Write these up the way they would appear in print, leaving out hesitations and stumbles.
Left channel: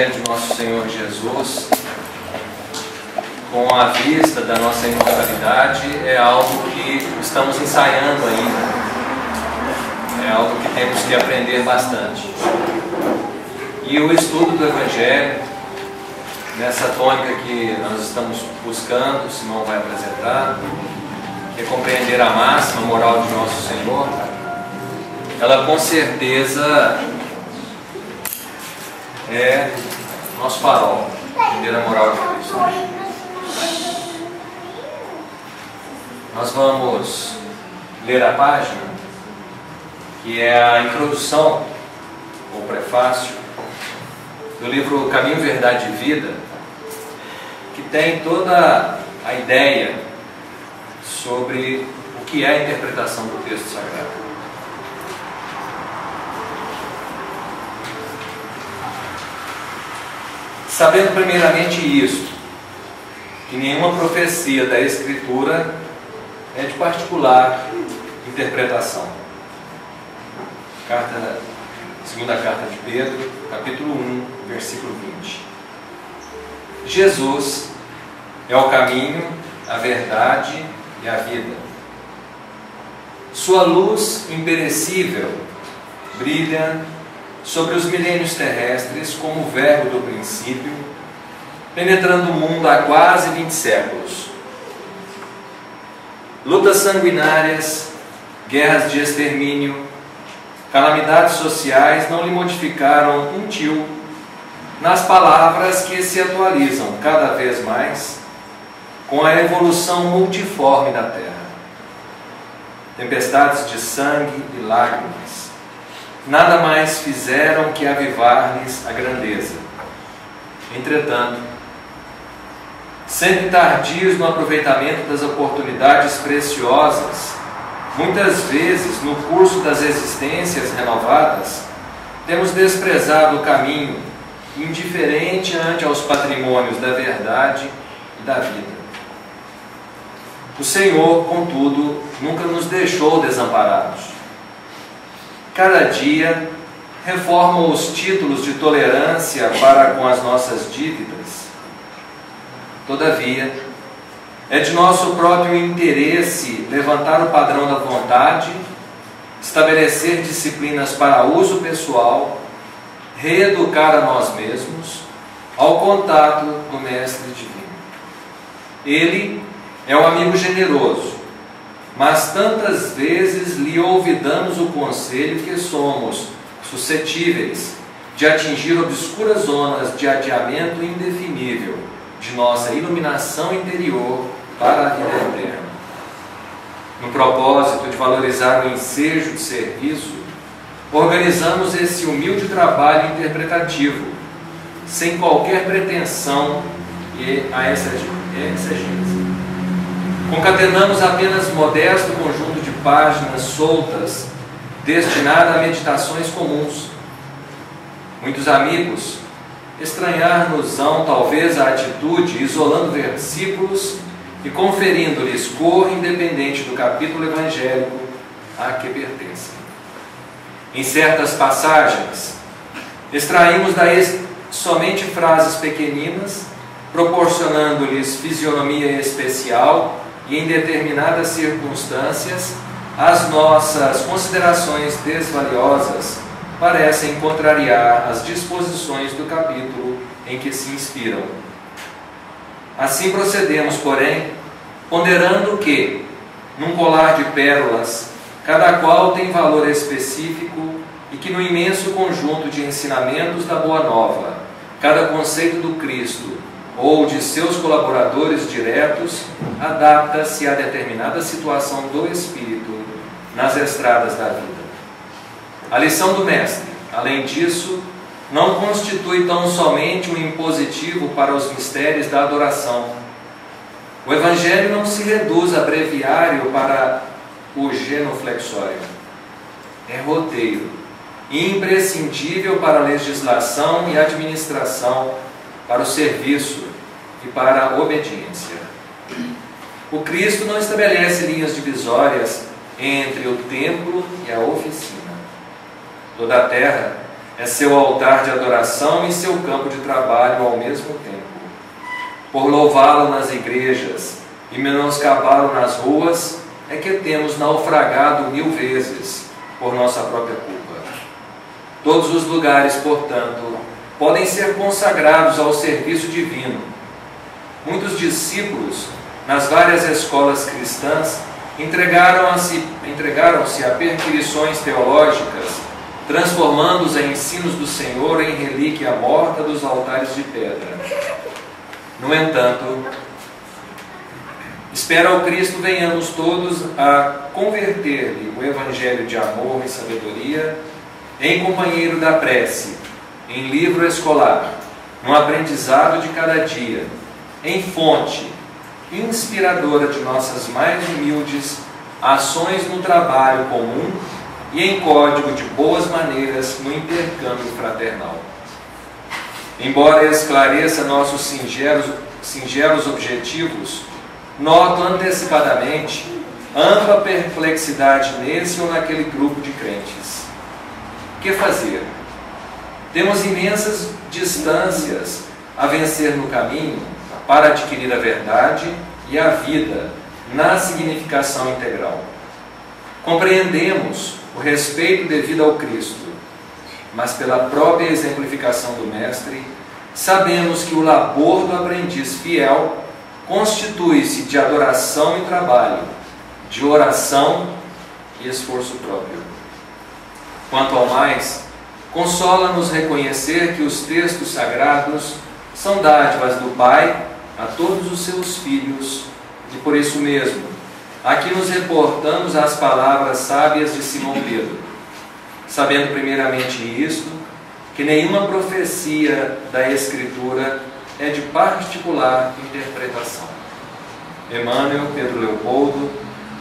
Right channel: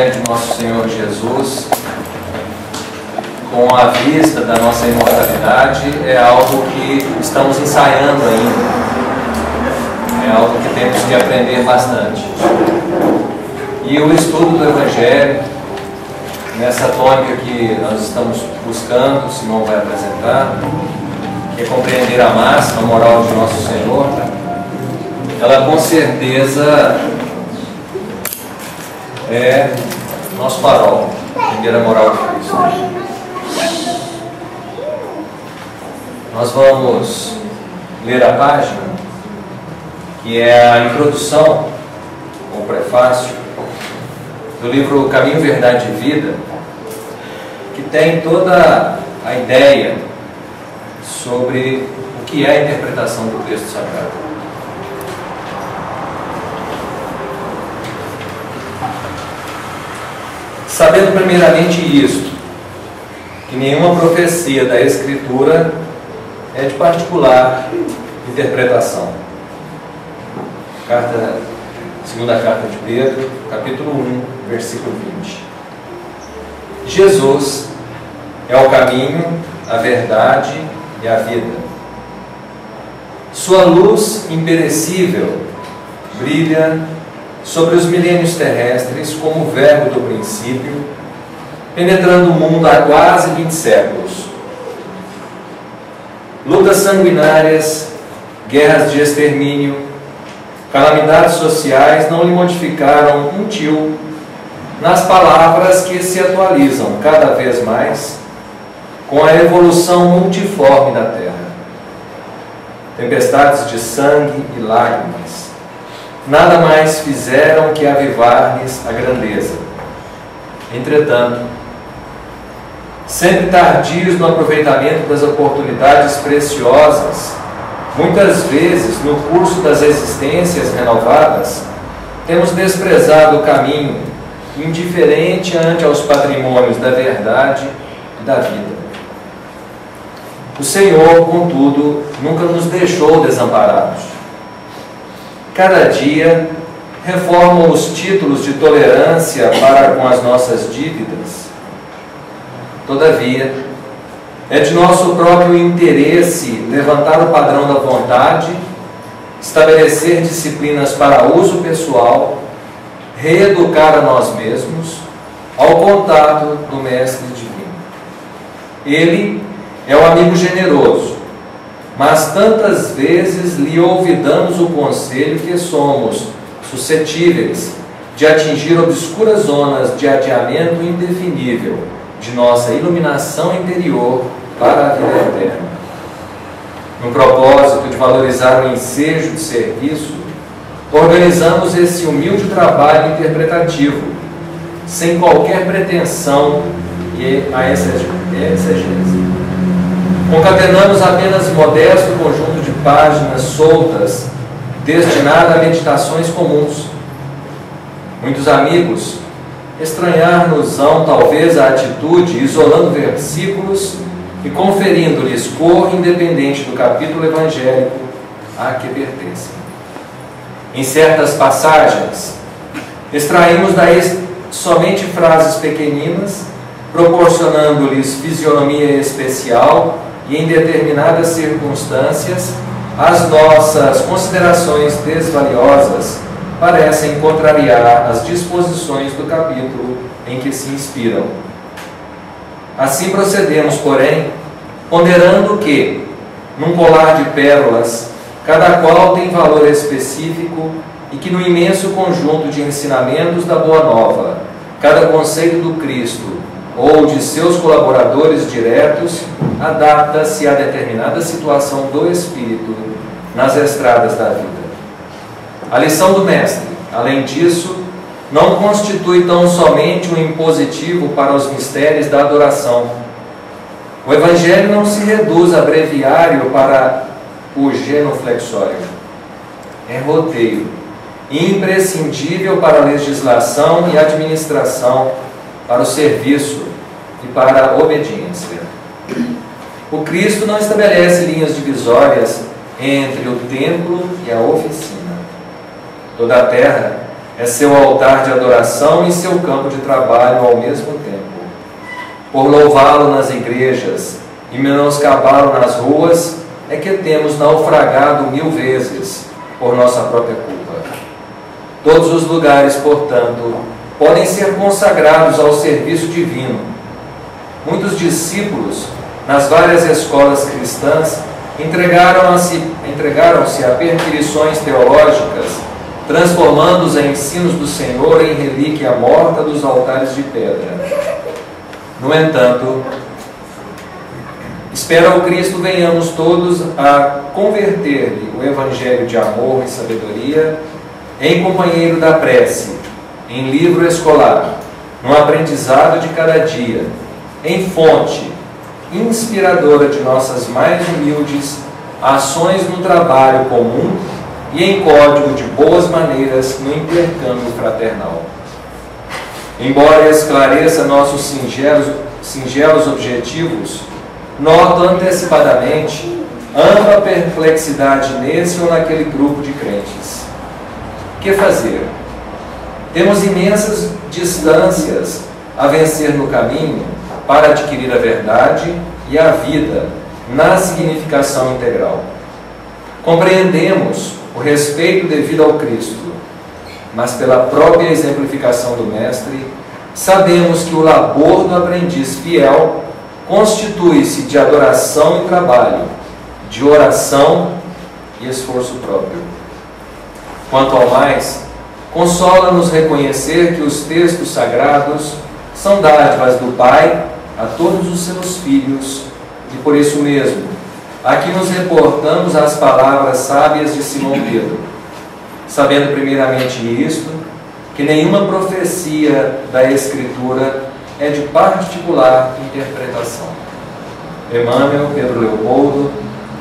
Evangelho de Nosso Senhor Jesus com a vista da nossa imortalidade é algo que estamos ensaiando ainda. É algo que temos que aprender bastante. E o estudo do Evangelho, nessa tônica que nós estamos buscando, o Simão vai apresentar, que é compreender a máxima moral de Nosso Senhor, ela com certeza é nosso farol, entender a moral de Cristo. Nós vamos ler a página, que é a introdução, ou prefácio, do livro Caminho, Verdade e Vida, que tem toda a ideia sobre o que é a interpretação do texto sagrado. Sabendo primeiramente isto, que nenhuma profecia da Escritura é de particular interpretação. Segunda carta de Pedro, capítulo 1, versículo 20. Jesus é o caminho, a verdade e a vida. Sua luz imperecível brilha sobre os milênios terrestres como o verbo do princípio, penetrando o mundo há quase 20 séculos. Lutas sanguinárias, guerras de extermínio, calamidades sociais não lhe modificaram um tio nas palavras que se atualizam cada vez mais com a evolução multiforme da Terra. Tempestades de sangue e lágrimas nada mais fizeram que avivar-lhes a grandeza. Entretanto, sempre tardios no aproveitamento das oportunidades preciosas, muitas vezes, no curso das existências renovadas, temos desprezado o caminho, indiferente ante aos patrimônios da verdade e da vida. O Senhor, contudo, nunca nos deixou desamparados. Cada dia reforma os títulos de tolerância para com as nossas dívidas. Todavia, é de nosso próprio interesse levantar o padrão da vontade, estabelecer disciplinas para uso pessoal, reeducar a nós mesmos ao contato do Mestre Divino. Ele é um amigo generoso, mas tantas vezes lhe olvidamos o conselho que somos suscetíveis de atingir obscuras zonas de adiamento indefinível de nossa iluminação interior para a vida eterna. No propósito de valorizar o ensejo de serviço, organizamos esse humilde trabalho interpretativo, sem qualquer pretensão a exegese. Concatenamos apenas modesto conjunto de páginas soltas, destinado a meditações comuns. Muitos amigos estranhar-nos-ão talvez a atitude, isolando versículos e conferindo-lhes cor independente do capítulo evangélico a que pertencem. Em certas passagens, extraímos daí somente frases pequeninas, proporcionando-lhes fisionomia especial e, em determinadas circunstâncias, as nossas considerações desvaliosas parecem contrariar as disposições do capítulo em que se inspiram. Assim procedemos, porém, ponderando que, num colar de pérolas, cada qual tem valor específico e que no imenso conjunto de ensinamentos da Boa Nova, cada conceito do Cristo ou de seus colaboradores diretos adapta-se a determinada situação do Espírito nas estradas da vida. A lição do Mestre, além disso, não constitui tão somente um impositivo para os mistérios da adoração. O Evangelho não se reduz a breviário para o genuflexório. É roteiro, imprescindível para a legislação e administração, para o serviço e para a obediência. O Cristo não estabelece linhas divisórias entre o templo e a oficina. Toda a terra é seu altar de adoração e seu campo de trabalho ao mesmo tempo. Por louvá-lo nas igrejas e menoscabá-lo nas ruas, é que temos naufragado 1000 vezes por nossa própria culpa. Todos os lugares, portanto, podem ser consagrados ao serviço divino. Muitos discípulos, nas várias escolas cristãs, entregaram-se a perquisições teológicas, transformando os ensinos do Senhor em relíquia morta dos altares de pedra. No entanto, espera o Cristo venhamos todos a converter-lhe o evangelho de amor e sabedoria em companheiro da prece, em livro escolar, no aprendizado de cada dia, em fonte inspiradora de nossas mais humildes ações no trabalho comum e em código de boas maneiras no intercâmbio fraternal. Embora esclareça nossos singelos objetivos, noto antecipadamente ampla perplexidade nesse ou naquele grupo de crentes. Que fazer? Temos imensas distâncias a vencer no caminho para adquirir a verdade e a vida na significação integral. Compreendemos o respeito devido ao Cristo, mas pela própria exemplificação do Mestre, sabemos que o labor do aprendiz fiel constitui-se de adoração e trabalho, de oração e esforço próprio. Quanto ao mais, consola-nos reconhecer que os textos sagrados são dádivas do Pai a todos os seus filhos, e por isso mesmo, aqui nos reportamos às palavras sábias de Simão Pedro, sabendo primeiramente isto, que nenhuma profecia da Escritura é de particular interpretação. Emmanuel, Pedro Leopoldo,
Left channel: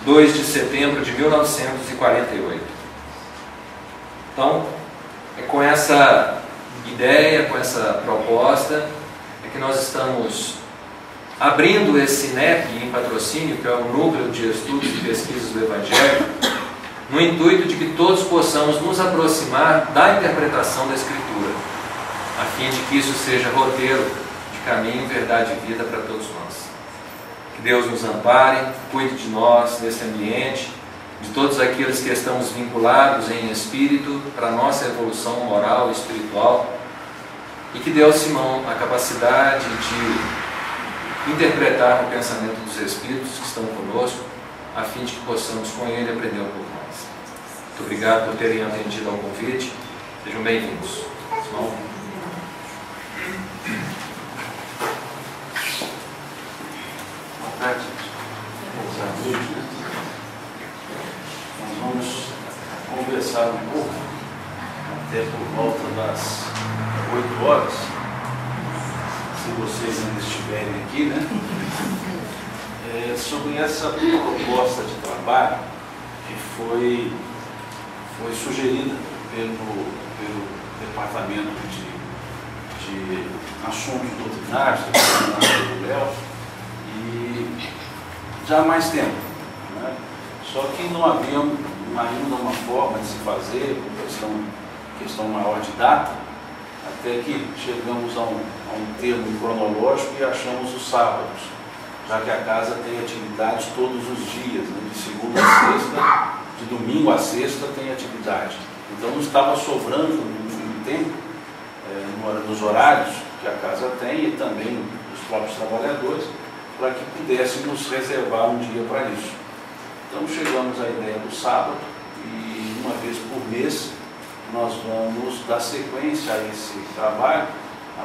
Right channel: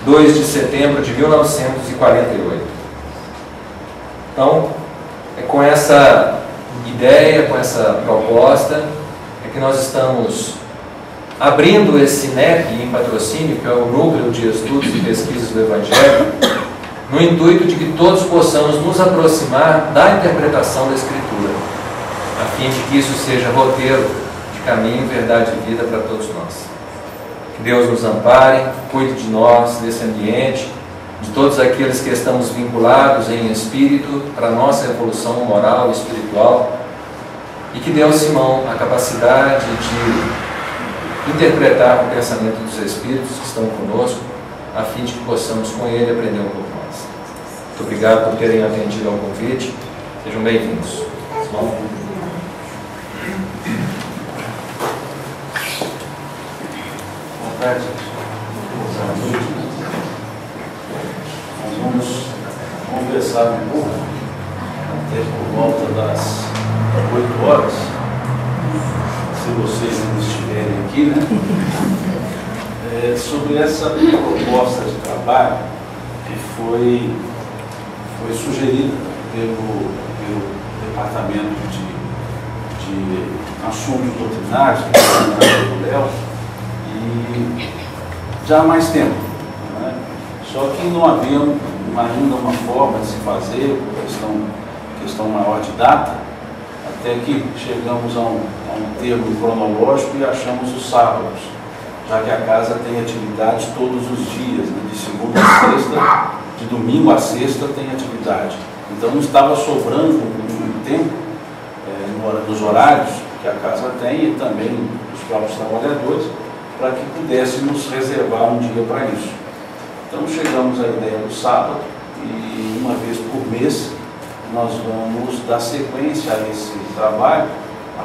2 de setembro de 1948. Então, é com essa ideia, com essa proposta, é que nós estamos abrindo esse NEP em patrocínio, que é o Núcleo de Estudos e Pesquisas do Evangelho, no intuito de que todos possamos nos aproximar da interpretação da Escritura, a fim de que isso seja roteiro de caminho, verdade e vida para todos nós. Que Deus nos ampare, cuide de nós, desse ambiente, de todos aqueles que estamos vinculados em espírito para a nossa evolução moral e espiritual, e que dê ao Simão a capacidade de interpretar o pensamento dos Espíritos que estão conosco, a fim de que possamos com ele aprender um pouco mais. Muito obrigado por terem atendido ao convite. Sejam bem-vindos. Simão? Boa tarde. Nós vamos conversar um pouco, até por volta das 8 horas, se vocês ainda estiverem aqui, né? Sobre essa proposta de trabalho que foi sugerida pelo Departamento de Assuntos Doutrinários, do Léo, e já há mais tempo, né? Só que não havia ainda uma forma de se fazer, questão maior de data, até que chegamos a um termo cronológico e achamos os sábados, já que a casa tem atividades todos os dias, né? De segunda a sexta, de domingo a sexta tem atividade. Então não estava sobrando um tempo nos horários que a casa tem e também os próprios trabalhadores, para que pudéssemos reservar um dia para isso. Então chegamos à ideia do sábado e uma vez por mês nós vamos dar sequência a esse trabalho. O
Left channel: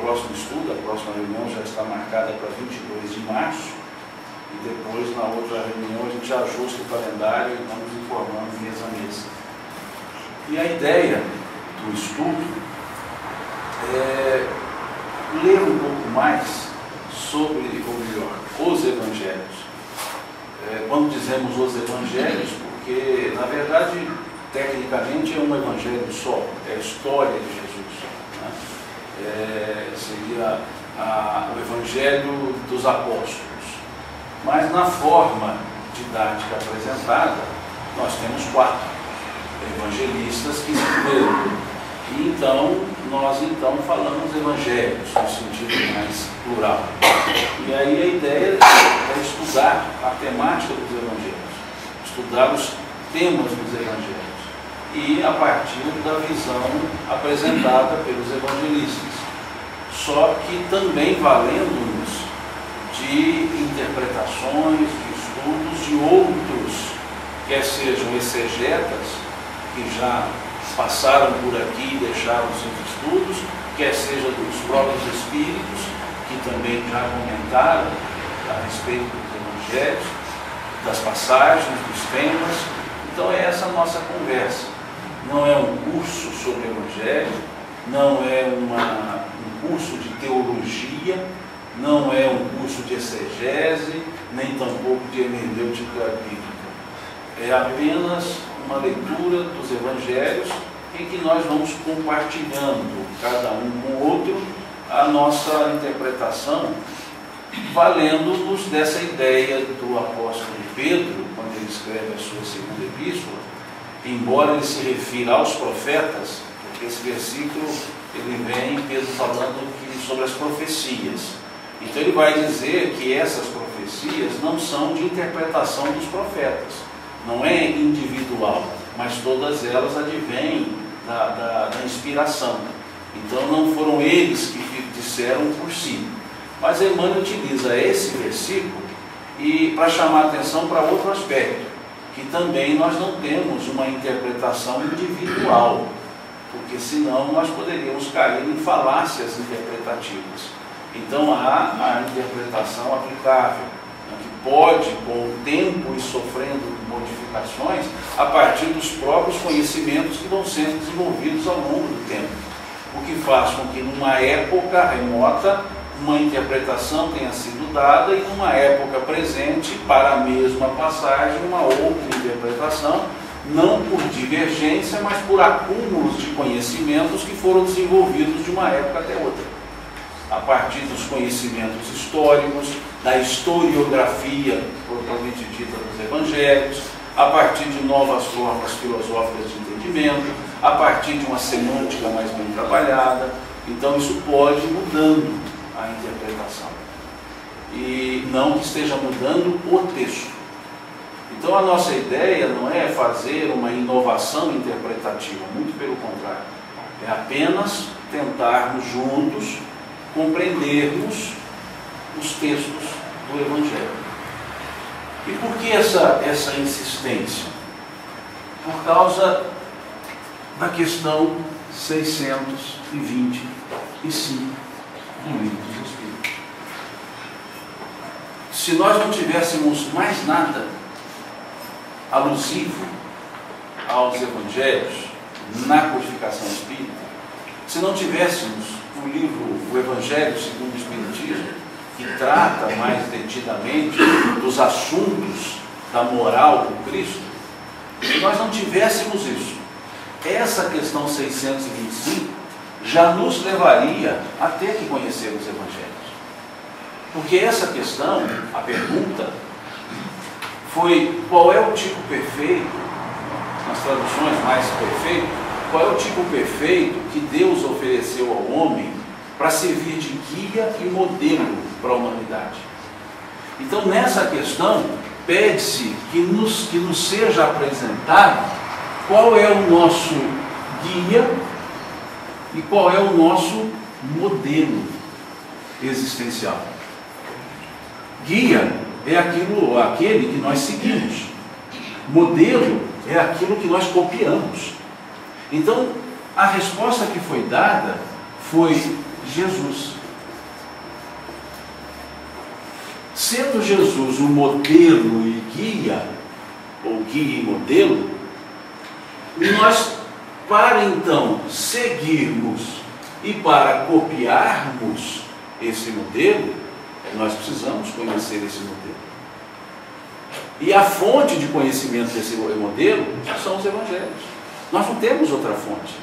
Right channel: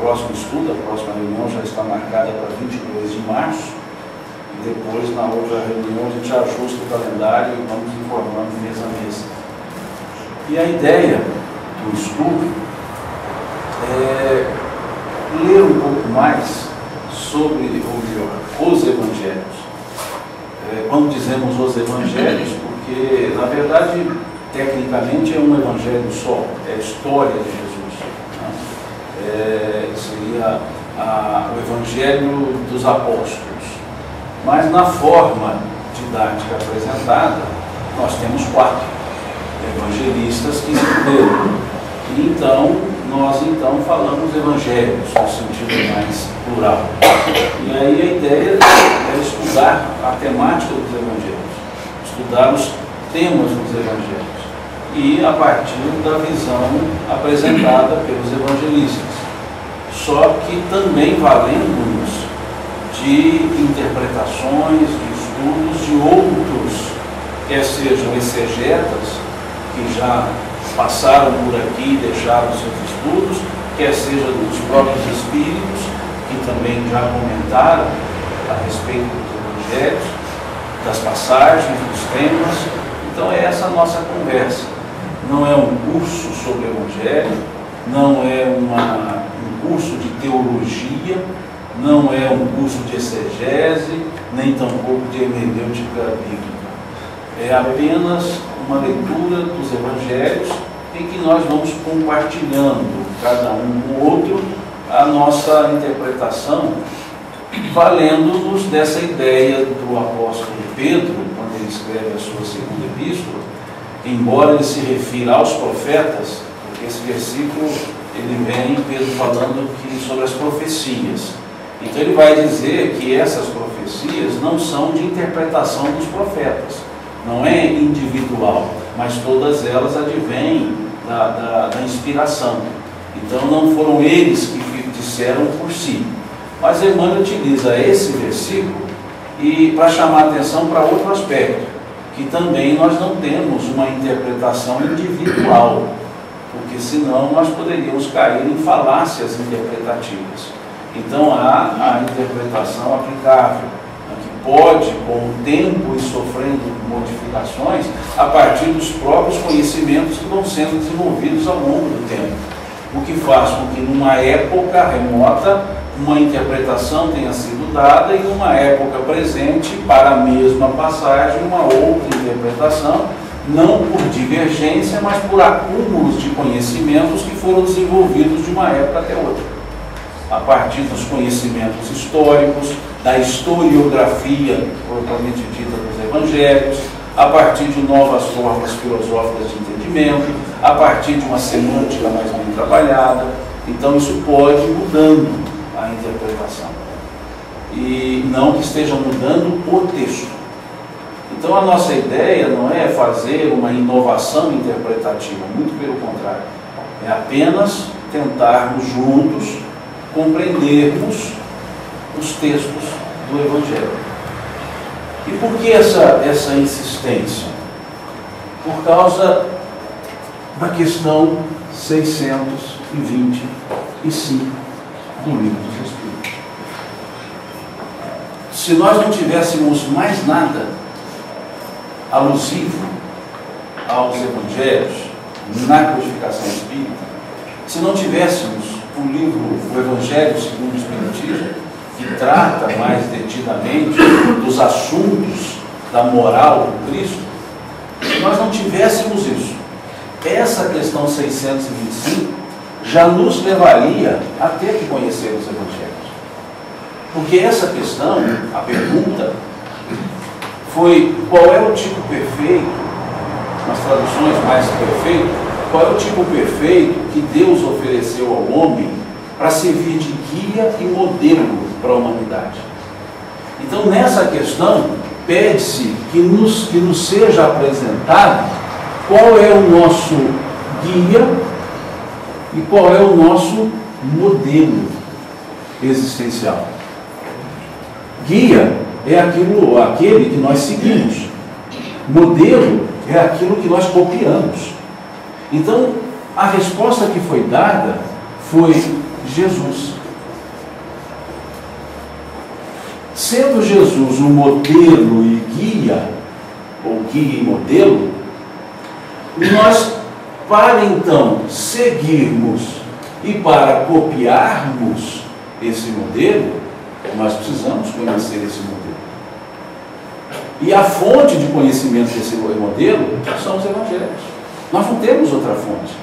próximo estudo, a próxima reunião já está marcada para 22 de março e depois na outra reunião a gente ajusta o calendário e vamos informando mês a mês. E a ideia do estudo é ler um pouco mais sobre, ou melhor, os evangelhos. Quando dizemos os evangelhos, porque na verdade tecnicamente é um evangelho só, é a história de Jesus, né? Seria o evangelho dos apóstolos, mas na forma didática apresentada nós temos 4 evangelistas que escreveram, Então, nós falamos evangelhos no sentido mais plural. E aí a ideia é estudar a temática dos evangelhos, estudar os temas dos evangelhos, e a partir da visão apresentada pelos evangelistas. Só que também valendo-nos de interpretações, de estudos de outros, quer sejam exegetas, que já passaram por aqui e deixaram seus estudos, quer seja dos próprios espíritos, que também já comentaram a respeito dos evangelhos, das passagens, dos temas. Então é essa a nossa conversa. Não é um curso sobre o evangelho, não é um curso de teologia, não é um curso de exegese, nem tampouco de hermenêutica bíblica. É apenas uma leitura dos evangelhos em que nós vamos compartilhando, cada um com o outro, a nossa interpretação, valendo-nos dessa ideia do apóstolo Pedro, quando ele escreve a sua segunda epístola, embora ele se refira aos profetas, porque esse versículo ele vem, Pedro falando sobre as profecias. Então ele vai dizer que essas profecias não são de interpretação dos profetas, não é individual, mas todas elas advêm da inspiração. Então não foram eles que disseram por si. Mas Emmanuel utiliza esse versículo para chamar a atenção para outro aspecto, que também nós não temos uma interpretação individual, porque senão nós poderíamos cair em falácias interpretativas. Então há a interpretação aplicável, que pode, com o tempo e sofrendo modificações, a partir dos próprios conhecimentos que vão sendo desenvolvidos ao longo do tempo, o que faz com que numa época remota uma interpretação tenha sido dada e numa época presente, para a mesma passagem, uma outra interpretação, não por divergência, mas por acúmulos de conhecimentos que foram desenvolvidos de uma época até outra, a partir dos conhecimentos históricos, da historiografia propriamente dita dos evangelhos, a partir de novas formas filosóficas de entendimento, a partir de uma semântica mais bem trabalhada. Então isso pode ir mudando a interpretação, e não que esteja mudando o texto. Então a nossa ideia não é fazer uma inovação interpretativa, muito pelo contrário, é apenas tentarmos juntos compreendermos os textos do Evangelho. E por que essa insistência? Por causa da questão 625 do Livro dos Espíritos. Se nós não tivéssemos mais nada alusivo aos Evangelhos na codificação espírita, se não tivéssemos o Evangelho segundo o Espiritismo, que trata mais detidamente dos assuntos da moral do Cristo, se nós não tivéssemos isso, essa questão 625 já nos levaria a ter que conhecer os Evangelhos. Porque essa questão, a pergunta, foi qual é o tipo perfeito, nas traduções mais perfeito, qual é o tipo perfeito que Deus ofereceu ao homem para servir de guia e modelo para a humanidade. Então, nessa questão, pede-se que nos seja apresentado qual é o nosso guia e qual é o nosso modelo existencial. Guia é aquele que nós seguimos. Modelo é aquilo que nós copiamos. Então, a resposta que foi dada foi Jesus. Sendo Jesus um modelo e guia, ou guia e modelo, nós, para então seguirmos e para copiarmos esse modelo, nós precisamos conhecer esse modelo. E a fonte de conhecimento desse modelo são os Evangelhos. Nós não temos outra fonte.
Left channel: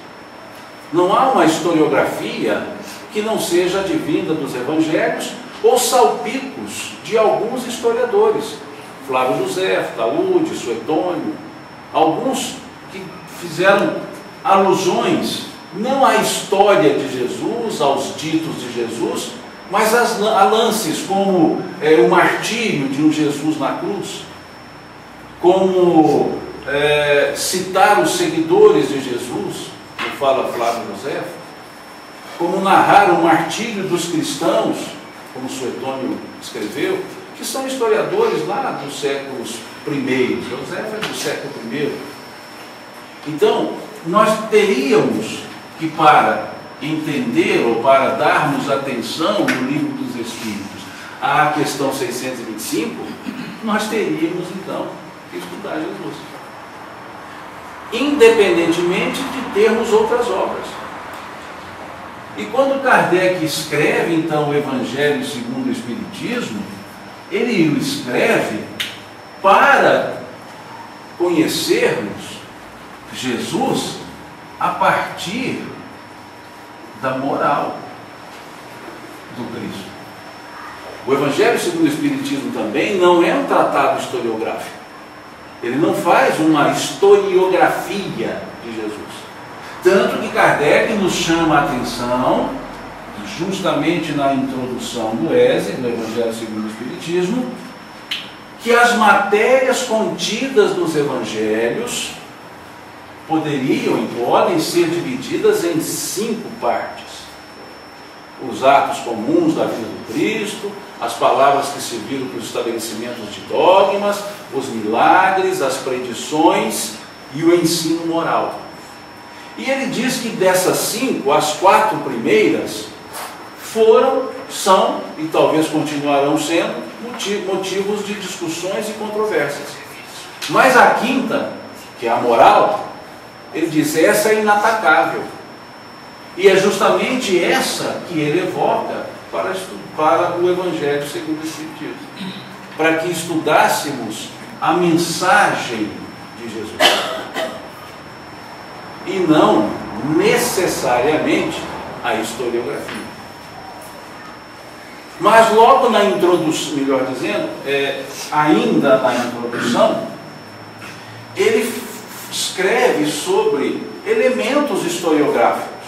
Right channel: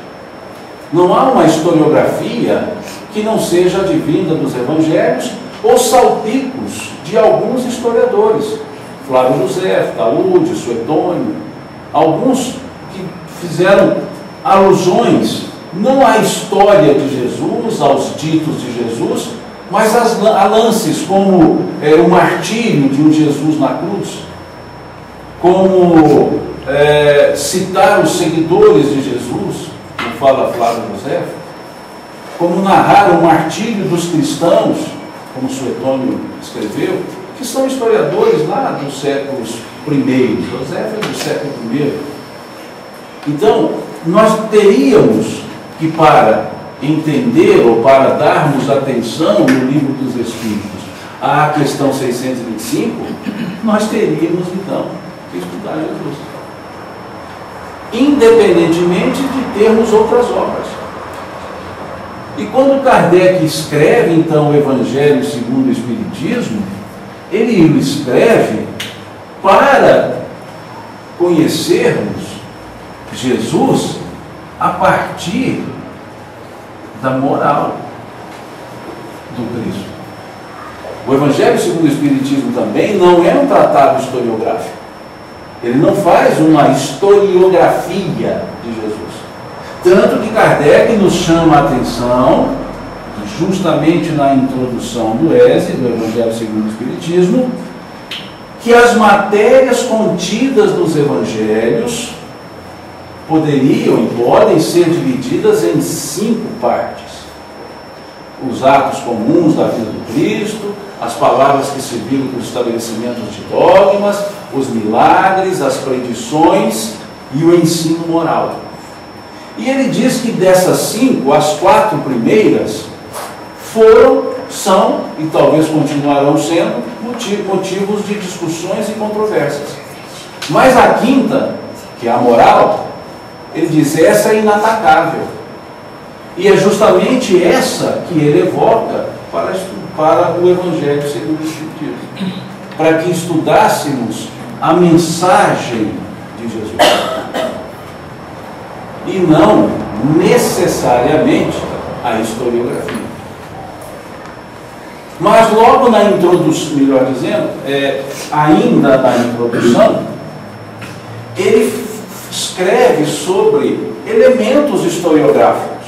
Não há uma historiografia que não seja advinda dos Evangelhos ou salpicos de alguns historiadores. Flávio José, Taúde, Suetônio, alguns que fizeram alusões não à história de Jesus, aos ditos de Jesus, mas a lances como o martírio de um Jesus na cruz, como citar os seguidores de Jesus, como fala Flávio José, como narrar o martírio dos cristãos, como Suetônio escreveu, que são historiadores lá dos séculos I. José é do século I. Então, nós teríamos que, para entender ou para darmos atenção no Livro dos Espíritos à questão 625, nós teríamos então que estudar Jesus, independentemente de termos outras obras. E quando Kardec escreve então o Evangelho segundo o Espiritismo, ele o escreve para conhecermos Jesus a partir da moral do Cristo. O Evangelho segundo o Espiritismo também não é um tratado historiográfico. Ele não faz uma historiografia de Jesus. Tanto que Kardec nos chama a atenção, justamente na introdução do ESE, do Evangelho segundo o Espiritismo, que as matérias contidas nos Evangelhos poderiam e podem ser divididas em 5 partes. Os atos comuns da vida do Cristo, as palavras que serviram para os estabelecimentos de dogmas, os milagres, as predições e o ensino moral. E ele diz que dessas 5, as 4 primeiras são e talvez continuarão sendo motivos de discussões e controvérsias. Mas a 5ª, que é a moral, ele diz, essa é inatacável. E é justamente essa que ele evoca para o Evangelho segundo o Espiritismo, para que estudássemos a mensagem de Jesus, e não necessariamente a historiografia. Mas logo na introdução, melhor dizendo, ainda na introdução, ele escreve sobre elementos historiográficos,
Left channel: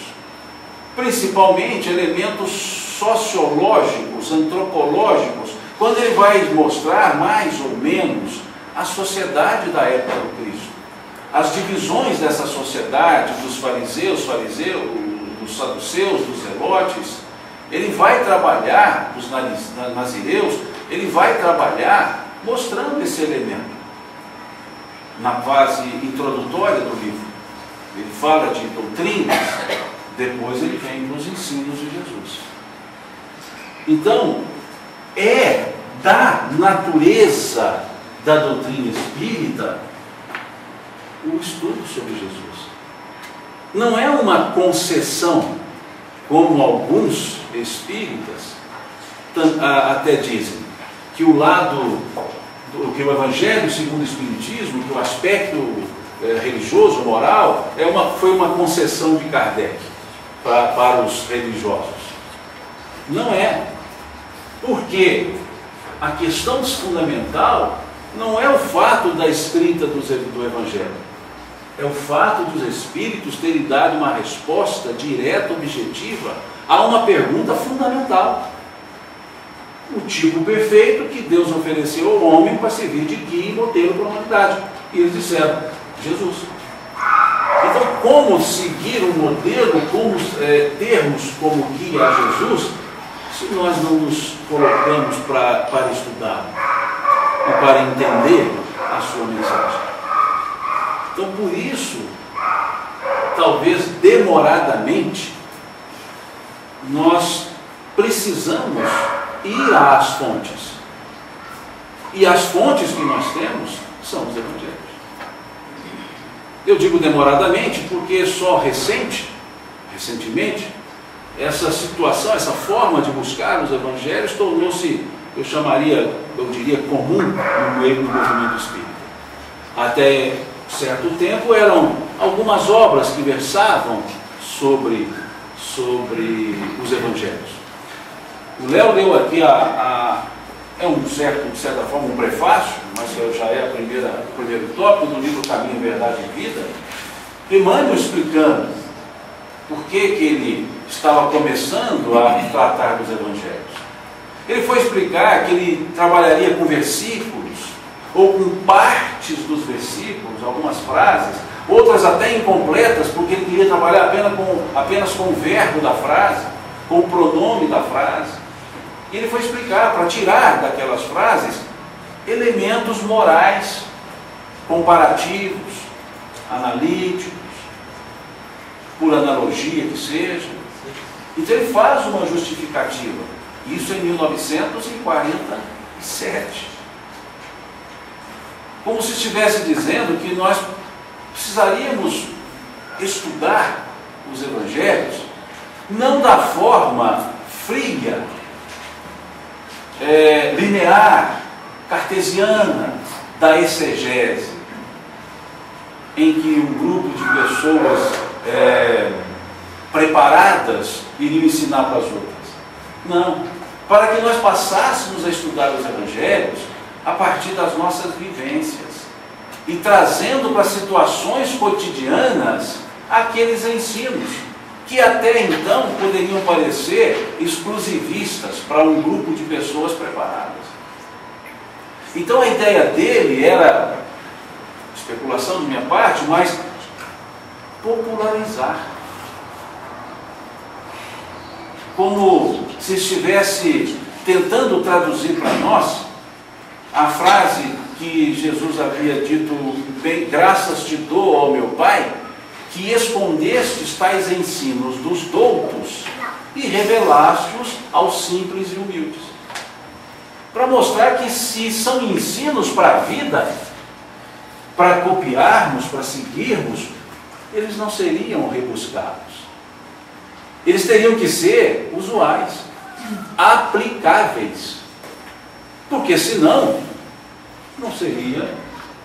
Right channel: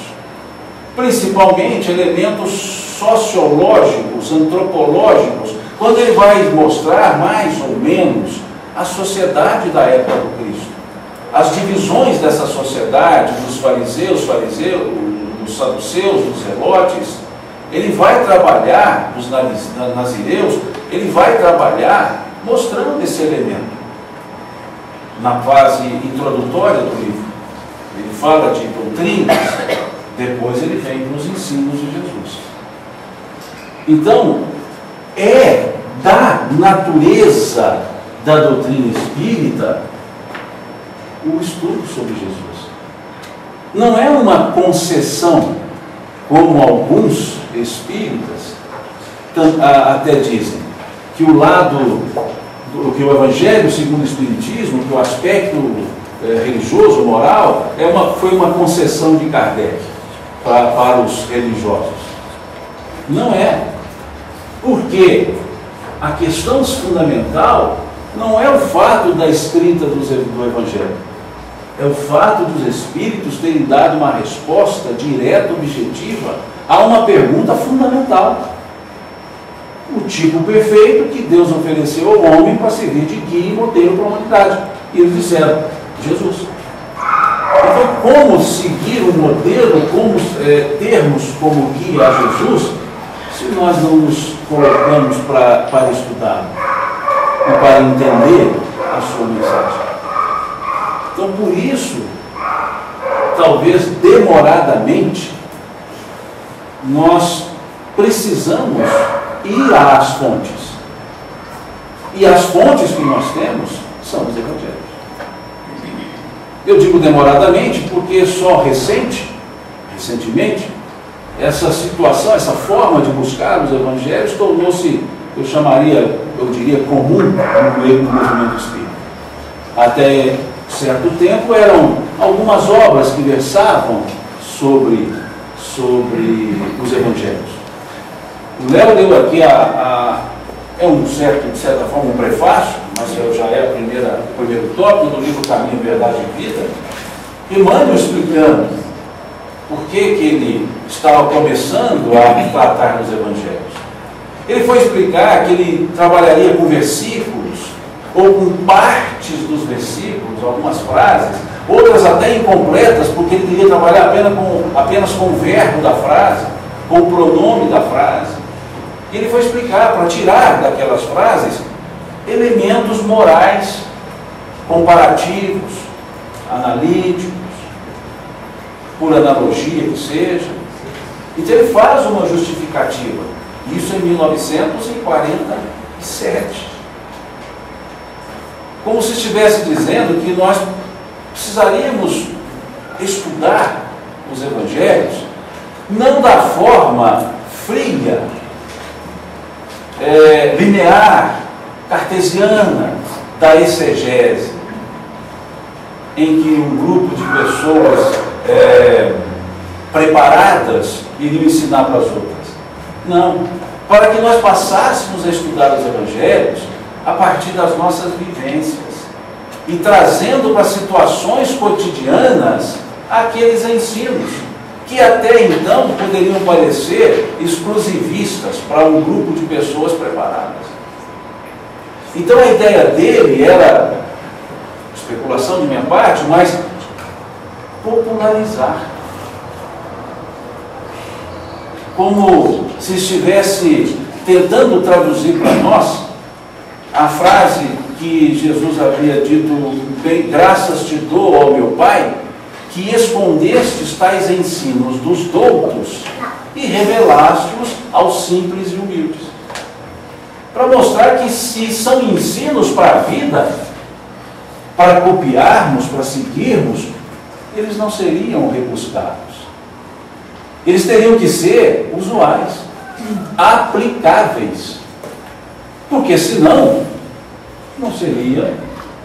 principalmente elementos sociológicos, antropológicos, quando ele vai mostrar mais ou menos a sociedade da época do Cristo, as divisões dessa sociedade, dos fariseus, dos saduceus, dos zelotes. Ele vai trabalhar, dos nazireus, ele vai trabalhar mostrando esse elemento na fase introdutória do livro. Ele fala de doutrinas, depois ele vem para os ensinos de Jesus. Então, é da natureza da doutrina espírita o estudo sobre Jesus. Não é uma concessão, como alguns espíritas até dizem, que o Evangelho segundo o Espiritismo, que o aspecto religioso, moral, foi uma concessão de Kardec para os religiosos. Não é. Porque a questão fundamental não é o fato da escrita do Evangelho, é o fato dos Espíritos terem dado uma resposta direta, objetiva, a uma pergunta fundamental. O tipo perfeito que Deus ofereceu ao homem para servir de guia e modelo para a humanidade. E eles disseram, Jesus. Então, como seguir um modelo, como termos como guia a Jesus, se nós não nos colocamos para estudar e para entender a sua mensagem? Então, por isso, talvez demoradamente, nós precisamos ir às fontes. E as fontes que nós temos são os Evangelhos. Eu digo demoradamente porque só recentemente, essa situação, essa forma de buscar os Evangelhos tornou-se, eu diria, comum no meio do movimento espírita. Até certo tempo eram algumas obras que versavam sobre os Evangelhos. O Léo leu aqui de certa forma, um prefácio, mas já é o primeiro tópico do livro Caminho, Verdade e Vida, Emmanuel explicando por que ele estava começando a tratar dos evangelhos. Ele foi explicar que ele trabalharia com versículos, ou com partes dos versículos, algumas frases, outras até incompletas, porque ele queria trabalhar apenas com o verbo da frase, com o pronome da frase. E ele foi explicar, para tirar daquelas frases elementos morais, comparativos, analíticos, por analogia que seja. Então ele faz uma justificativa, isso em 1947. Como se estivesse dizendo que nós precisaríamos estudar os evangelhos, não da forma fria, linear, cartesiana, da exegese, em que um grupo de pessoas preparadas iriam ensinar para as outras. Não. Para que nós passássemos a estudar os evangelhos a partir das nossas vivências e trazendo para situações cotidianas aqueles ensinos que até então poderiam parecer exclusivistas para um grupo de pessoas preparadas. Então a ideia dele era, especulação de minha parte, mas popularizar. Como se estivesse tentando traduzir para nós a frase que Jesus havia dito: bem, graças te dou, ó meu Pai, que escondestes tais ensinos dos doutos e revelaste-os aos simples e humildes. Para mostrar que se são ensinos para a vida, para copiarmos, para seguirmos, eles não seriam rebuscados. Eles teriam que ser usuais, aplicáveis, porque senão não seria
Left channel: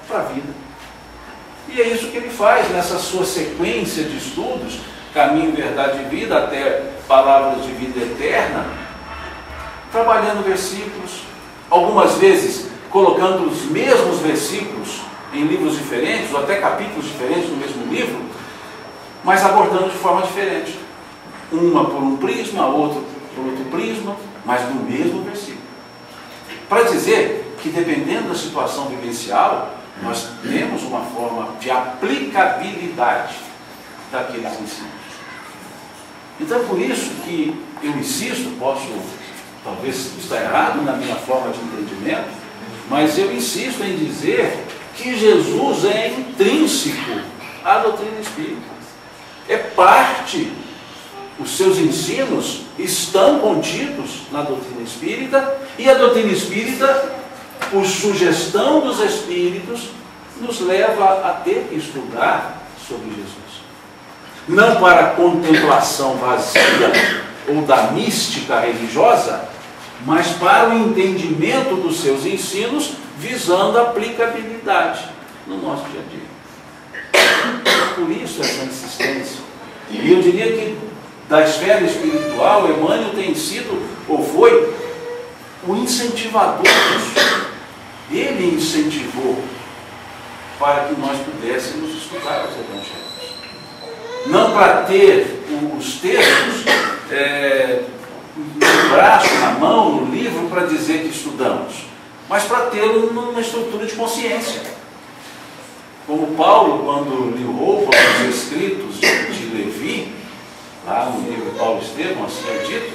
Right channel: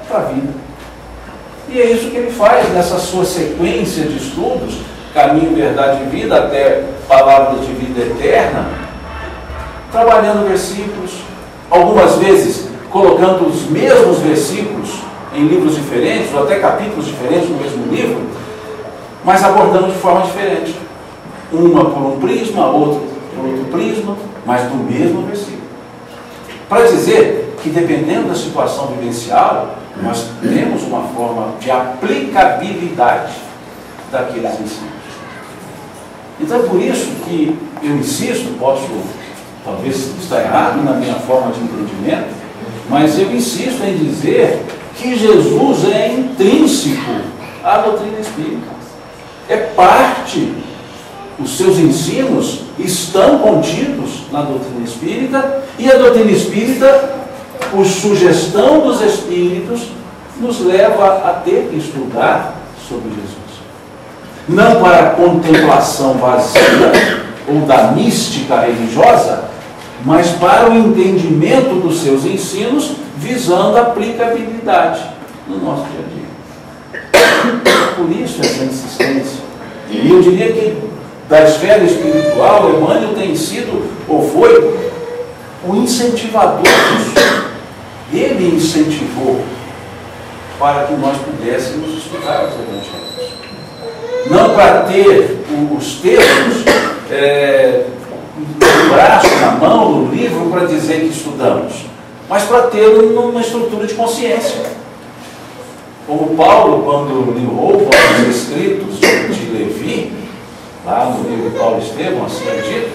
para a vida. E é isso que ele faz nessa sua sequência de estudos, Caminho, Verdade e Vida, até Palavras de Vida Eterna, trabalhando versículos, algumas vezes colocando os mesmos versículos em livros diferentes, ou até capítulos diferentes no mesmo livro, mas abordando de forma diferente. Uma por um prisma, outra por outro prisma, mas do mesmo versículo. Para dizer que, dependendo da situação vivencial, nós temos uma forma de aplicabilidade daqueles ensinos. Então é por isso que eu insisto, posso talvez estar errado na minha forma de entendimento, mas eu insisto em dizer que Jesus é intrínseco à doutrina espírita. É parte, os seus ensinos estão contidos na doutrina espírita, e a doutrina espírita, por sugestão dos espíritos, nos leva a ter que estudar sobre Jesus. Não para a contemplação vazia ou da mística religiosa, mas para o entendimento dos seus ensinos, visando a aplicabilidade no nosso dia a dia. Por isso essa insistência. E eu diria que da esfera espiritual, Emmanuel tem sido, ou foi, o incentivador disso. Ele incentivou para que nós pudéssemos estudar os evangelhos. Não para ter os textos no braço, na mão, no livro, para dizer que estudamos, mas para ter uma estrutura de consciência. Como Paulo, quando lhe rouba os escritos de Levi, lá no livro Paulo Estevão, assim é dito,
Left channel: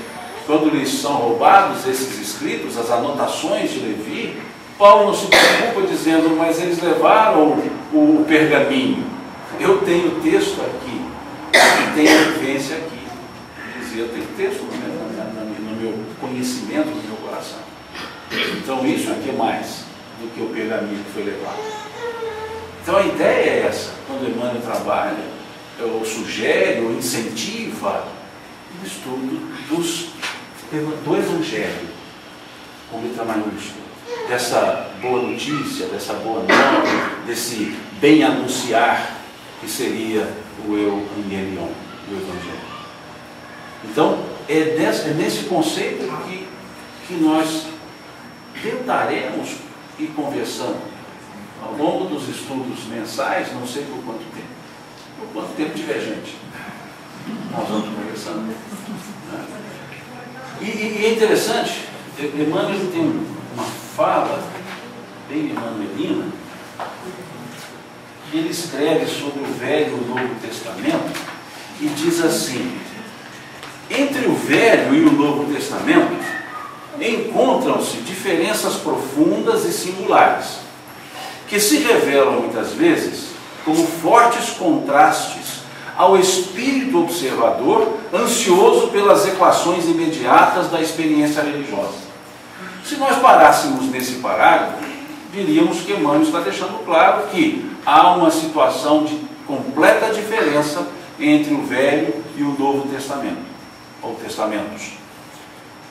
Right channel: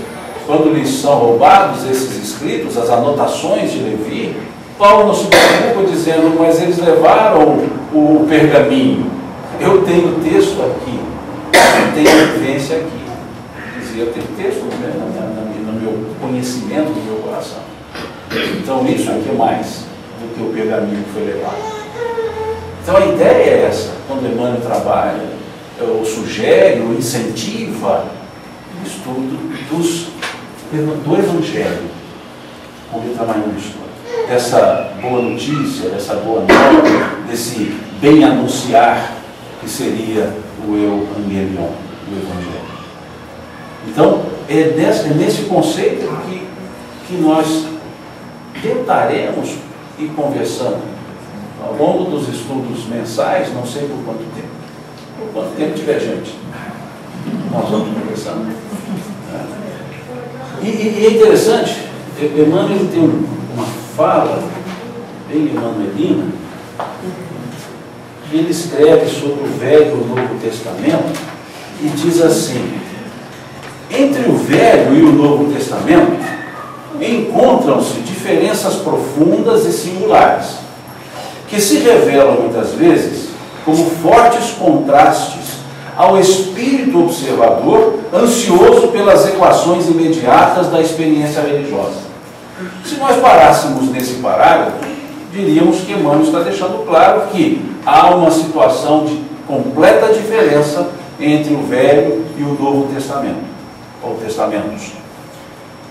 quando lhes são roubados esses escritos, as anotações de Levi, Paulo não se preocupa dizendo, mas eles levaram o pergaminho. Eu tenho o texto aqui, eu tenho a vivência aqui. Dizia, eu tenho texto no meu conhecimento, no meu coração. Então isso aqui é mais do que o pergaminho que foi levado. Então a ideia é essa, quando Emmanuel trabalha, ou sugere, ou incentiva o estudo do Evangelho, com letra maiúscula, dessa boa notícia, dessa boa nova, desse bem anunciar, que seria o Evangelion, o Evangelho. Então, é nesse conceito que nós tentaremos ir conversando ao longo dos estudos mensais, não sei por quanto tempo tiver gente. nós vamos conversando. E é interessante, Emmanuel tem uma fala bem emanuelina, e ele escreve sobre o Velho e o Novo Testamento e diz assim: entre o Velho e o Novo Testamento encontram-se diferenças profundas e singulares, que se revelam muitas vezes como fortes contrastes ao espírito observador, ansioso pelas equações imediatas da experiência religiosa. Se nós parássemos nesse parágrafo, diríamos que Emmanuel está deixando claro que há uma situação de completa diferença entre o Velho e o Novo Testamento, ou Testamentos.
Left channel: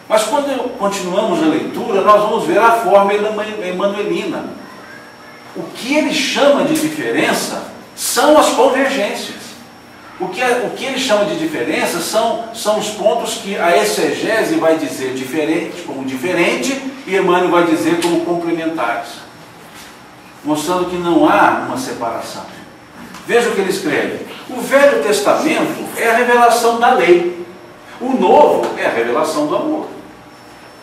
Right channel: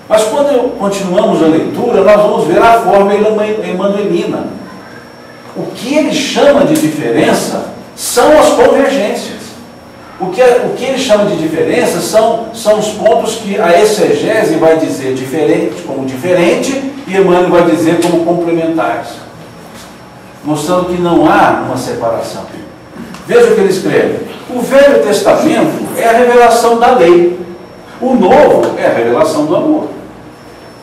Mas quando continuamos a leitura, nós vamos ver a forma emanuelina. O que ele chama de diferença são as convergências. O que ele chama de diferença são os pontos que a exegese vai dizer diferente, como diferente, e Emmanuel vai dizer como complementares, mostrando que não há uma separação. Veja o que ele escreve: o Velho Testamento é a revelação da lei, o Novo é a revelação do amor.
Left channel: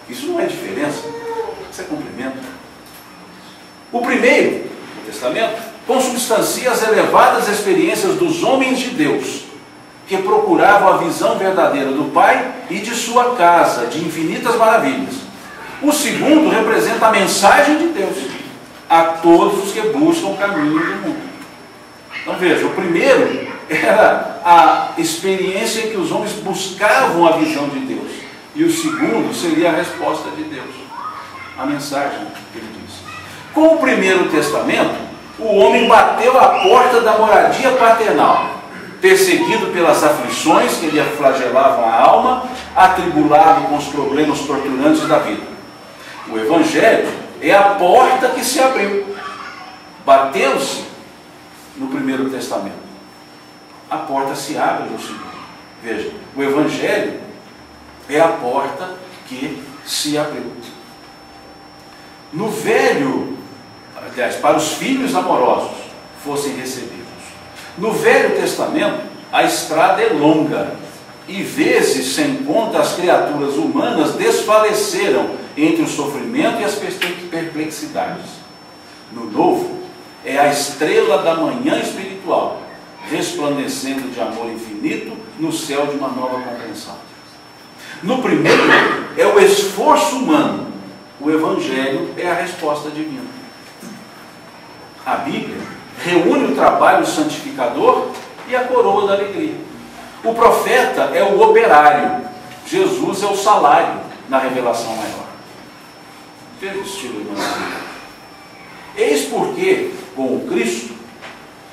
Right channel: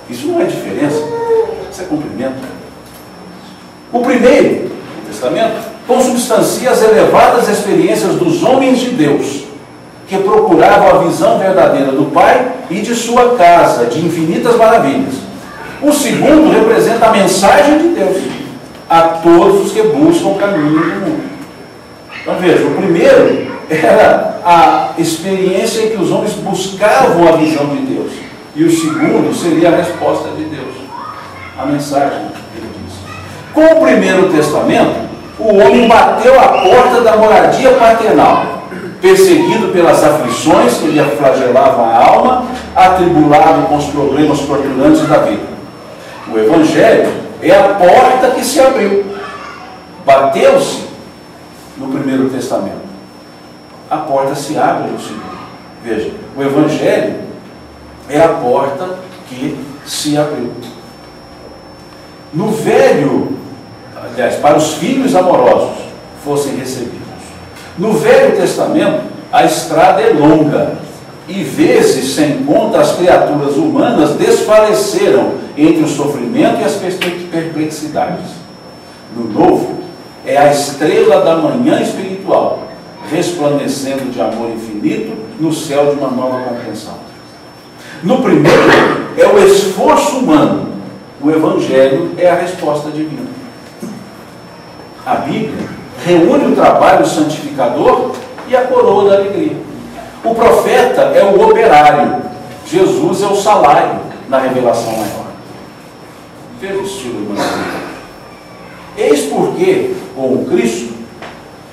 Isso não é diferença, isso é complemento. O primeiro, o Testamento, consubstancia as elevadas experiências dos homens de Deus, que procuravam a visão verdadeira do Pai e de sua casa, de infinitas maravilhas. O segundo representa a mensagem de Deus a todos os que buscam o caminho do mundo. Então veja, o primeiro era a experiência em que os homens buscavam a visão de Deus, e o segundo seria a resposta de Deus, a mensagem, ele diz. Com o primeiro testamento, o homem bateu à porta da moradia paternal, perseguido pelas aflições que lhe flagelavam a alma, atribulado com os problemas torturantes da vida. O Evangelho é a porta que se abriu. Bateu-se no primeiro testamento. A porta se abre no segundo. Veja, o Evangelho é a porta que se abriu. No Velho, aliás, para os filhos amorosos fossem recebidos. No Velho Testamento, a estrada é longa, e vezes se encontra as criaturas humanas desfaleceram entre o sofrimento e as perplexidades. No Novo, é a estrela da manhã espiritual, resplandecendo de amor infinito no céu de uma nova compreensão. No primeiro, é o esforço humano. O Evangelho é a resposta divina. A Bíblia reúne o trabalho santificador e a coroa da alegria. O profeta é o operário, Jesus é o salário na revelação maior. Veja o estilo evangélico. Eis porque, com o Cristo,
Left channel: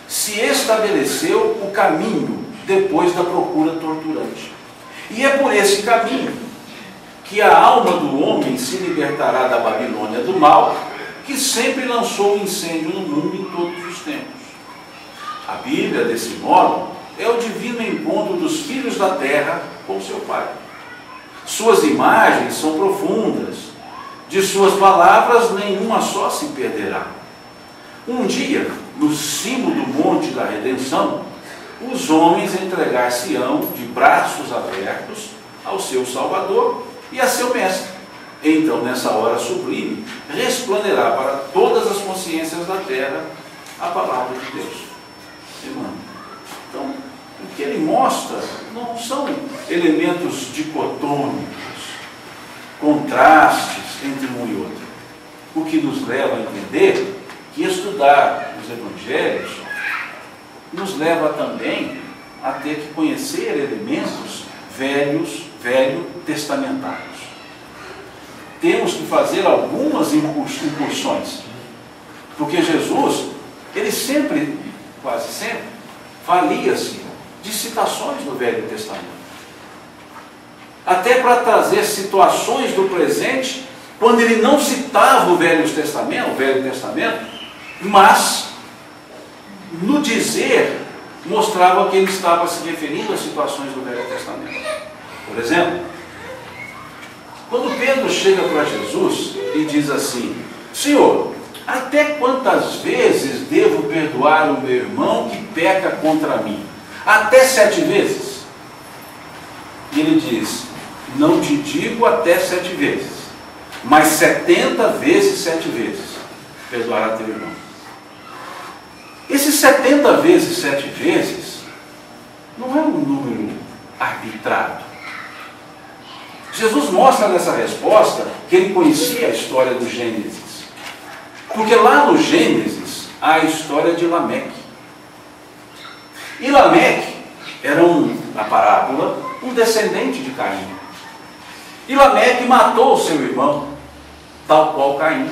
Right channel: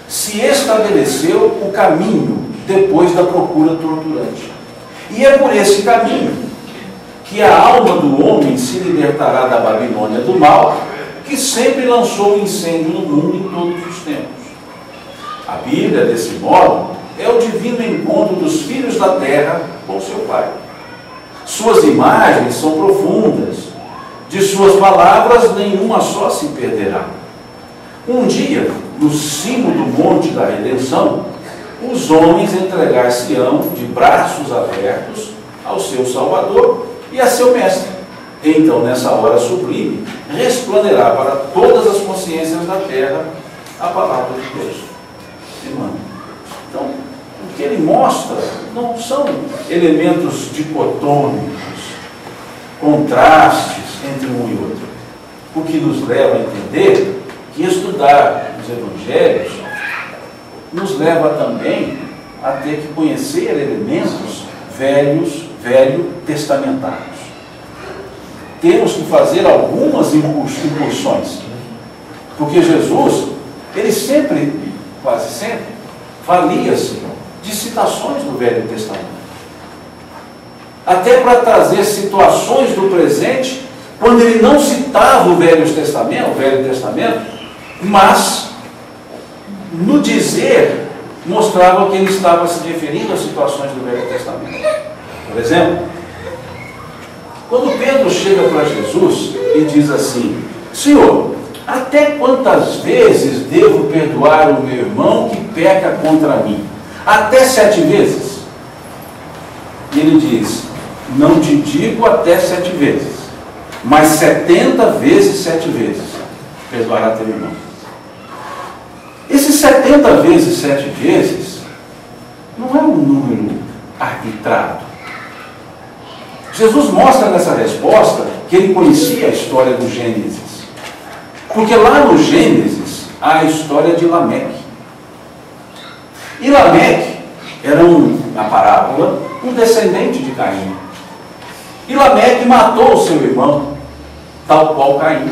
se estabeleceu o caminho depois da procura torturante. E é por esse caminho que a alma do homem se libertará da Babilônia do mal, que sempre lançou o incêndio no mundo em todos os tempos. A Bíblia, desse modo, é o divino encontro dos filhos da terra com seu Pai. Suas imagens são profundas, de suas palavras nenhuma só se perderá. Um dia, no cimo do monte da redenção, os homens entregar-se-ão de braços abertos ao seu Salvador e a seu Mestre. Então, nessa hora sublime, resplanderá para todas as consciências da terra a palavra de Deus. Então, o que ele mostra não são elementos dicotômicos, contrastes entre um e outro. O que nos leva a entender que estudar os evangelhos nos leva também a ter que conhecer elementos velho-testamentários. Temos que fazer algumas incursões, porque Jesus, ele sempre, quase sempre, valia-se de citações do Velho Testamento, até para trazer situações do presente, quando ele não citava o Velho Testamento, mas no dizer mostrava que ele estava se referindo às situações do Velho Testamento. Por exemplo, quando Pedro chega para Jesus e diz assim: Senhor, até quantas vezes devo perdoar o meu irmão que peca contra mim? Até 7 vezes? E ele diz: não te digo até 7 vezes, mas 70 vezes 7 vezes perdoará teu irmão. Esses 70 vezes 7 vezes não é um número arbitrado. Jesus mostra nessa resposta que ele conhecia a história do Gênesis. Porque lá no Gênesis há a história de Lameque. E Lameque era, na parábola, um descendente de Caim. E Lameque matou o seu irmão, tal qual Caim.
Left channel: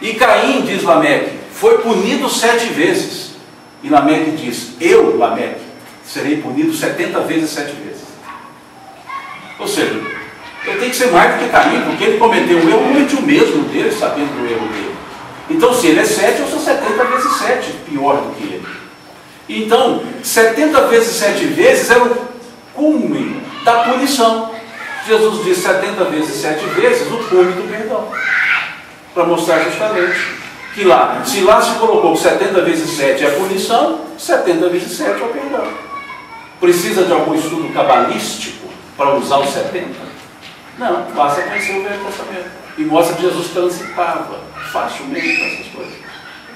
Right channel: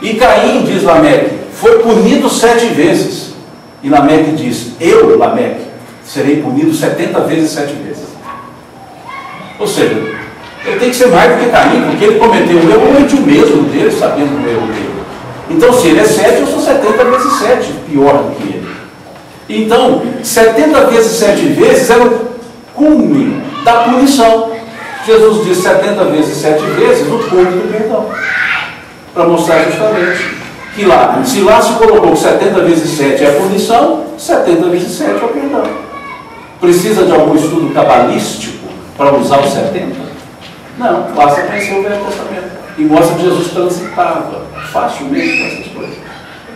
E Caim, diz Lameque, foi punido 7 vezes. E Lameque diz: eu, Lameque, serei punido 70 vezes 7 vezes. Ou seja, eu tenho que ser mais do que Caim, porque ele cometeu um erro, eu cometi o mesmo dele, sabendo do erro dele. Então, se ele é 7, eu sou 70 vezes 7, pior do que ele. Então, 70 vezes 7 vezes era o cume da punição. Jesus diz 70 vezes 7 vezes o cume do perdão. Para mostrar justamente que lá, se lá se colocou que 70 vezes 7 é a punição, 70 vezes 7 é o perdão. Precisa de algum estudo cabalístico para usar os 70? Não, basta conhecer o Velho Testamento. E mostra que Jesus transitava facilmente com essas coisas.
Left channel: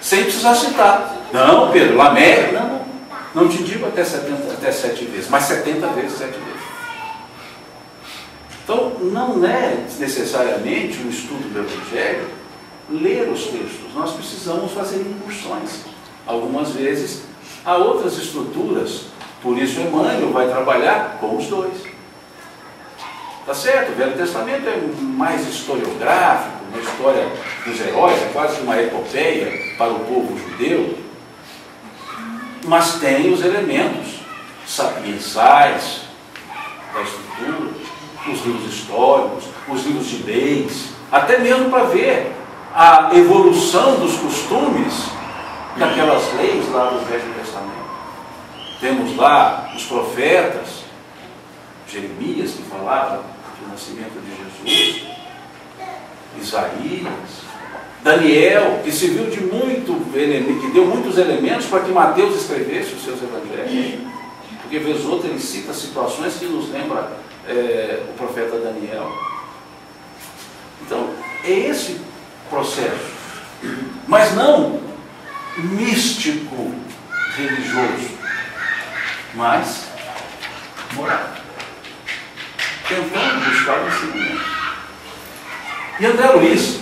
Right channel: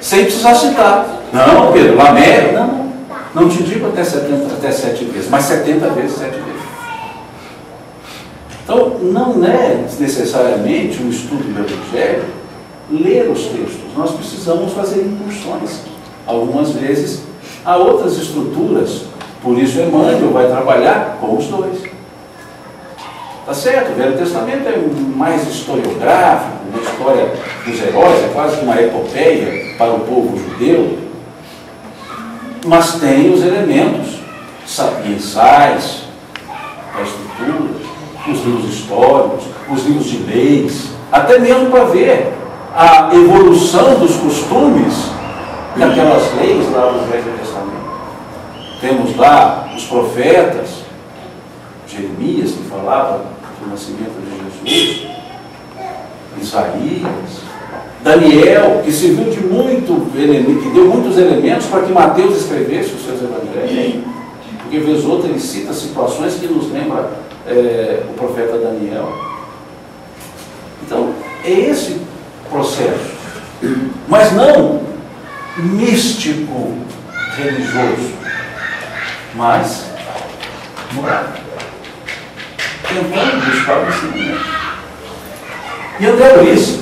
Sem precisar citar. Não, Pedro, Lameque, não te digo até 7 vezes, mas 70 vezes 7 vezes. Então, não é necessariamente um estudo do Evangelho ler os textos. Nós precisamos fazer incursões. Algumas vezes há outras estruturas. Por isso Emmanuel vai trabalhar com os dois. Tá certo? O Velho Testamento é mais historiográfico, uma história dos heróis, é quase uma epopeia para o povo judeu. Mas tem os elementos sapienciais da estrutura, os livros históricos, os livros de leis, até mesmo para ver a evolução dos costumes daquelas leis lá do Velho Testamento. Temos lá os profetas, Jeremias, que falava do nascimento de Jesus, Isaías, Daniel, que serviu de muito elemento, que deu muitos elementos para que Mateus escrevesse os seus evangelhos. Porque vez outra ele cita situações que nos lembra o profeta Daniel. Então, é esse processo, mas não místico religioso, mas moral, tentando buscar o ensinamento. E André Luiz,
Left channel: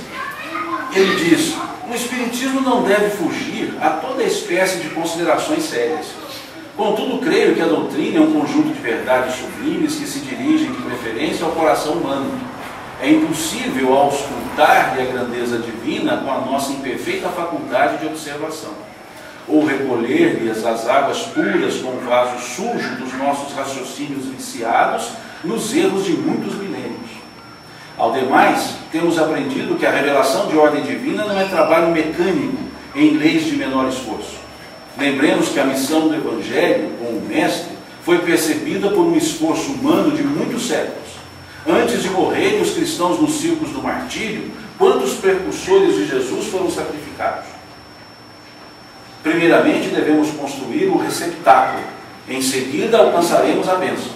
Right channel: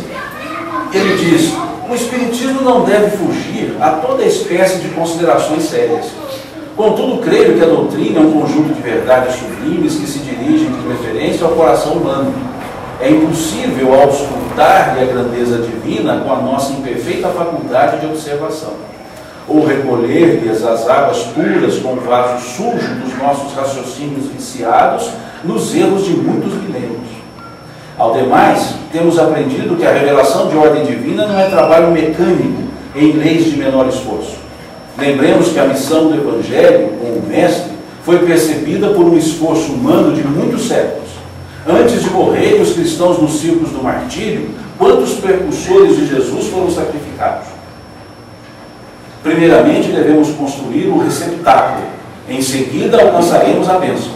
ele diz: o Espiritismo não deve fugir a toda espécie de considerações sérias. Contudo, creio que a doutrina é um conjunto de verdades sublimes que se dirigem de preferência ao coração humano. É impossível auscultar-lhe a grandeza divina com a nossa imperfeita faculdade de observação, ou recolher-lhe as águas puras com o vaso sujo dos nossos raciocínios viciados nos erros de muitos milênios. Ao demais, temos aprendido que a revelação de ordem divina não é trabalho mecânico em leis de menor esforço. Lembremos que a missão do Evangelho, com o Mestre, foi percebida por um esforço humano de muitos séculos. Antes de morrerem os cristãos nos círculos do martírio, quantos precursores de Jesus foram sacrificados? Primeiramente, devemos construir o receptáculo. Em seguida, alcançaremos a bênção.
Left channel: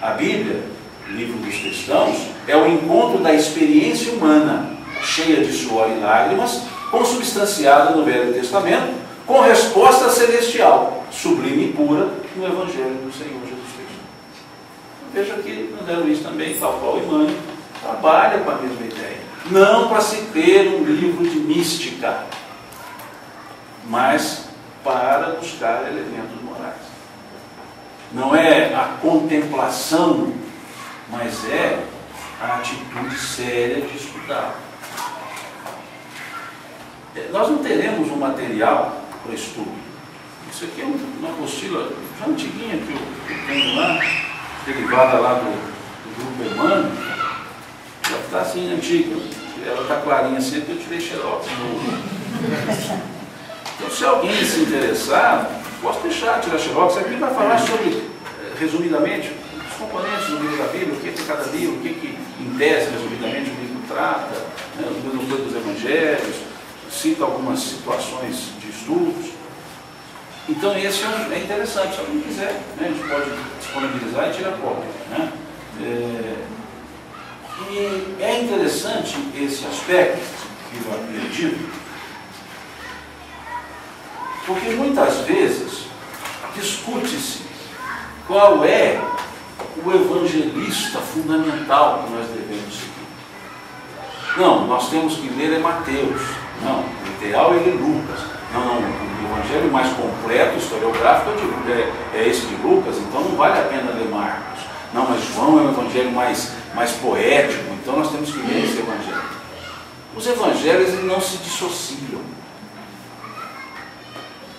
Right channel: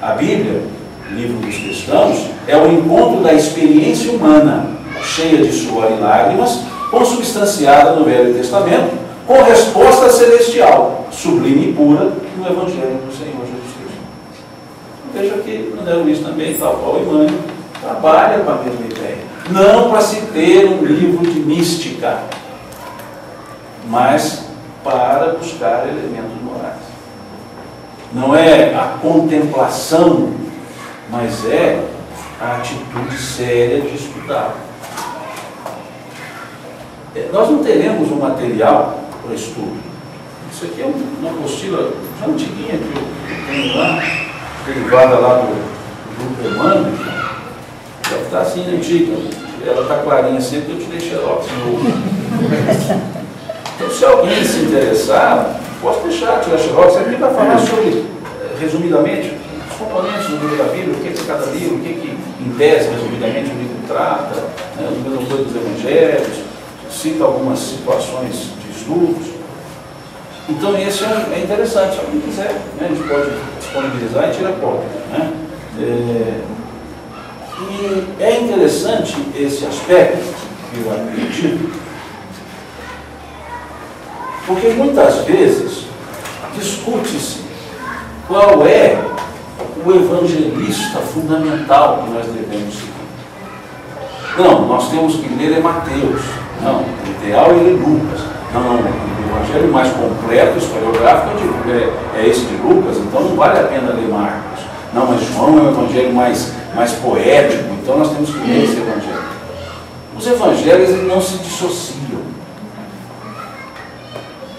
A Bíblia, livro dos cristãos, é o encontro da experiência humana, cheia de suor e lágrimas, consubstanciada no Velho Testamento, com resposta celestial, sublime e pura, no Evangelho do Senhor Jesus Cristo. Veja que André Luiz também, tal qual Emmanuel, trabalha com a mesma ideia. Não para se ter um livro de mística, mas para buscar elementos morais. Não é a contemplação, mas é a atitude séria de estudar. Nós não teremos um material para estudo. Isso aqui é uma apostila já antiguinha que eu tenho lá, derivada lá do grupo Emmanuel. Já está assim antiga, ela está clarinha sempre, eu tirei xerox. Então, se alguém se interessar, posso deixar, tirar xerox. Aqui vai falar sobre, resumidamente, os componentes do livro da Bíblia, o que é cada livro, o que em tese, resumidamente, o livro trata, né, o número dos evangelhos, cita algumas situações de estudos. Então esse é interessante, se alguém quiser, né, a gente pode disponibilizar e tirar cópia, né? E é interessante esse aspecto que eu acredito, porque muitas vezes discute-se qual é o evangelista fundamental que nós devemos seguir. Não, nós temos que ler Mateus. Não, o ideal é ler Lucas. Não, o evangelho mais completo, historiográfico, é esse de Lucas, então não vale a pena ler Marcos. Não, mas João é um evangelho mais poético, então nós temos que ler esse evangelho. Os evangelhos eles não se dissociam.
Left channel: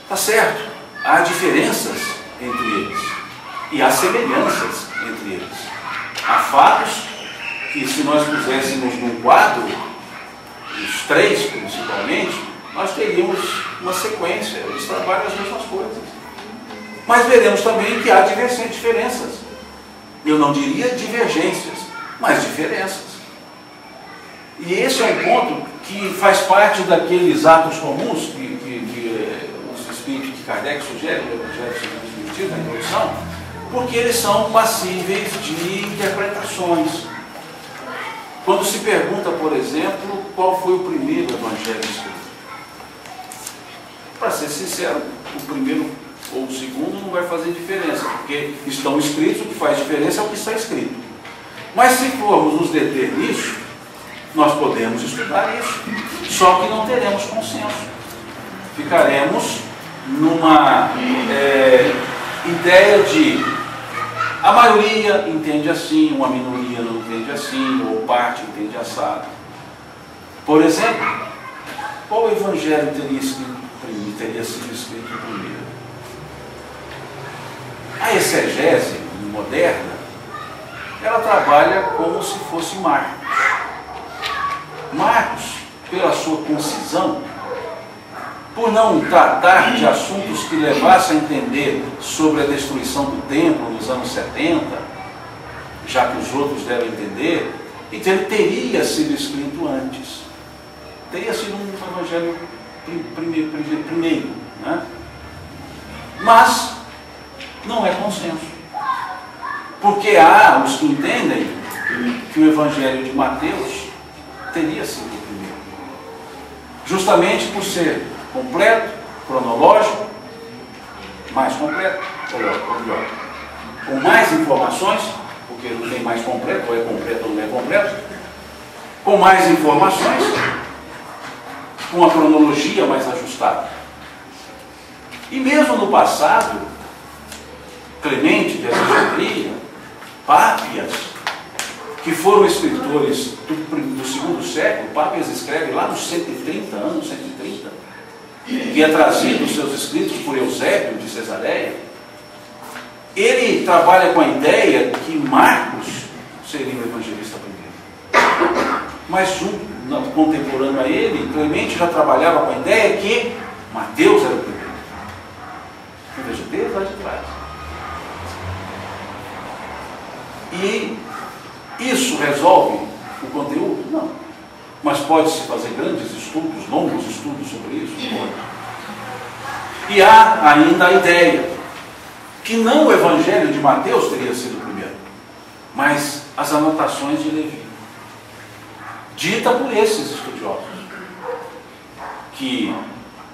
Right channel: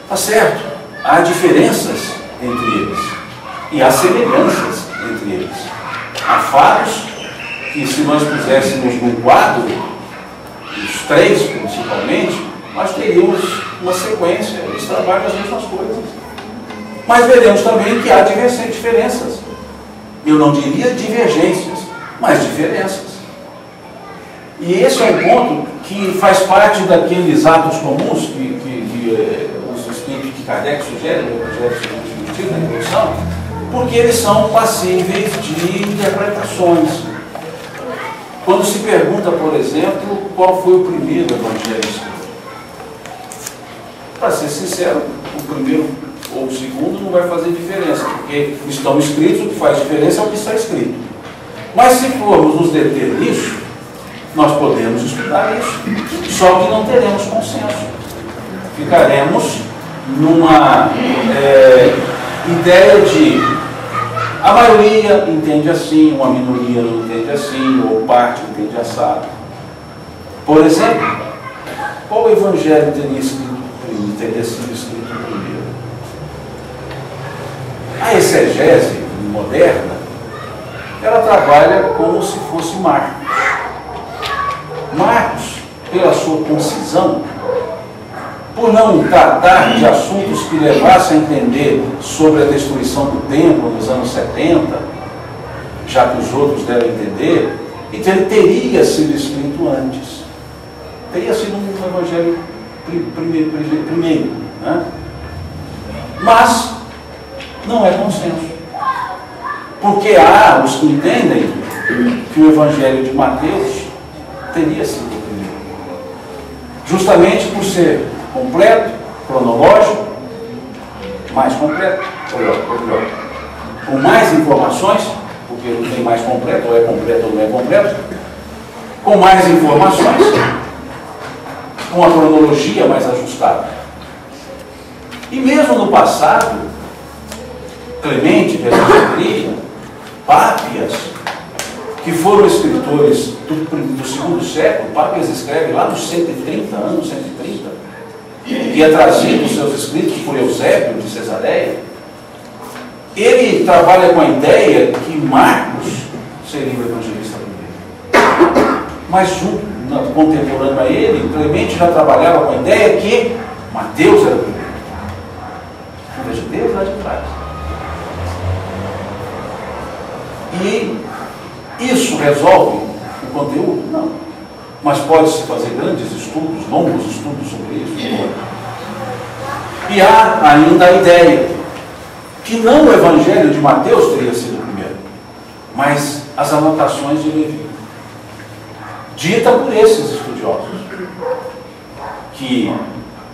Tá certo, há diferenças entre eles e há semelhanças entre eles. Há fatos que, se nós puséssemos num quadro, os três principalmente, nós teríamos uma sequência, eles trabalham as mesmas coisas. Mas veremos também que há diferenças. Eu não diria divergências, mas diferenças. E esse é um ponto que faz parte daqueles atos comuns que os espíritos que Kardec sugere, o Evangelho segundo o Espiritismo, na introdução, porque eles são passíveis de interpretações. Quando se pergunta, por exemplo, qual foi o primeiro evangelho escrito? Para ser sincero, o primeiro ou o segundo não vai fazer diferença, porque estão escritos, o que faz diferença é o que está escrito. Mas se formos nos deter nisso, nós podemos estudar isso, só que não teremos consenso. Ficaremos numa ideia de a maioria entende assim, uma minoria não entende assim, ou parte entende assado. Por exemplo, qual evangelho teria sido escrito primeiro? A exegese moderna, ela trabalha como se fosse Marcos. Marcos, pela sua concisão, por não tratar de assuntos que levassem a entender sobre a destruição do templo nos anos 70, já que os outros devem entender, então ele teria sido escrito antes. Teria sido um evangelho primeiro, né? Mas não é consenso. Porque há os que entendem que o evangelho de Mateus teria sido o primeiro. Justamente por ser completo, cronológico, mais completo, melhor, com mais informações, porque não tem mais completo, ou é completo ou não é completo, com mais informações, com uma cronologia mais ajustada. E mesmo no passado, Clemente de Alexandria, Pápias, que foram escritores do segundo século, Pápias escreve lá nos 130 anos, 130, que é trazido os seus escritos por Eusébio de Cesareia. Ele trabalha com a ideia que Marcos seria o evangelista primeiro. Mas contemporâneo a ele, Clemente já trabalhava com a ideia que Mateus era o primeiro. Veja, desde lá de trás. E isso resolve o conteúdo? Não. Mas pode-se fazer grandes estudos, longos estudos sobre isso. E há ainda a ideia que não o evangelho de Mateus teria sido o primeiro, mas as anotações de Levi, dita por esses estudiosos, que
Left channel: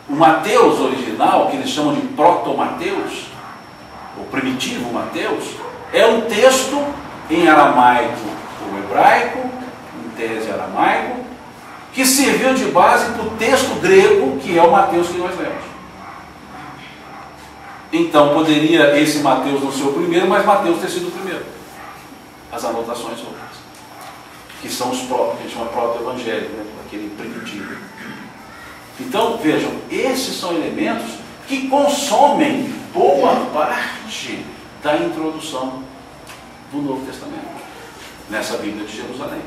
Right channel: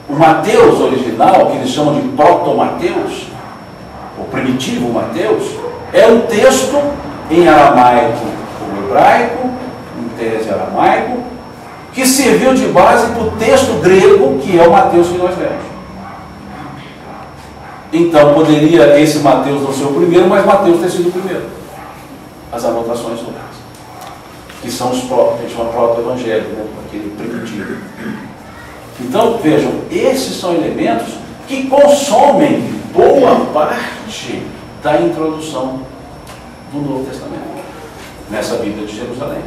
o Mateus original, que eles chamam de proto-Mateus, o primitivo Mateus, é um texto em aramaico ou hebraico, em tese aramaico, que serviu de base para o texto grego, que é o Mateus que nós lemos. Então poderia esse Mateus não ser o primeiro, mas Mateus ter sido o primeiro. As anotações sobre isso, que são os próprios, a gente chama proto-evangelho, né? Aquele primitivo. Então, vejam, esses são elementos que consomem boa parte da introdução do Novo Testamento, nessa Bíblia de Jerusalém,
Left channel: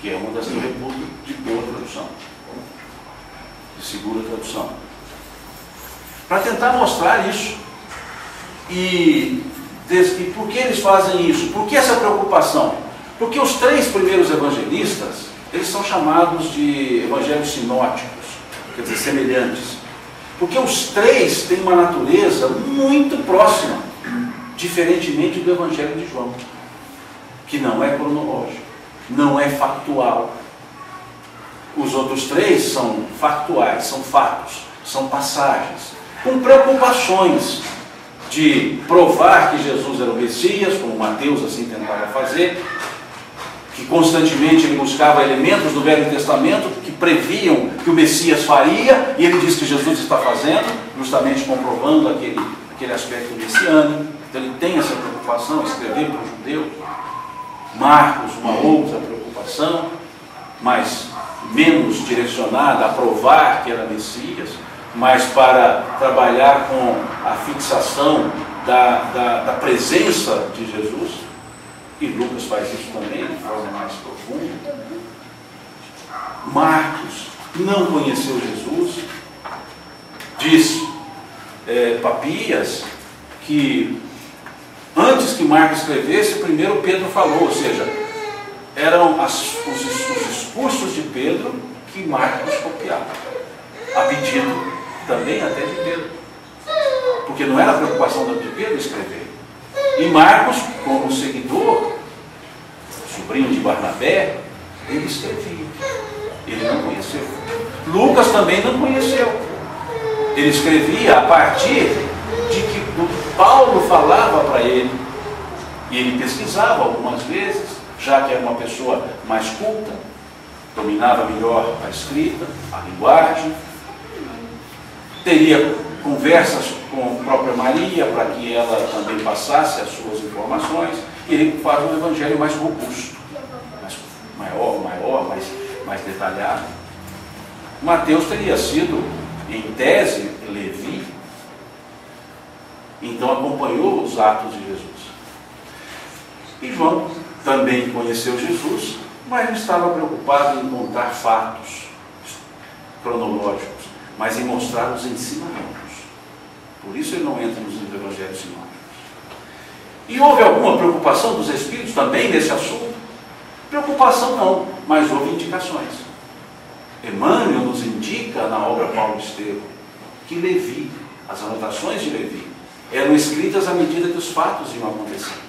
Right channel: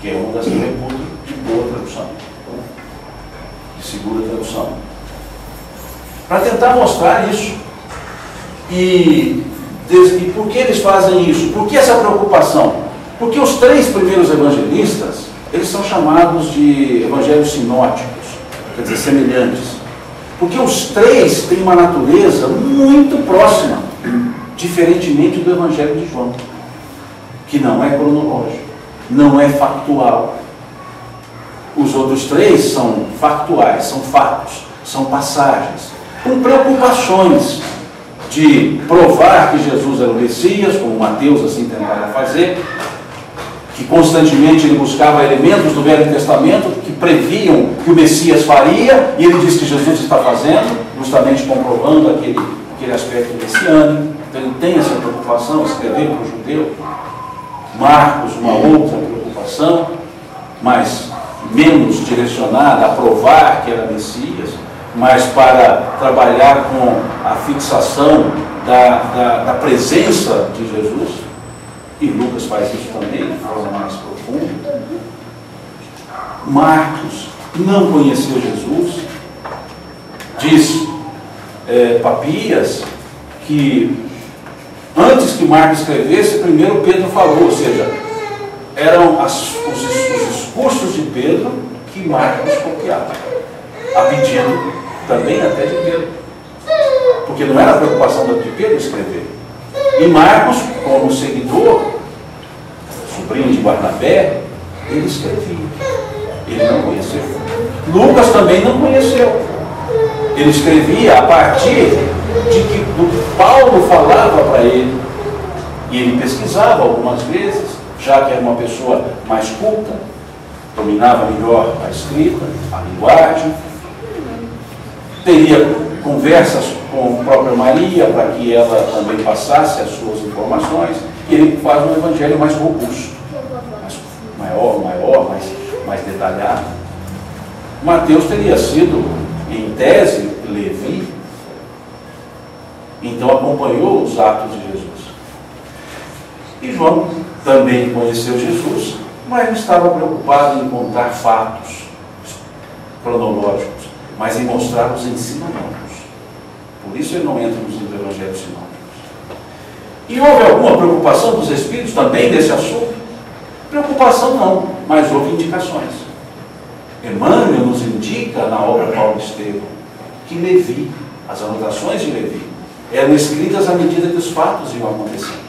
que é uma das que eu reputo de boa tradução, de segura tradução, para tentar mostrar isso. E por que eles fazem isso? Por que essa preocupação? Porque os três primeiros evangelistas, eles são chamados de evangelhos sinóticos, quer dizer, semelhantes, Porque os três têm uma natureza muito próxima, diferentemente do Evangelho de João, que não é cronológico, não é factual. Os outros três são factuais, são fatos, são passagens, com preocupações de provar que Jesus era o Messias, como Mateus assim tentava fazer, que constantemente ele buscava elementos do Velho Testamento que previam que o Messias faria, e ele diz que Jesus está fazendo, justamente comprovando aquele aspecto messiânico. Então ele tem essa preocupação, escrever para o judeu. Marcos, uma outra preocupação, mas menos direcionada a provar que era Messias, mas para trabalhar com a fixação da presença de Jesus. E Lucas faz isso também de forma mais profunda. Marcos não conheceu Jesus. Diz Papias que antes que Marcos escrevesse, primeiro Pedro falou, ou seja, eram os discursos de Pedro que Marcos copiava, a pedido também até de Pedro, porque não era a preocupação de Pedro escrever. E Marcos, como seguidor, sobrinho de Barnabé, ele escrevia, ele não conheceu. Lucas também não conheceu, ele escrevia a partir de que Paulo falava para ele, e ele pesquisava algumas vezes, já que era uma pessoa mais culta, dominava melhor a escrita, a linguagem, teria conversas com a própria Maria para que ela também passasse as suas informações, e ele faz um evangelho mais robusto, maior, mais detalhado. Mateus teria sido, em tese, Levi, então acompanhou os atos de Jesus. E João também conheceu Jesus, mas não estava preocupado em contar fatos cronológicos, mas em mostrar os ensinamentos. Por isso ele não entra nos evangelhos sinóticos. E houve alguma preocupação dos Espíritos também nesse assunto? Preocupação não, mas houve indicações. Emmanuel nos indica na obra Paulo Estevam que Levi, as anotações de Levi, eram escritas à medida que os fatos iam acontecendo.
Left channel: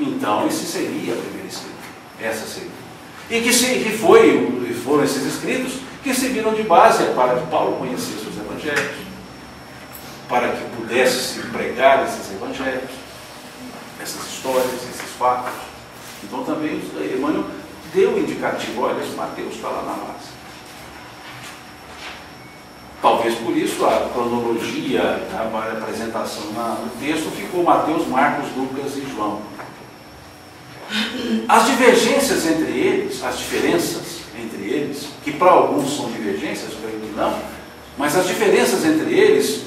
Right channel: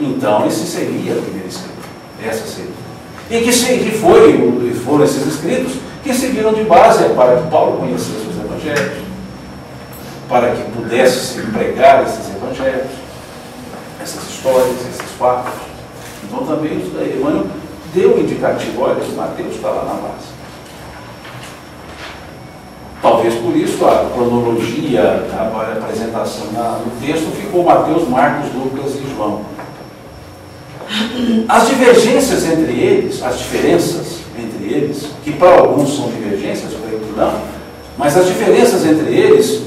Então esse seria a primeira escrita, essa seria. E que foram esses escritos que serviram de base para que Paulo conhecesse os evangelhos, para que pudesse se pregar esses evangelhos, essas histórias, esses fatos. Então também Emmanuel deu um indicativo, olha, Mateus está lá na base. Talvez por isso a cronologia, a apresentação no texto ficou Mateus, Marcos, Lucas e João. As divergências entre eles, as diferenças entre eles, que para alguns são divergências, eu creio que não, mas as diferenças entre eles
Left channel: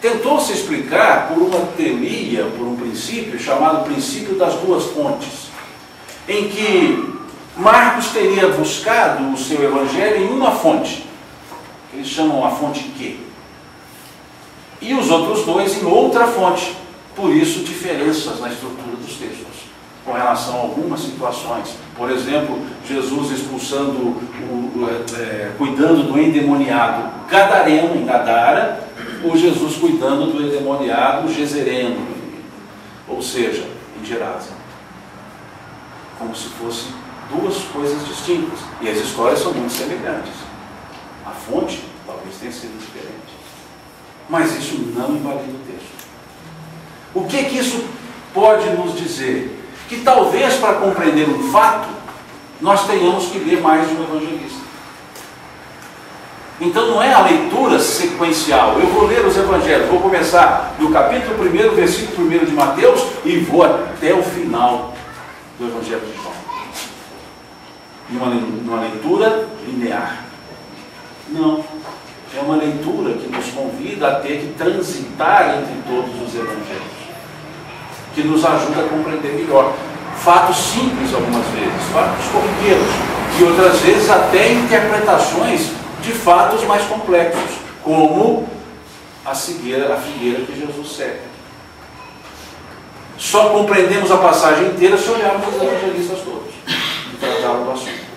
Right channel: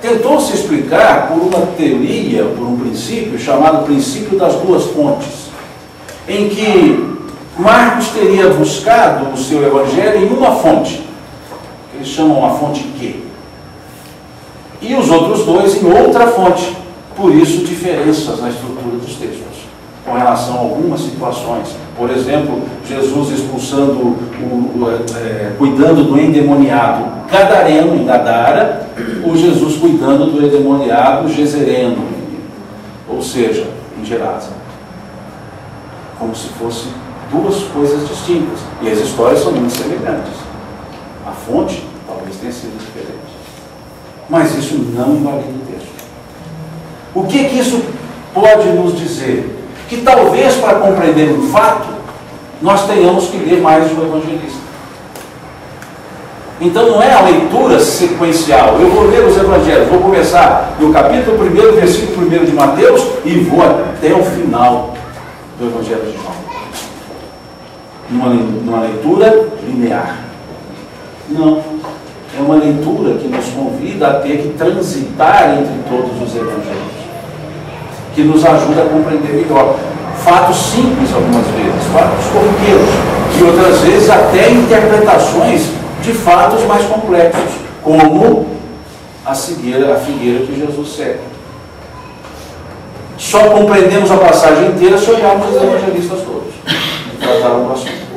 tentou-se explicar por uma teoria, por um princípio chamado princípio das duas fontes, em que Marcos teria buscado o seu evangelho em uma fonte, que eles chamam a fonte Q, e os outros dois em outra fonte. Por isso, diferenças na estrutura dos textos, com relação a algumas situações. Por exemplo, Jesus expulsando, cuidando do endemoniado gadareno em Gadara, ou Jesus cuidando do endemoniado gezereno, ou seja, em Gerasa. Como se fossem duas coisas distintas. E as histórias são muito semelhantes. A fonte talvez tenha sido diferente. Mas isso não invalida o texto. O que isso pode nos dizer? Que talvez para compreender um fato, nós tenhamos que ler mais do evangelista. Então não é a leitura sequencial. Eu vou ler os evangelhos, vou começar no capítulo 1, versículo 1 de Mateus e vou até o final do evangelho de João. Numa leitura linear. Não. É uma leitura que nos convida a ter que transitar entre todos os evangelhos, que nos ajuda a compreender melhor. Fatos simples algumas vezes, fatos corriqueiros, e outras vezes até interpretações de fatos mais complexos, como a figueira que Jesus segue. Só compreendemos a passagem inteira se olharmos os evangelistas todos e tratarmos do assunto.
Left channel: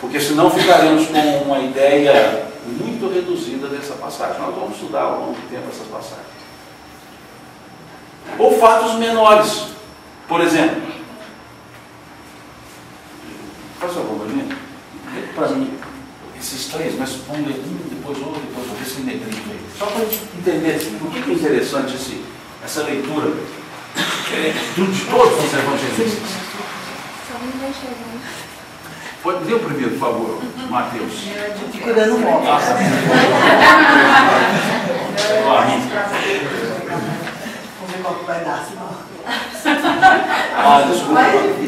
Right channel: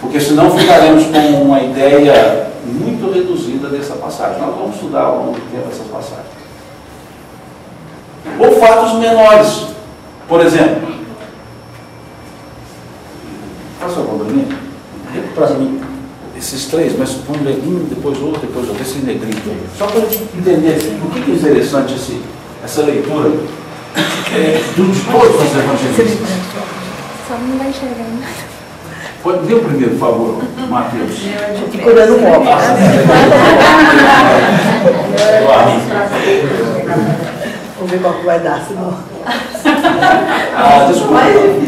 Porque senão ficaremos com uma ideia muito reduzida dessa passagem. Nós vamos estudar ao longo do tempo essas passagens. Ou fatos menores. Por exemplo, faz favor, Bruninho, para mim esses três, mas põe um neguinho, depois outro, esse negrito aí. Só para a gente entender o que é interessante essa leitura de todos os evangelistas. Só não vai enxergando. Pode ler o primeiro, por favor, Mateus. Procurando um óculos. Vamos ver qual que vai dar, senão. Desculpa.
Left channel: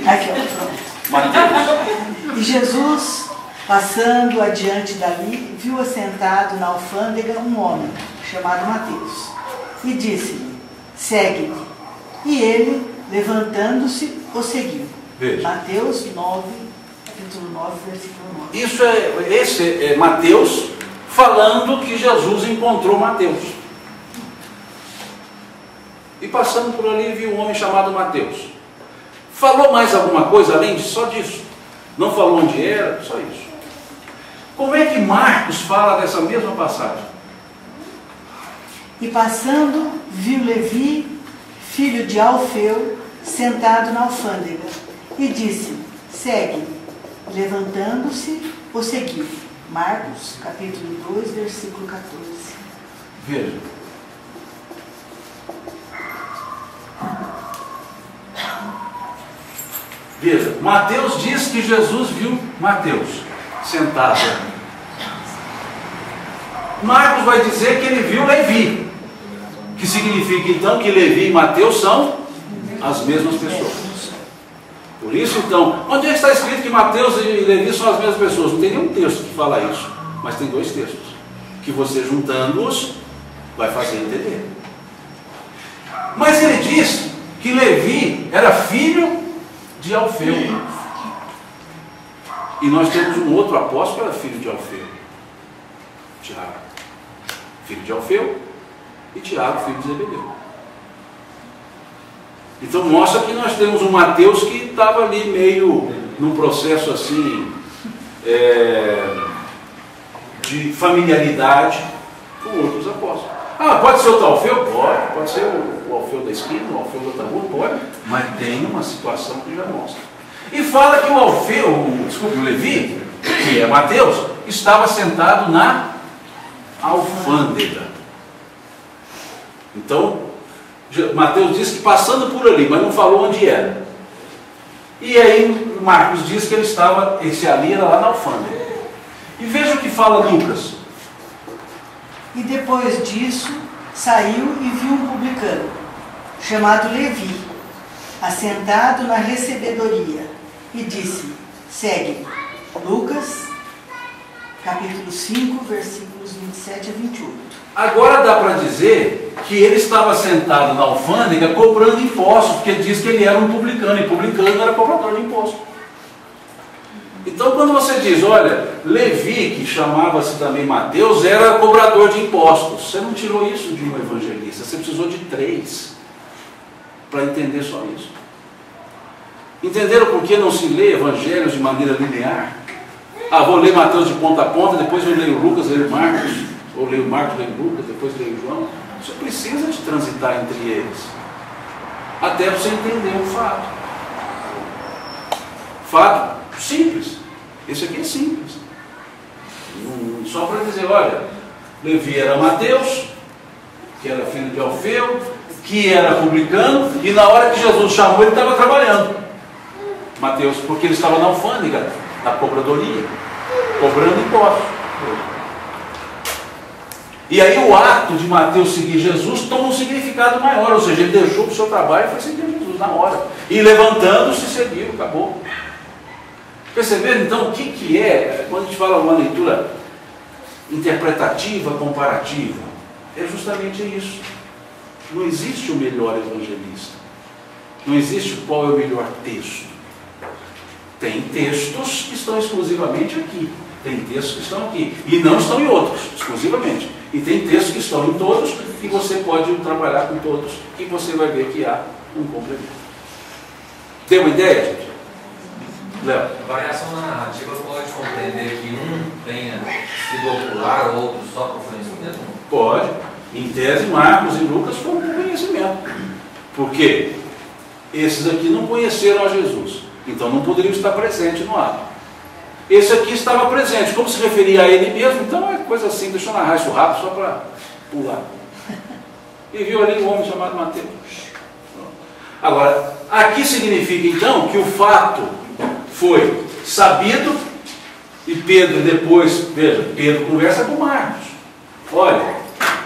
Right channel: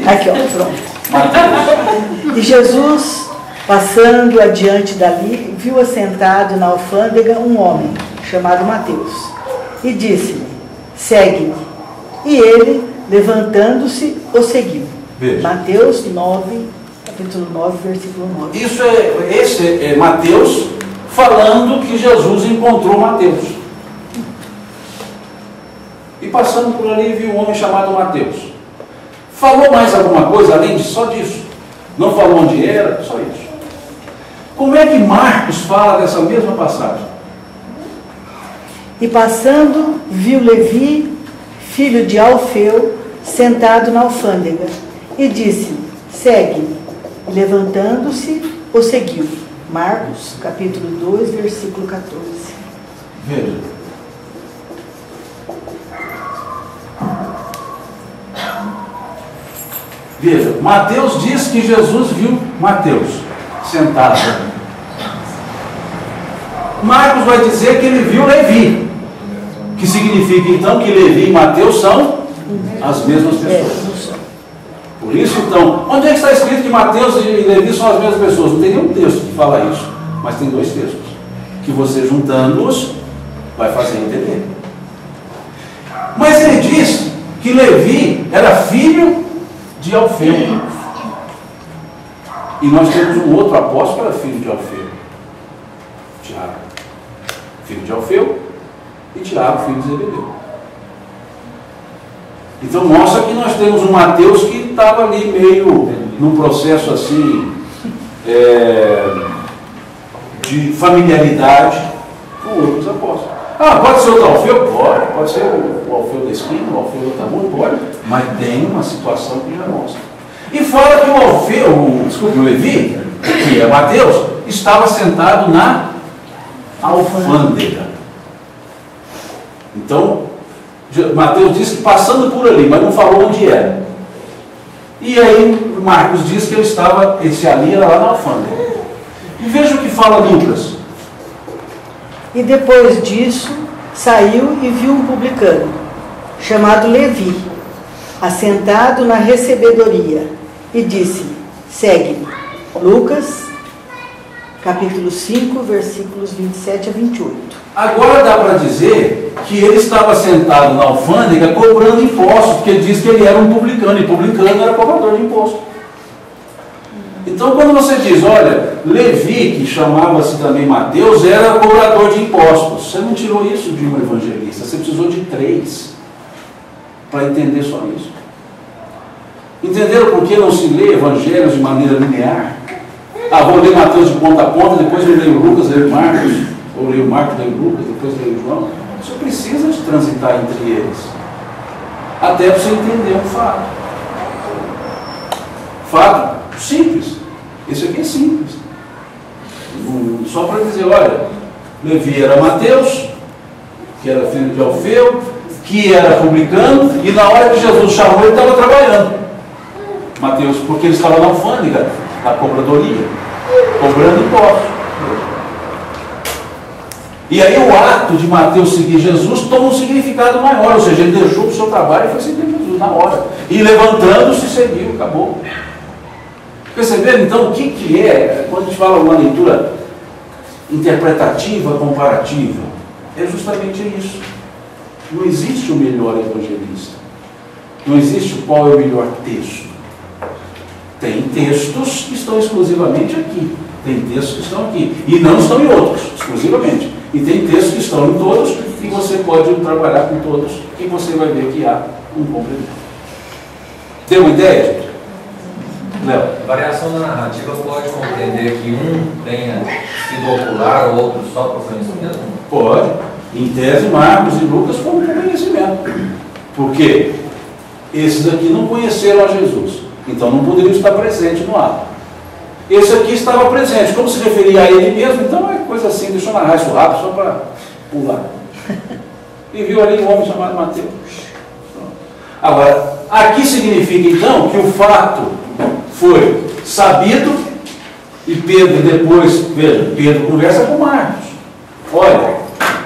Aqui, ó, pronto. Mateus. E Jesus, passando adiante dali, viu assentado na alfândega um homem, chamado Mateus, e disse-lhe: segue-me. E ele, levantando-se, o seguiu. Veja. Mateus 9, capítulo 9, versículo 9. Esse é Mateus falando que Jesus encontrou Mateus. E passando por ali, viu um homem chamado Mateus. Falou mais alguma coisa além só disso? Não falou onde era, só isso. Como é que Marcos fala dessa mesma passagem? E passando, viu Levi, filho de Alfeu, sentado na alfândega, e disse: segue. Levantando-se, o seguiu. Marcos, capítulo 2, versículo 14. Veja. Veja, Mateus diz que Jesus viu Mateus sentado. Marcos vai dizer que ele viu Levi, que significa então que Levi e Mateus são as mesmas pessoas. Por isso então, onde é que está escrito que Mateus e Levi são as mesmas pessoas? Não tem nenhum texto que fala isso, mas tem dois textos, que você juntando-os vai fazer entender. Mas ele diz que Levi era filho de Alfeu. E nós temos um outro apóstolo que era filho de Alfeu, Tiago, filho de Alfeu, e Tiago, filho de Zebedeu. Então mostra que nós temos um Mateus que estava ali meio num processo assim de familiaridade com outros apóstolos. Pode ser outro Alfeu? Pode ser o Alfeu da esquina, o Alfeu da outra rua? Pode, mas tem uma situação que já mostra. E fala que o Levi, que é Mateus, estava sentado na alfândega. Então, Mateus diz que passando por ali, mas não falou onde era. E aí Marcos diz que esse ali era lá na alfândega. E veja o que fala Lucas. E depois disso, saiu e viu um publicano, chamado Levi, assentado na recebedoria, e disse: segue-me. Lucas, capítulo 5, versículos 27 a 28. Agora dá para dizer que ele estava sentado na alfândega cobrando impostos, porque ele diz que ele era um publicano, e publicano era cobrador de impostos. Então quando você diz, olha, Levi, que chamava-se também Mateus, era cobrador de impostos, você não tirou isso de um evangelista, você precisou de 3 para entender só isso. Entenderam por que não se lê evangelhos de maneira linear? Vou ler Mateus de ponta a ponta, depois eu leio Lucas, leio Marcos, ou leio Marcos, leio Lucas, depois leio João. Você precisa de transitar entre eles, até para você entender um fato. Fato simples. Esse aqui é simples. Só para dizer, olha, Levi era Mateus, que era filho de Alfeu, que era publicano, e na hora que Jesus chamou, ele estava trabalhando. Mateus, porque ele estava na alfândega, na cobradoria, cobrando impostos. E aí o ato de Mateus seguir Jesus toma um significado maior, ou seja, ele deixou o seu trabalho e foi seguir Jesus na hora. E levantando-se, seguiu, acabou. Perceberam então o que é, quando a gente fala uma leitura interpretativa, comparativa? É justamente isso. Não existe o melhor evangelista. Não existe qual é o melhor texto. Tem textos que estão exclusivamente aqui. Tem textos que estão aqui. E não estão em outros, exclusivamente. E tem textos que estão em todos e você pode trabalhar com todos e você vai ver que há um complemento. Tem uma ideia, gente? Léo? A variação da narrativa pode compreender que um tenha sido popular ou outros só para conhecimento? Pode. Em tese, Marcos e Lucas foram para conhecimento. Por quê? Esses aqui não conheceram a Jesus, então não poderiam estar presentes no ato. Esse aqui estava presente, como se referia a ele mesmo, então é coisa assim, deixa eu narrar isso rápido só para pular. E viu ali um homem chamado Mateus. Agora, aqui significa então que o fato foi sabido e Pedro depois, veja, Pedro conversa com Marcos. Olha,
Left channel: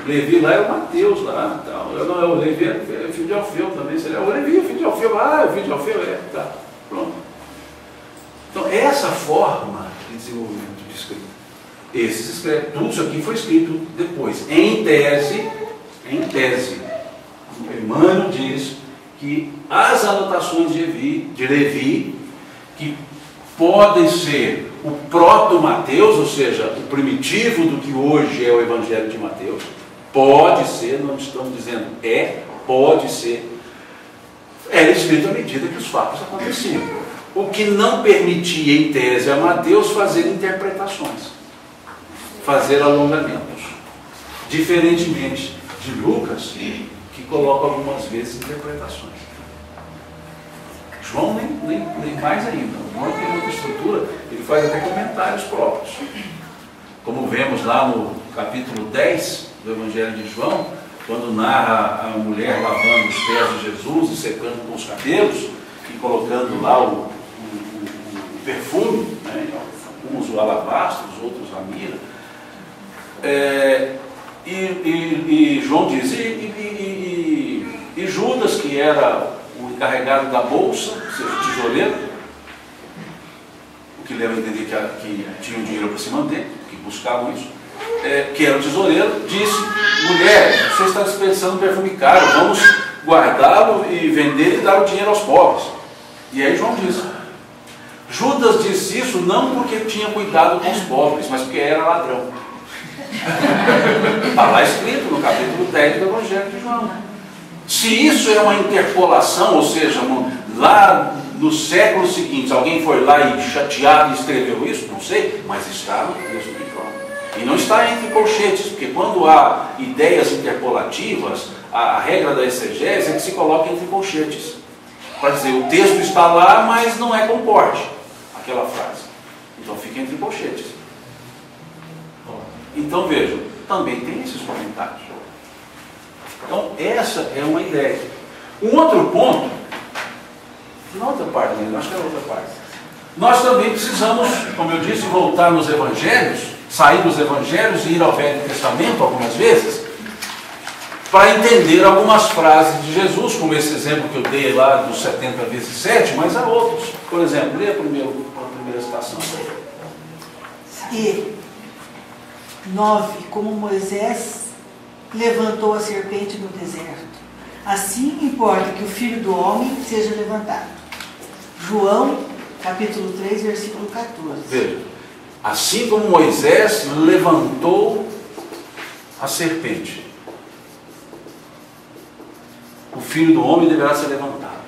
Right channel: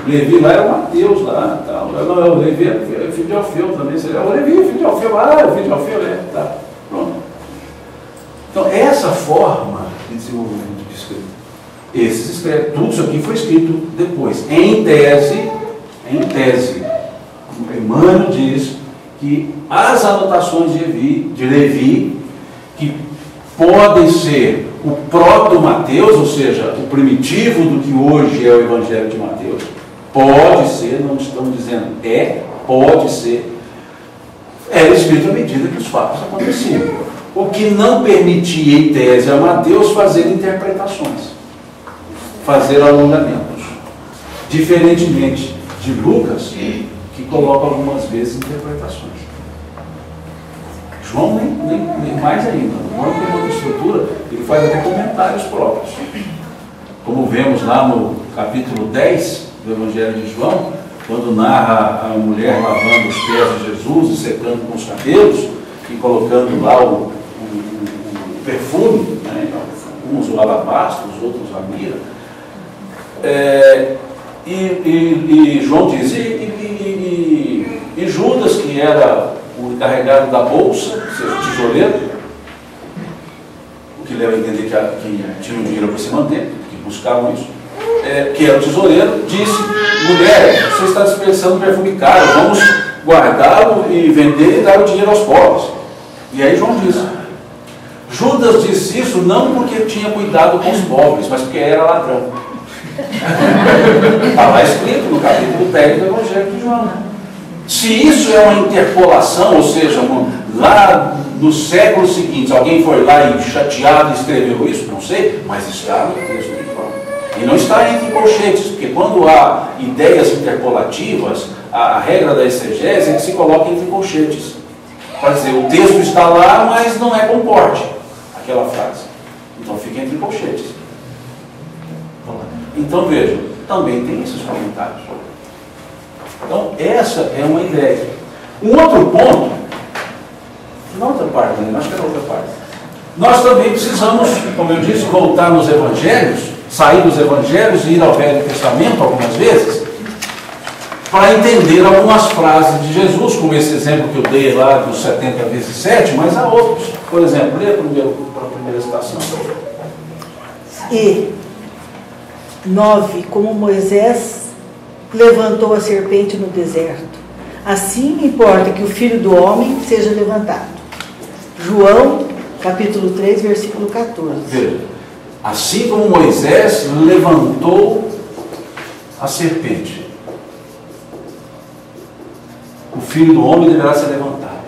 Levi lá era o Mateus lá, tal. Não, o Levi é filho de Alfeu também. O Levi é filho de Alfeu, o filho de Alfeu tá, pronto. Então, essa forma de desenvolvimento de escrita, esses escrevem, tudo isso aqui foi escrito depois, em tese, Emmanuel diz que as anotações de Levi, que podem ser o proto-Mateus, ou seja, o primitivo do que hoje é o Evangelho de Mateus, pode ser, não estamos dizendo pode ser, era escrito à medida que os fatos aconteciam. O que não permitia, em tese, a Mateus fazer interpretações, fazer alongamentos. Diferentemente de Lucas, que coloca algumas vezes interpretações. João nem mais ainda. João tem outra estrutura, ele faz até comentários próprios. Como vemos lá no capítulo 10 do Evangelho de João, quando narra a mulher lavando os pés de Jesus e secando com os cabelos e colocando lá o perfume, né? Uns o alabastro, os outros a mirra. E João diz, e Judas, que era o encarregado da bolsa, ou seja, o tesoureiro, o que leva a entender que tinham dinheiro para se manter, que buscavam isso, que era o tesoureiro, disse, mulher, você está dispensando perfume caro, vamos guardá-lo e vender e dar o dinheiro aos pobres. E aí João diz, Judas disse isso não porque tinha cuidado com os pobres, mas porque era ladrão. Está lá escrito no capítulo 10 do Evangelho de João. Se isso é uma interpolação, ou seja, lá no século seguinte, alguém foi lá e chateado e escreveu isso, não sei, mas está no texto de João. E não está entre colchetes, porque quando há ideias interpolativas, a regra da exegese é que se coloca entre colchetes. Para dizer, o texto está lá, mas não é comporte, aquela frase. Então fica entre colchetes. Então vejam, também tem esses comentários. Então essa é uma ideia. Um outro ponto, na outra parte, acho que é na outra parte. Nós também precisamos, como eu disse, voltar nos evangelhos, sair dos evangelhos e ir ao Velho Testamento algumas vezes, para entender algumas frases de Jesus, como esse exemplo que eu dei lá dos 70 vezes 7, mas há outros. Por exemplo, leia primeiro para a primeira citação. E 9, como Moisés levantou a serpente no deserto, assim importa que o Filho do Homem seja levantado. João, capítulo 3, versículo 14. Veja, assim como Moisés levantou a serpente, o Filho do Homem deverá ser levantado.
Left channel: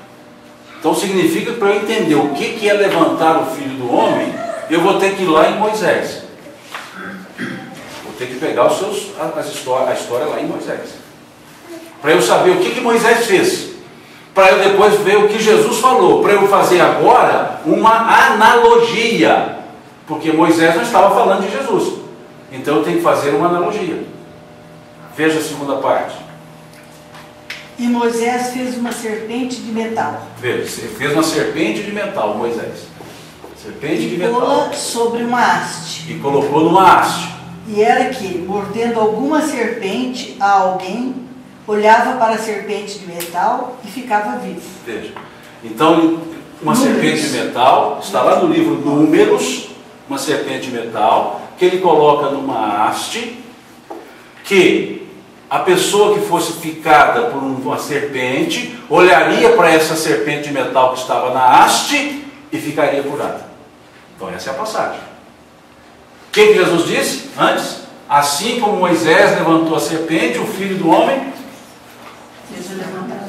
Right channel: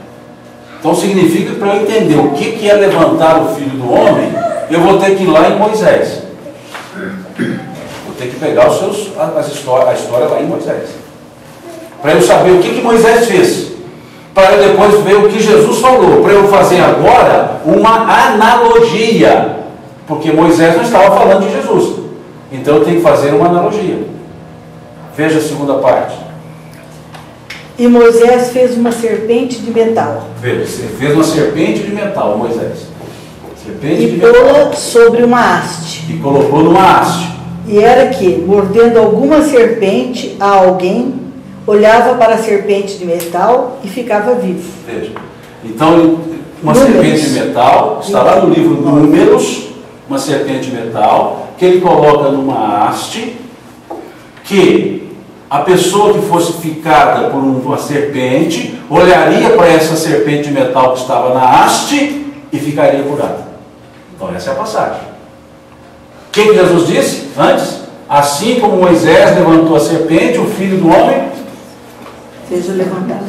Então significa que para eu entender o que é levantar o Filho do Homem, eu vou ter que ir lá em Moisés. Vou ter que pegar a história lá em Moisés. Para eu saber o que Moisés fez. Para eu depois ver o que Jesus falou. Para eu fazer agora uma analogia. Porque Moisés não estava falando de Jesus. Então eu tenho que fazer uma analogia. Veja a segunda parte. E Moisés fez uma serpente de metal. Veja, fez uma serpente de metal, Moisés. Serpente de metal. E pô-la sobre uma haste. E colocou numa haste. E era que, mordendo alguma serpente a alguém, olhava para a serpente de metal e ficava vivo. Veja. Então, uma serpente de metal, está lá no livro Números, uma serpente de metal, que ele coloca numa haste, que a pessoa que fosse picada por uma serpente, olharia para essa serpente de metal que estava na haste e ficaria curada. Então essa é a passagem. O que Jesus disse antes? Assim como Moisés levantou a serpente, o Filho do Homem fez levantar.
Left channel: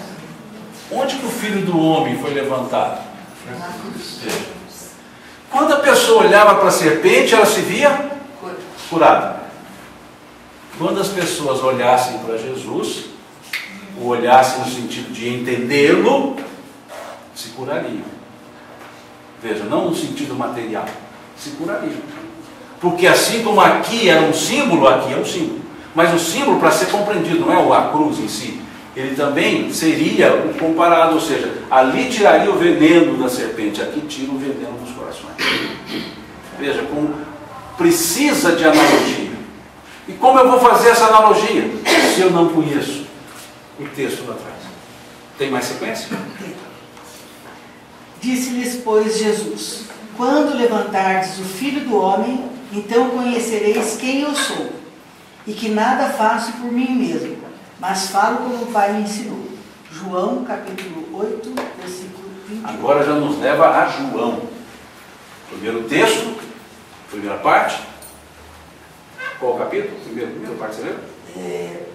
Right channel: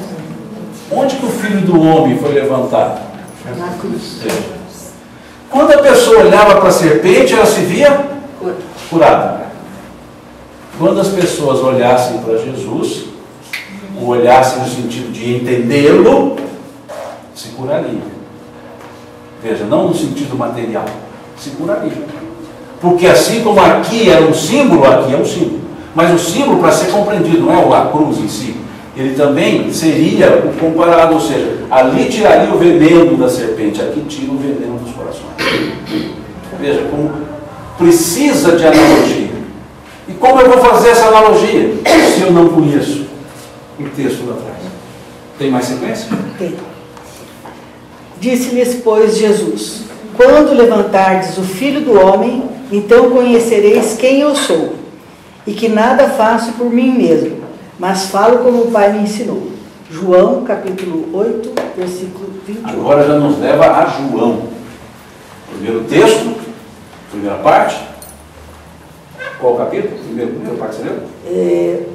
Onde que o Filho do Homem foi levantado? Na cruz. Quando a pessoa olhava para a serpente, ela se via curada. Quando as pessoas olhassem para Jesus, ou olhassem no sentido de entendê-lo, se curariam. Veja, não no sentido material, se curariam. Porque assim como aqui é um símbolo, aqui é um símbolo. Mas o símbolo, para ser compreendido, não é a cruz em si. Ele também seria o comparado, ou seja, ali tiraria o veneno da serpente, aqui tira o veneno dos corações. Veja como precisa de analogia. E como eu vou fazer essa analogia se eu não conheço o texto lá atrás? Tem mais sequência? Tem. Disse-lhes, pois, Jesus: quando levantardes o Filho do Homem, então conhecereis quem eu sou, e que nada faço por mim mesmo, mas falo como o Pai me ensinou. João, capítulo 8, versículo 21. Agora já nos leva a João. Primeiro texto, primeira parte. Qual capítulo? Primeira parte você leu?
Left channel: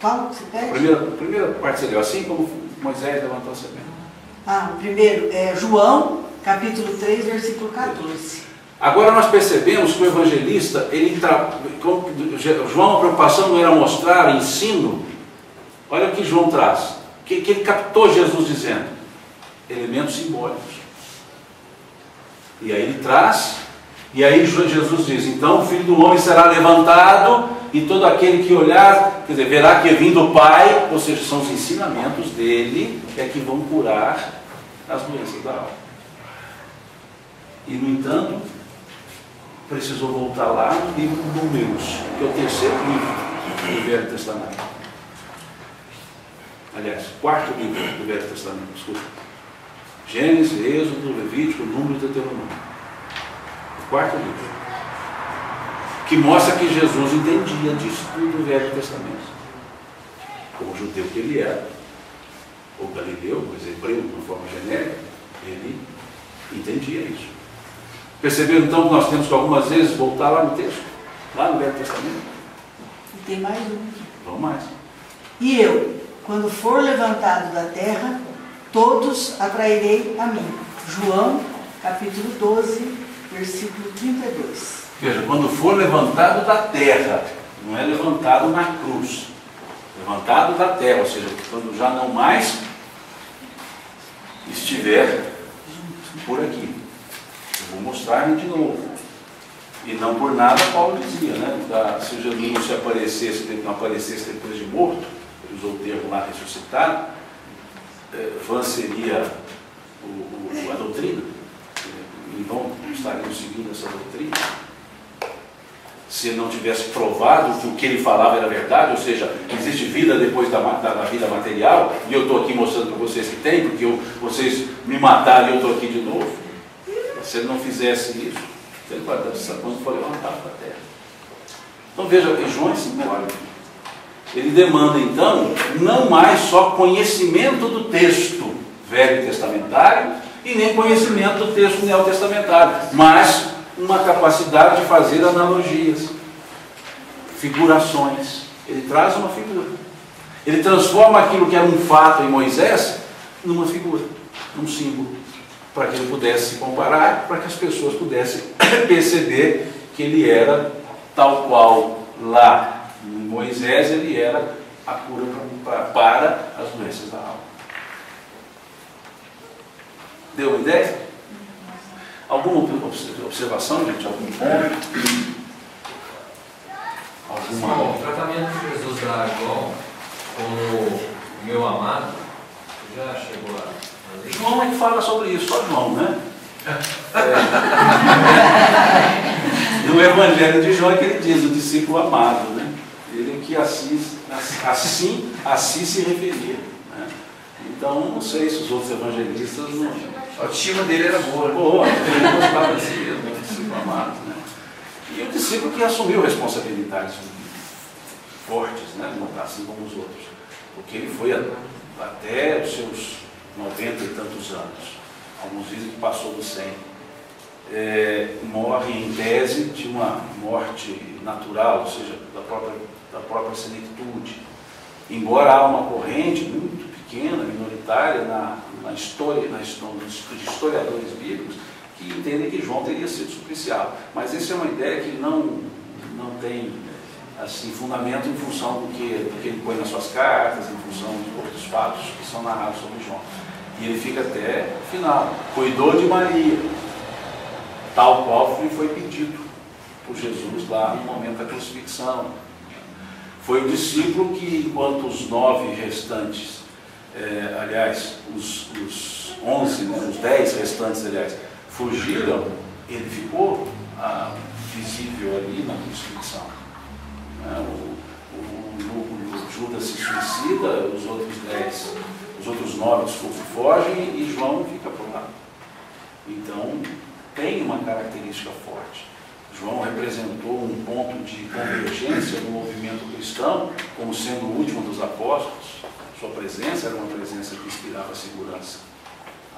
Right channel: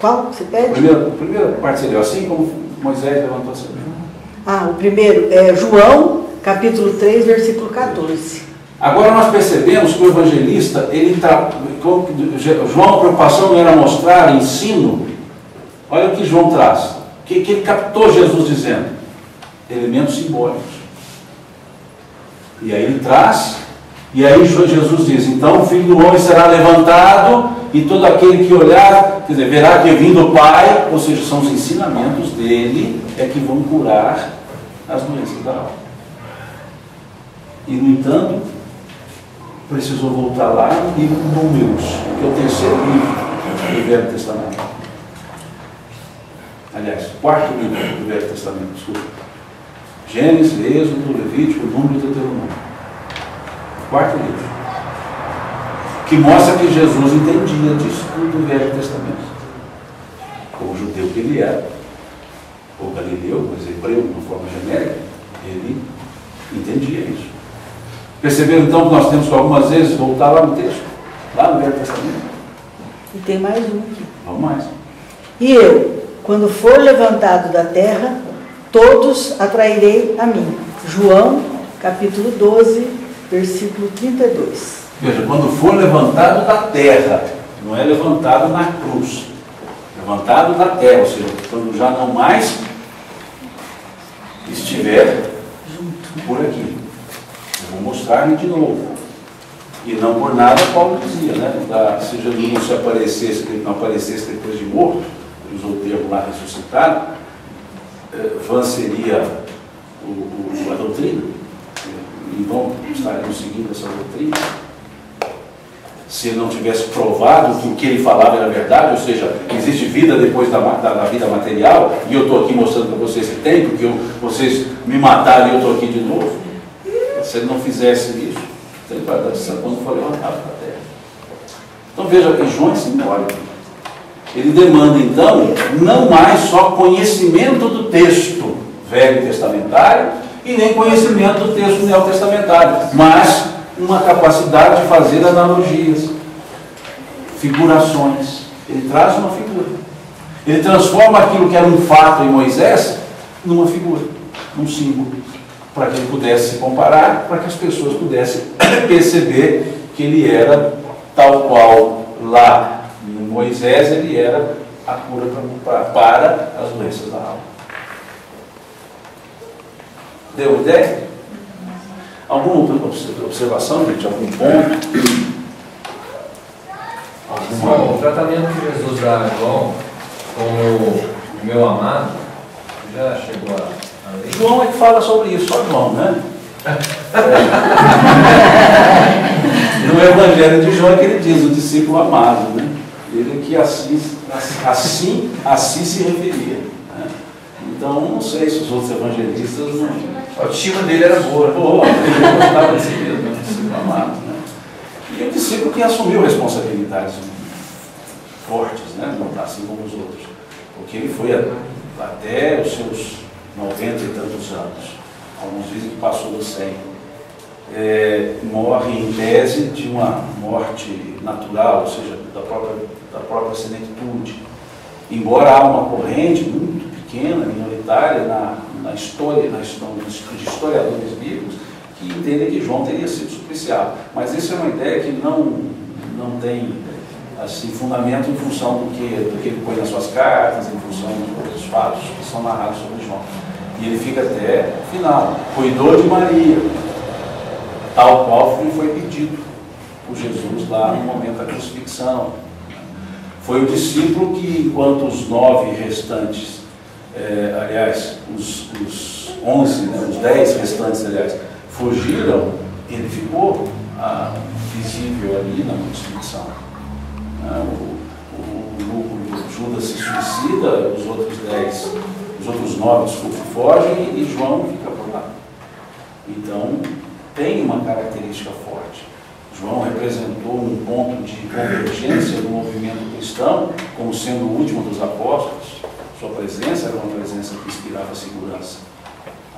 Qual? Você pede? Primeira parte você leu, assim como Moisés levantou a serpente. O primeiro é João, capítulo 3, versículo 14. Agora nós percebemos que o evangelista, João, a preocupação não era mostrar ensino. Olha o que João traz. Que ele captou Jesus dizendo? Elementos simbólicos. E aí ele traz, e aí Jesus diz: então o Filho do Homem será levantado, e todo aquele que olhar, quer dizer, verá que vim do Pai, ou seja, são os ensinamentos dele, é que vão curar as doenças da alma. E no entanto, precisou voltar lá no livro de Números, que é o terceiro livro do Velho Testamento. Aliás, quarto livro do Velho Testamento, desculpa. Gênesis, Êxodo, Levítico, Número e Deuteronômio. Quarto livro. Que mostra que Jesus entendia disso do Velho Testamento. Como judeu que ele era, ou galileu, mas hebreu de uma forma genérica, ele entendia isso. Perceberam então que nós temos que algumas vezes voltar lá no texto, lá no Velho Testamento? E tem mais um. Vamos mais. E eu, quando for levantado da terra, todos atrairei a mim. João, capítulo 12, versículo 32. Veja, quando for levantado da terra, não é levantado na cruz. Levantado da terra, ou seja, quando já não mais estiver por aqui. Eu vou mostrar-lhe de novo. E não por nada Paulo dizia, né? Se Jesus não se aparecesse, não aparecesse depois de morto, ele usou o termo lá ressuscitado, vã seria a doutrina. Em vão estaremos seguindo essa doutrina. Se ele não tivesse provado que o que ele falava era verdade, ou seja, existe vida depois da vida material, e eu estou aqui mostrando para vocês que tem, porque vocês me mataram e eu estou aqui de novo. Se ele não fizesse isso, ele vai dar quando for levantado da terra. Então veja, João é simbólico. Ele demanda então não mais só conhecimento do texto velho testamentário e nem conhecimento do texto neotestamentário, mas uma capacidade de fazer analogias, figurações. Ele traz uma figura. Ele transforma aquilo que era um fato em Moisés numa figura, num símbolo, para que ele pudesse se comparar, para que as pessoas pudessem perceber que ele era tal qual lá no Moisés, ele era a cura para as doenças da alma. Deu uma ideia? Alguma observação, gente? Algum ponto? O tratamento que Jesus dá a João como o meu amado, já chegou a ler? João é que fala sobre isso, só João, né? No Evangelho de João é que ele diz, o discípulo amado, né? Ele que assim se referia. Né? Então, não sei se os outros evangelistas não... A autoestima dele era boa. Boa, ele gostava de si mesmo, né? Discípulo amado, né? E o discípulo que assumiu responsabilidades fortes, né? Assim como os outros. Porque ele foi até os seus 90 e tantos anos. Alguns dizem que passou dos 100. Morre em tese de uma morte natural, ou seja, da própria senectude. Embora há uma corrente muito pequena, minoritária, na história, de historiadores bíblicos, que entendem que João teria sido supliciado. Mas essa é uma ideia que não assim, fundamento em função do que ele põe nas suas cartas, em função dos outros fatos que são narrados sobre João. E ele fica até o final, cuidou de Maria, tal qual foi pedido por Jesus lá no momento da crucifixão. Foi o discípulo que, enquanto os 9 restantes, aliás, os 11, né, os 10 restantes, aliás, fugiram, ele ficou visível ali na crucifixão. O Judas se suicida, os outros 9, desculpa, fogem e João fica por lá. Então, tem uma característica forte. João representou um ponto de convergência do movimento cristão, como sendo o último dos apóstolos. Sua presença era uma presença que inspirava segurança.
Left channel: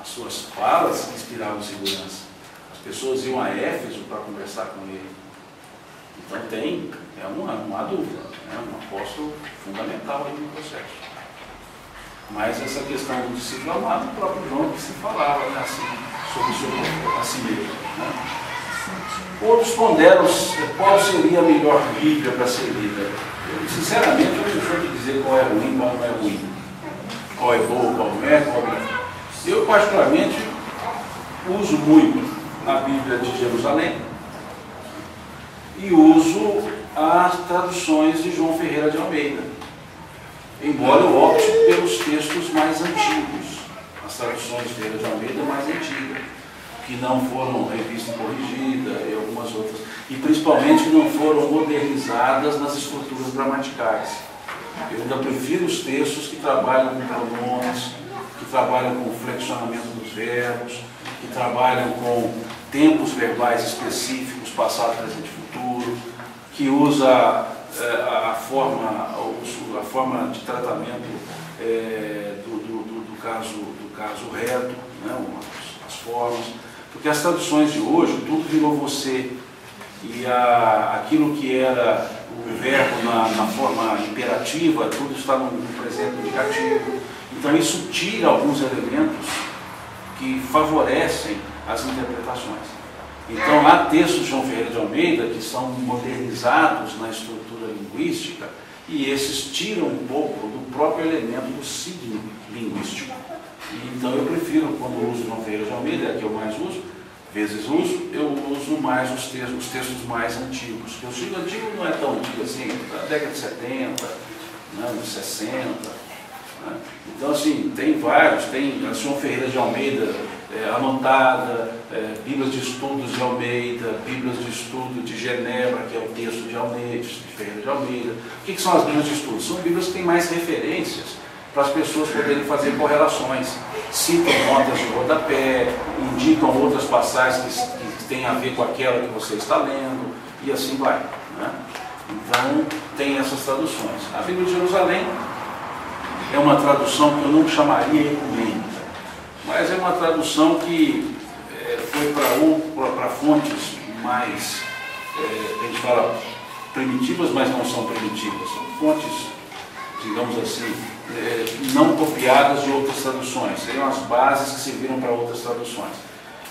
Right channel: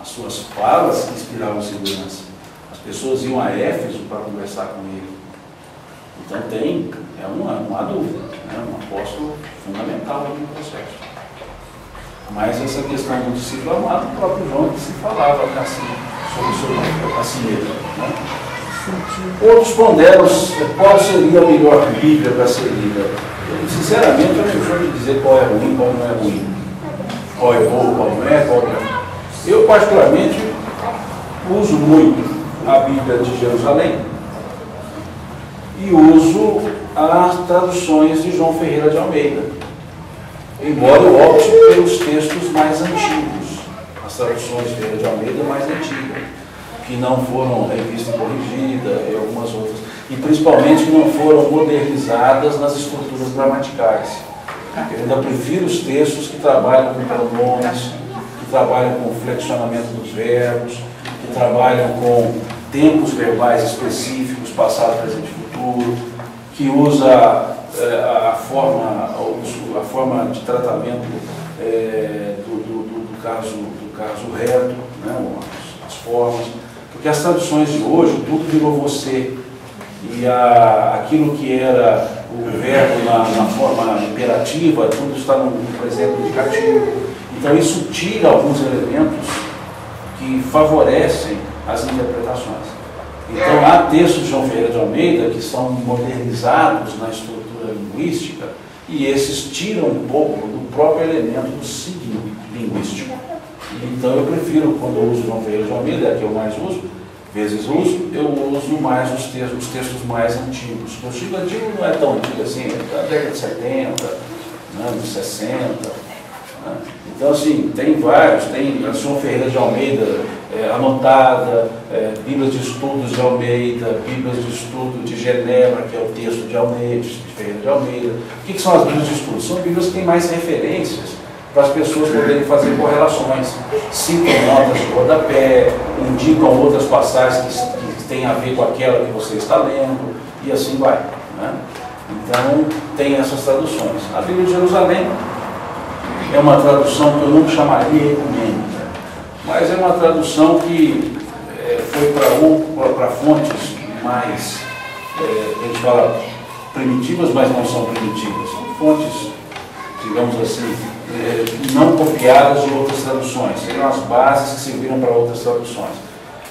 As suas falas inspiravam segurança. As pessoas iam a Éfeso para conversar com ele. Então não há dúvida, né? Um apóstolo fundamental no processo. Mas essa questão do discípulo amado, o próprio João que se falava assim, sobre a si mesmo. Né? Outros ponderam qual seria a melhor Bíblia para ser lida. Eu, sinceramente, eu não sou de dizer qual é ruim, qual não é ruim. Qual é bom, qual não é, qual não é. Eu, particularmente, uso muito a Bíblia de Jerusalém e uso as traduções de João Ferreira de Almeida, embora eu opte pelos textos mais antigos, as traduções de Ferreira de Almeida mais antigas, que não foram revistas e corrigidas, e algumas outras, e principalmente que não foram modernizadas nas estruturas gramaticais. Eu ainda prefiro os textos que trabalham com pronomes, que trabalham com flexionamento dos verbos, que trabalham com tempos verbais específicos, passado, presente e futuro, que usa a forma de tratamento do caso reto, né, as formas, porque as traduções de hoje, tudo virou você, e aquilo que era o verbo na forma imperativa, tudo está no presente indicativo. Então isso tira alguns elementos que favorecem as interpretações. Então há textos de João Ferreira de Almeida que são modernizados na estrutura linguística, e esses tiram um pouco do próprio elemento do signo linguístico. Então eu prefiro, quando eu uso João Ferreira de Almeida, é que eu mais uso, eu uso mais os textos mais antigos. O Chico antigo não é tão antigo assim, é da década de 70, né, dos 60. Né? Então, assim, tem vários, tem a João Ferreira de Almeida anotada, Bíblias de Estudos de Almeida, Bíblias de Estudo de Genebra, que é o texto de Almeida, de Ferreira de Almeida. O que são as Bíblias de Estudo? São Bíblias que têm mais referências para as pessoas poderem fazer correlações, citam notas de rodapé, indicam outras passagens que têm a ver com aquela que você está lendo, e assim vai. Né? Então, tem essas traduções. A Bíblia de Jerusalém é uma tradução que eu não chamaria ecumênica, mas é uma tradução que foi para fontes mais, a gente fala, primitivas, mas não são primitivas. São fontes, digamos assim, não copiadas de outras traduções, seriam as bases que serviram para outras traduções.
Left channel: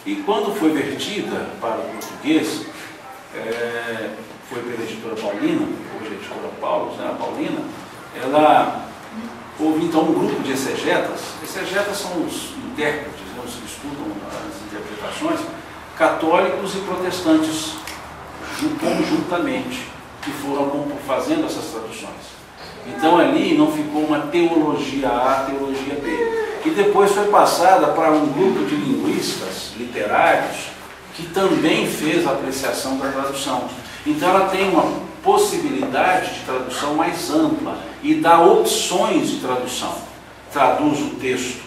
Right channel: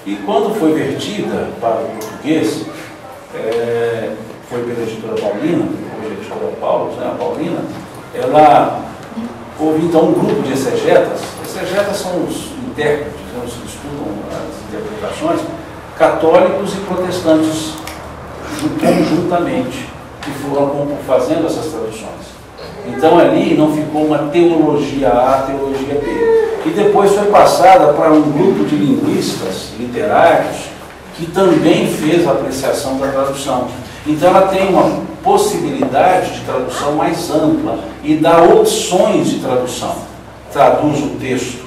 E quando foi vertida para o português, foi pela editora Paulina, hoje a editora Paulo, né, a Paulina, houve então um grupo de exegetas. Exegetas são os intérpretes, né, os que estudam as interpretações, católicos e protestantes conjuntamente, que foram fazendo essas traduções. Então ali não ficou uma teologia A, teologia B. E depois foi passada para um grupo de linguistas literários que também fez a apreciação da tradução. Então ela tem uma possibilidade de tradução mais ampla e dá opções de tradução. Traduz o texto,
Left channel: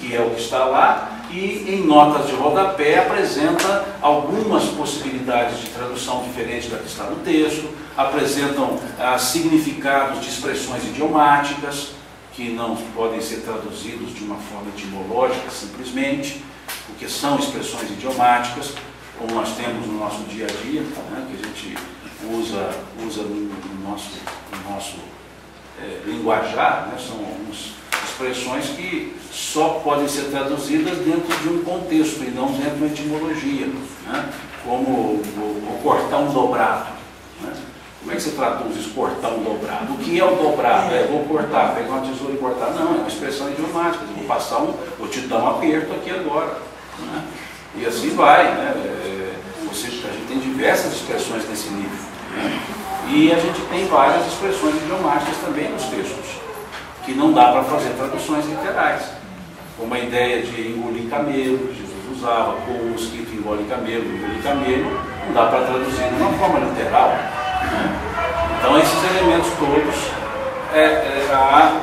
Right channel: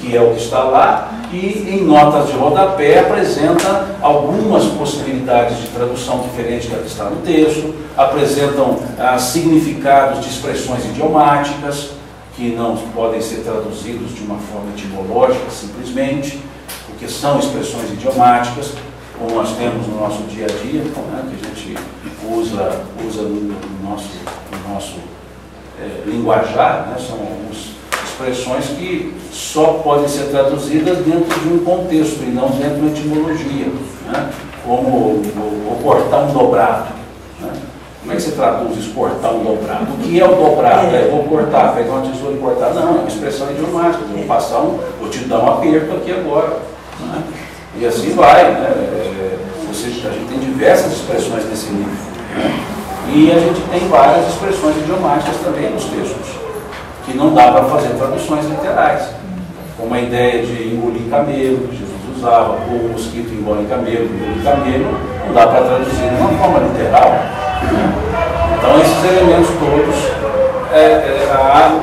que é o que está lá, e em notas de rodapé apresenta algumas possibilidades de tradução diferentes da que está no texto, apresentam significados de expressões idiomáticas, que não podem ser traduzidos de uma forma etimológica simplesmente, porque são expressões idiomáticas, como nós temos no nosso dia a dia, né, que a gente usa no nosso linguajar, né, são algumas expressões que só podem ser traduzidas dentro de um contexto e não dentro de uma etimologia, né, como cortar um dobrado. Né. Como é que você traduz exportar um dobrado? O que é o dobrado? Eu vou cortar, pegar uma tesoura e cortar? Não, é uma expressão idiomática. Eu vou te dar um aperto aqui agora. Né? E assim vai. Né? Ou seja, a gente tem diversas expressões nesse nível. Né? E a gente tem várias expressões idiomáticas também nos textos, que não dá para fazer traduções literais. Como a ideia de engolir camelo, que Jesus usava, ou o mosquito engole camelo, engolir camelo, não dá para traduzir de uma forma literal. Né? Então, esses elementos todos, há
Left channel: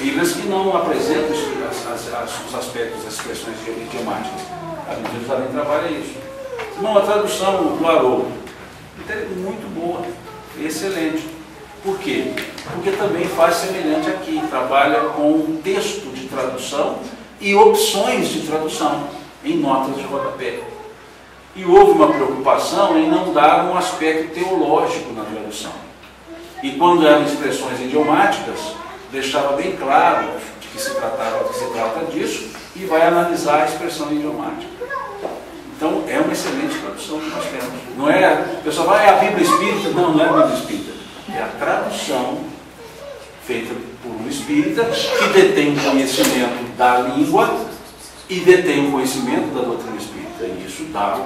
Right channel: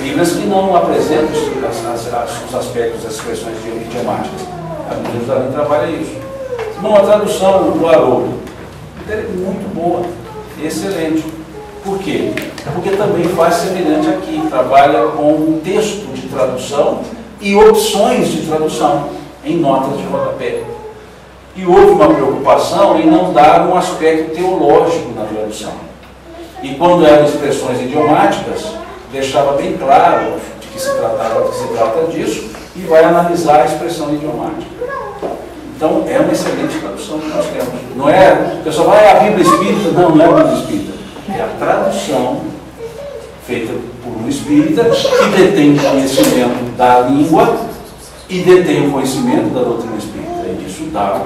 Bíblias que não apresentam os aspectos das expressões idiomáticas. A Bíblia de Jerusalém trabalha isso. Não, a tradução do Haroldo é muito boa, excelente. Por quê? Porque também faz semelhante aqui, trabalha com um texto de tradução e opções de tradução em notas de rodapé. E houve uma preocupação em não dar um aspecto teológico na tradução. E quando eram expressões idiomáticas, deixava bem claro de que se trata disso e vai analisar a expressão idiomática. Então, é uma excelente tradução que nós temos. Não é, o pessoal vai, a Bíblia Espírita? Não, não é a Bíblia Espírita. É a tradução feita por um espírita que detém conhecimento da língua e detém o conhecimento da doutrina espírita. E isso dá.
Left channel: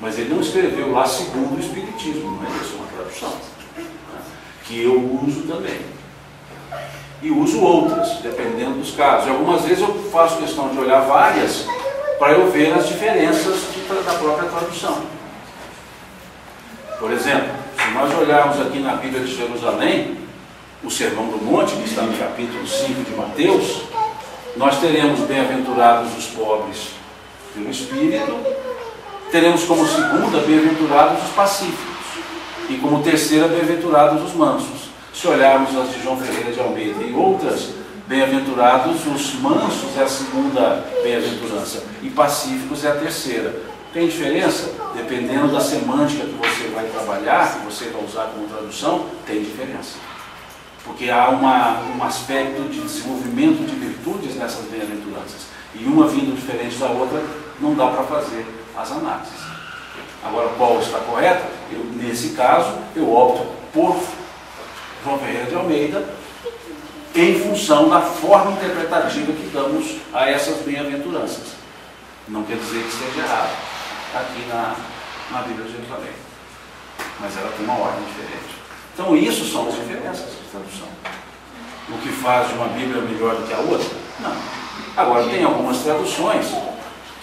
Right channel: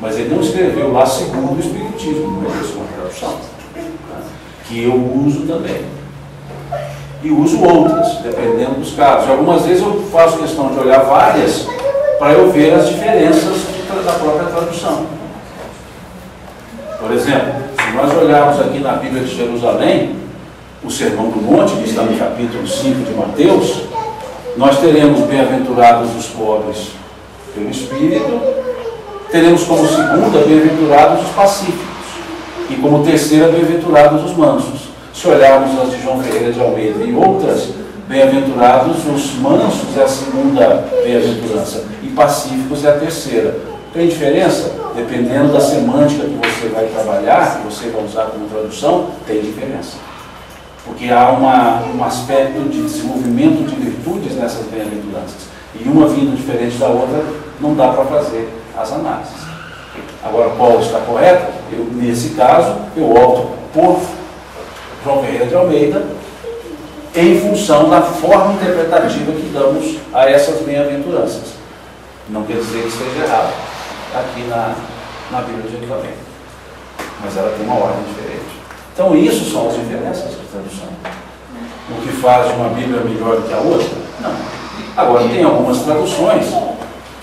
Mas ele não escreveu lá segundo o Espiritismo, não é isso, uma tradução. Que eu uso também. E uso outras, dependendo dos casos. E algumas vezes eu faço questão de olhar várias para eu ver as diferenças da própria tradução. Por exemplo, se nós olharmos aqui na Bíblia de Jerusalém, o Sermão do Monte, que está no capítulo 5 de Mateus, nós teremos bem-aventurados os pobres pelo Espírito, teremos como segunda bem-aventurados os pacíficos e como terceira bem-aventurados os mansos. Se olharmos as de João Ferreira de Almeida e outras, bem-aventurados os mansos é a segunda bem-aventurança e pacíficos é a terceira. Tem diferença? Dependendo da semântica que você vai trabalhar, que você vai usar como tradução, tem diferença. Porque há um aspecto de desenvolvimento de virtudes nessas bem-aventuranças. E uma vindo diferente da outra, não dá para fazer as análises. Agora, qual está correta? Nesse caso, eu opto por João Ferreira de Almeida, em função da forma interpretativa que damos a essas bem-aventuranças. Não quer dizer que esteja errado aqui na Bíblia de Jerusalém. Mas ela tem uma ordem diferente. Então, isso são as diferenças de tradução. O que faz de uma Bíblia melhor do que a outra? Não. Agora, tem algumas traduções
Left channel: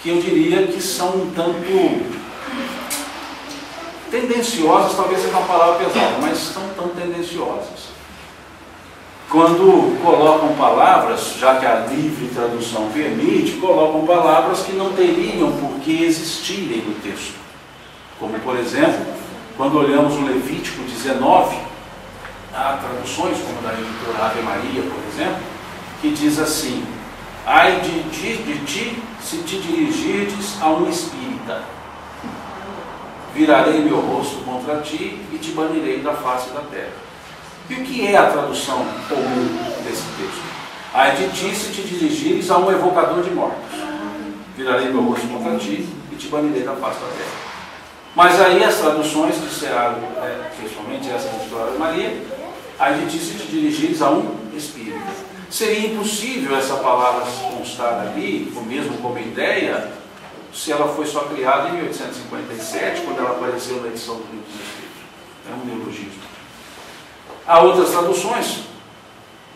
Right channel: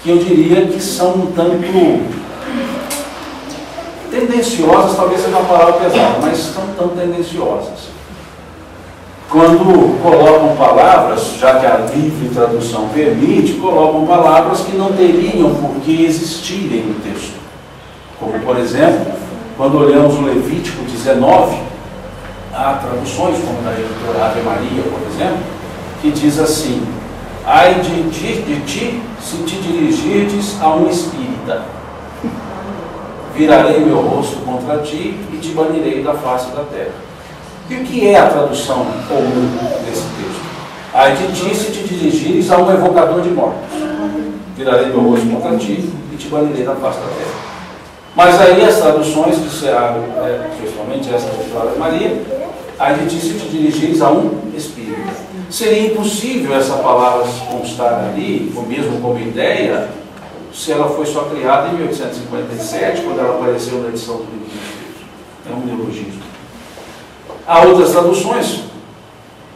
que eu diria que são um tanto tendenciosas, talvez seja uma palavra pesada, mas são tão tendenciosas. Quando colocam palavras, já que a livre tradução permite, colocam palavras que não teriam por que existirem no texto. Como, por exemplo, quando olhamos o Levítico 19, há traduções, como da editora Ave Maria, por exemplo, que diz assim: ai de ti, se te dirigirdes a um espírita, virarei meu rosto contra ti e te banirei da face da terra. E o que é a tradução comum desse texto? Ai de ti, se te dirigires a um evocador de mortos, virarei meu rosto contra ti e te banirei da face da terra. Mas aí as traduções disseram, principalmente essa da editora Ave Maria, ai de ti, se te dirigires a um espírita. Seria impossível essa palavra constar ali, ou mesmo como ideia, se ela foi só criada em 1857, quando ela apareceu na edição do Livro dos Espíritos. É um neologismo. Há outras traduções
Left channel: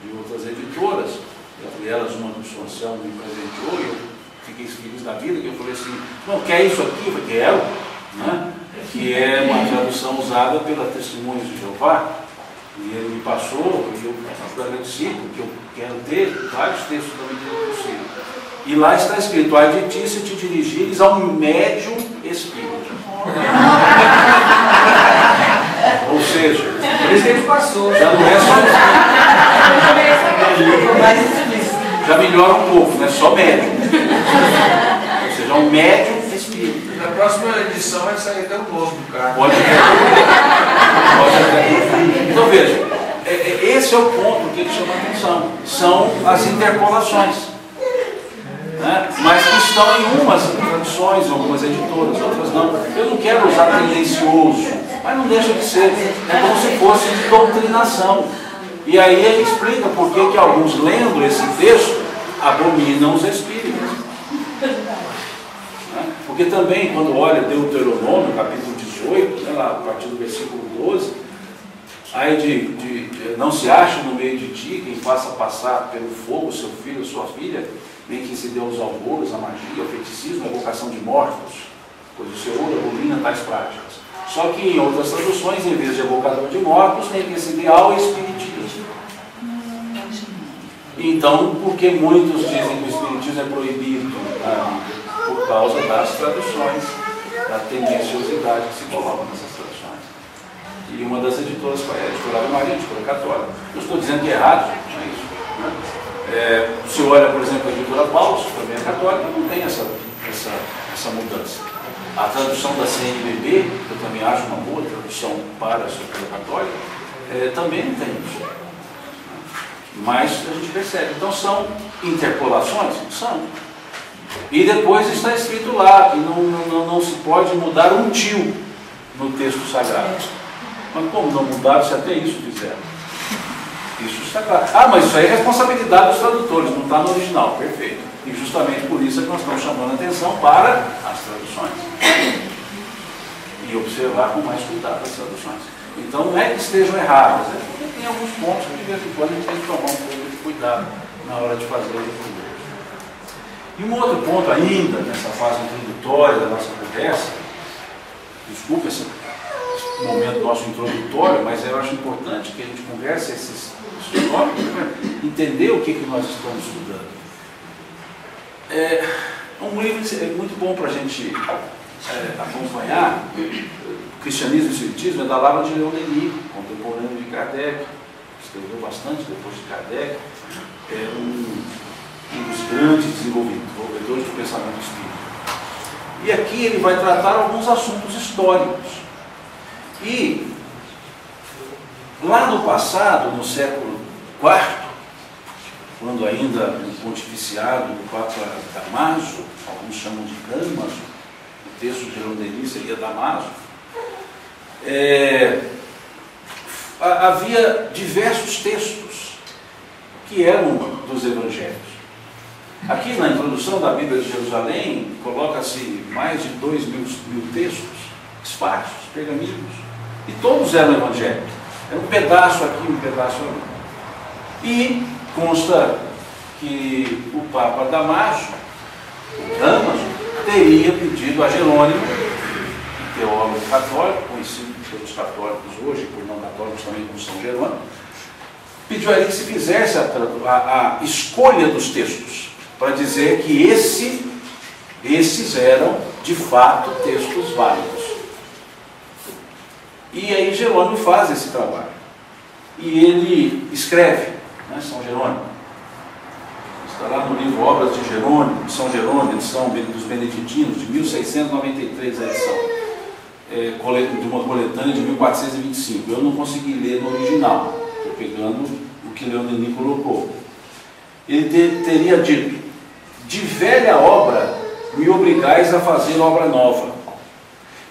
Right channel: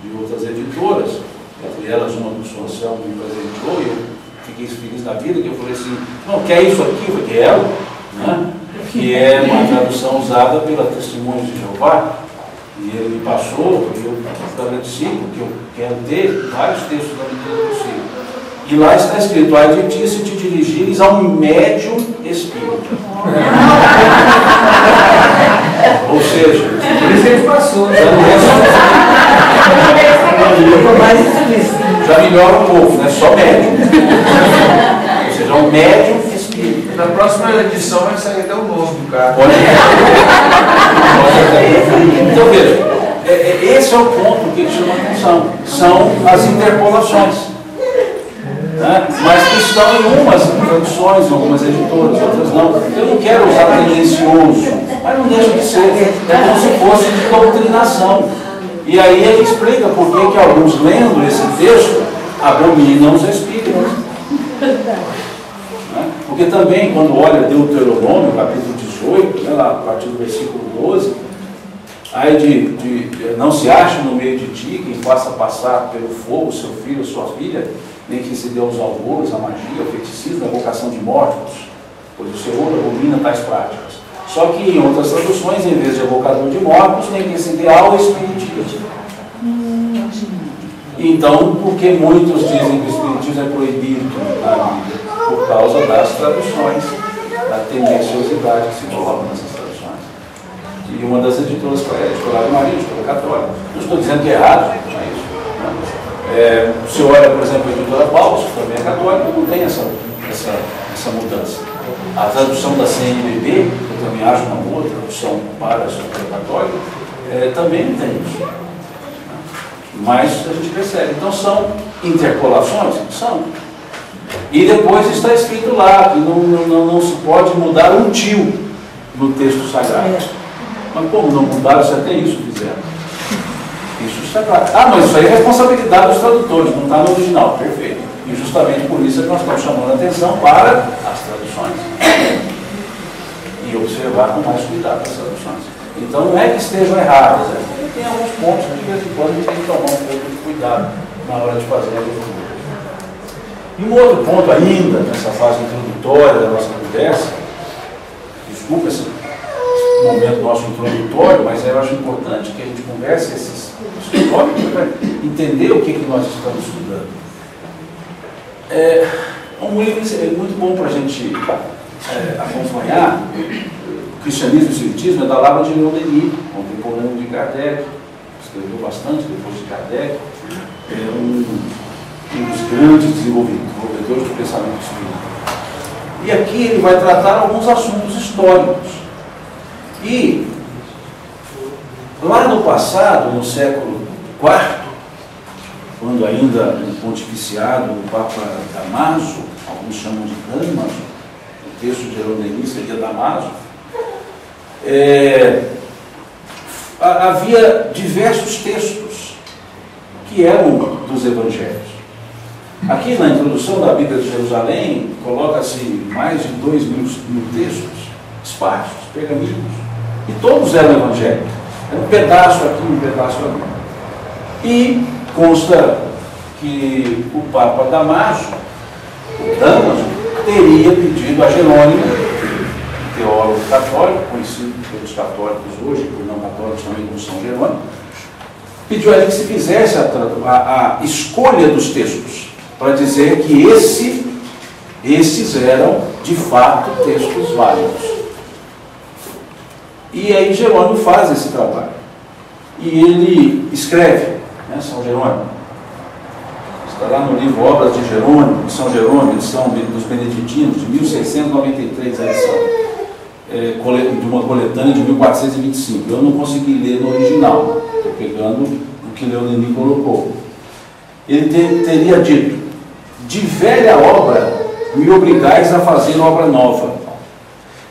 de outras editoras, entre elas uma do São Anselmo me presenteou, e eu fiquei feliz da vida, que eu falei assim, não, quer isso aqui? Eu falei, quero, né? Que é uma tradução usada pela Testemunhos de Jeová, e ele me passou, e eu agradeci, porque eu quero ter vários textos da medida possível. E lá está escrito: ai de ti, se te dirigires a um médium espírita. Ou seja, por isso ele passou. Já não é só. Já melhora um pouco, não é só médium. Ou seja, um médium espírita. Na próxima edição vai sair até o novo do cara. Pode Então veja, esse é o ponto que ele chama a atenção. São as interpolações. né? Mas que estão em umas traduções, em algumas editoras, outras não. Eu não quero usar tendencioso, mas não deixa de ser. É como se fosse de doutrinação. E aí ele explica por que alguns, lendo esse texto, abominam os espíritos. Né? Porque também, quando olha Deuteronômio, capítulo 18, né, lá, a partir do versículo 12, aí não se acha no meio de ti quem faça passar pelo fogo seu filho ou sua filha, nem que se dê aos alvoros, a magia, o feiticismo, a evocação de mortos, pois o Senhor abomina tais práticas. Só que em outras traduções, em vez de evocador de mortos, nem que se dê ao espiritismo. Então, por que muitos dizem que o espiritismo é proibido na Bíblia? Por causa das traduções, da tendenciosidade que se coloca nessas traduções. E uma das editoras foi a editora Maria, editora católica. Não estou dizendo que é errado, não é isso. Né? Se olha, por exemplo, a editora Paulus, que também é católica, não tem essa mudança. A tradução da CNBB, que eu também acho uma boa tradução para a editora católica, também não tem isso. Mas a gente percebe. Então são interpolações? São. E depois está escrito lá que não se pode mudar um tio no texto sagrado. Mas como não mudaram se até isso fizeram? Isso está claro. Ah, mas isso aí é responsabilidade dos tradutores, não está no original. Perfeito. E justamente por isso é que nós estamos chamando a atenção para as traduções. E observar com mais cuidado as traduções. Então não é que estejam erradas, tem alguns pontos que de vez em quando a gente tem que tomar um pouco de cuidado na hora de fazer a leitura. E um outro ponto ainda, nessa fase introdutória da nossa conversa, desculpa esse momento nosso introdutório, mas eu acho importante que a gente converse esses tópicos para entender o que nós estamos estudando. Um livro muito bom para a gente acompanhar. O Cristianismo e o Espiritismo é da Lavra de Leon Denis, contemporâneo de Kardec, escreveu bastante depois de Kardec, é um dos grandes desenvolvedores do pensamento espírita. E aqui ele vai tratar alguns assuntos históricos. E lá no passado, no século IV, quando ainda no pontificiado o Papa Damaso, alguns chamam de Damaso, o texto de Leon Denis seria Damaso, havia diversos textos que eram dos evangelhos. Aqui na introdução da Bíblia de Jerusalém, coloca-se mais de 2.000 textos, esparsos, pergaminhos, e todos eram evangélicos. Era um pedaço aqui, um pedaço ali. E consta que o Papa Damaso, o Damaso, teria pedido a Jerônimo, teólogo católico, conhecido pelos católicos hoje, por não católicos também como São Jerônimo, pediu a ele que se fizesse a escolha dos textos, para dizer que esses eram, de fato, textos válidos. E aí Jerônimo faz esse trabalho. E ele escreve, né, São Jerônimo, está lá no livro Obras de Jerônimo, de São Jerônimo, edição dos Beneditinos, de 1693, a edição, de uma coletânea de 1425. Eu não consegui ler no original, estou pegando o que Leon Denis colocou. Ele teria dito: de velha obra me obrigais a fazer obra nova.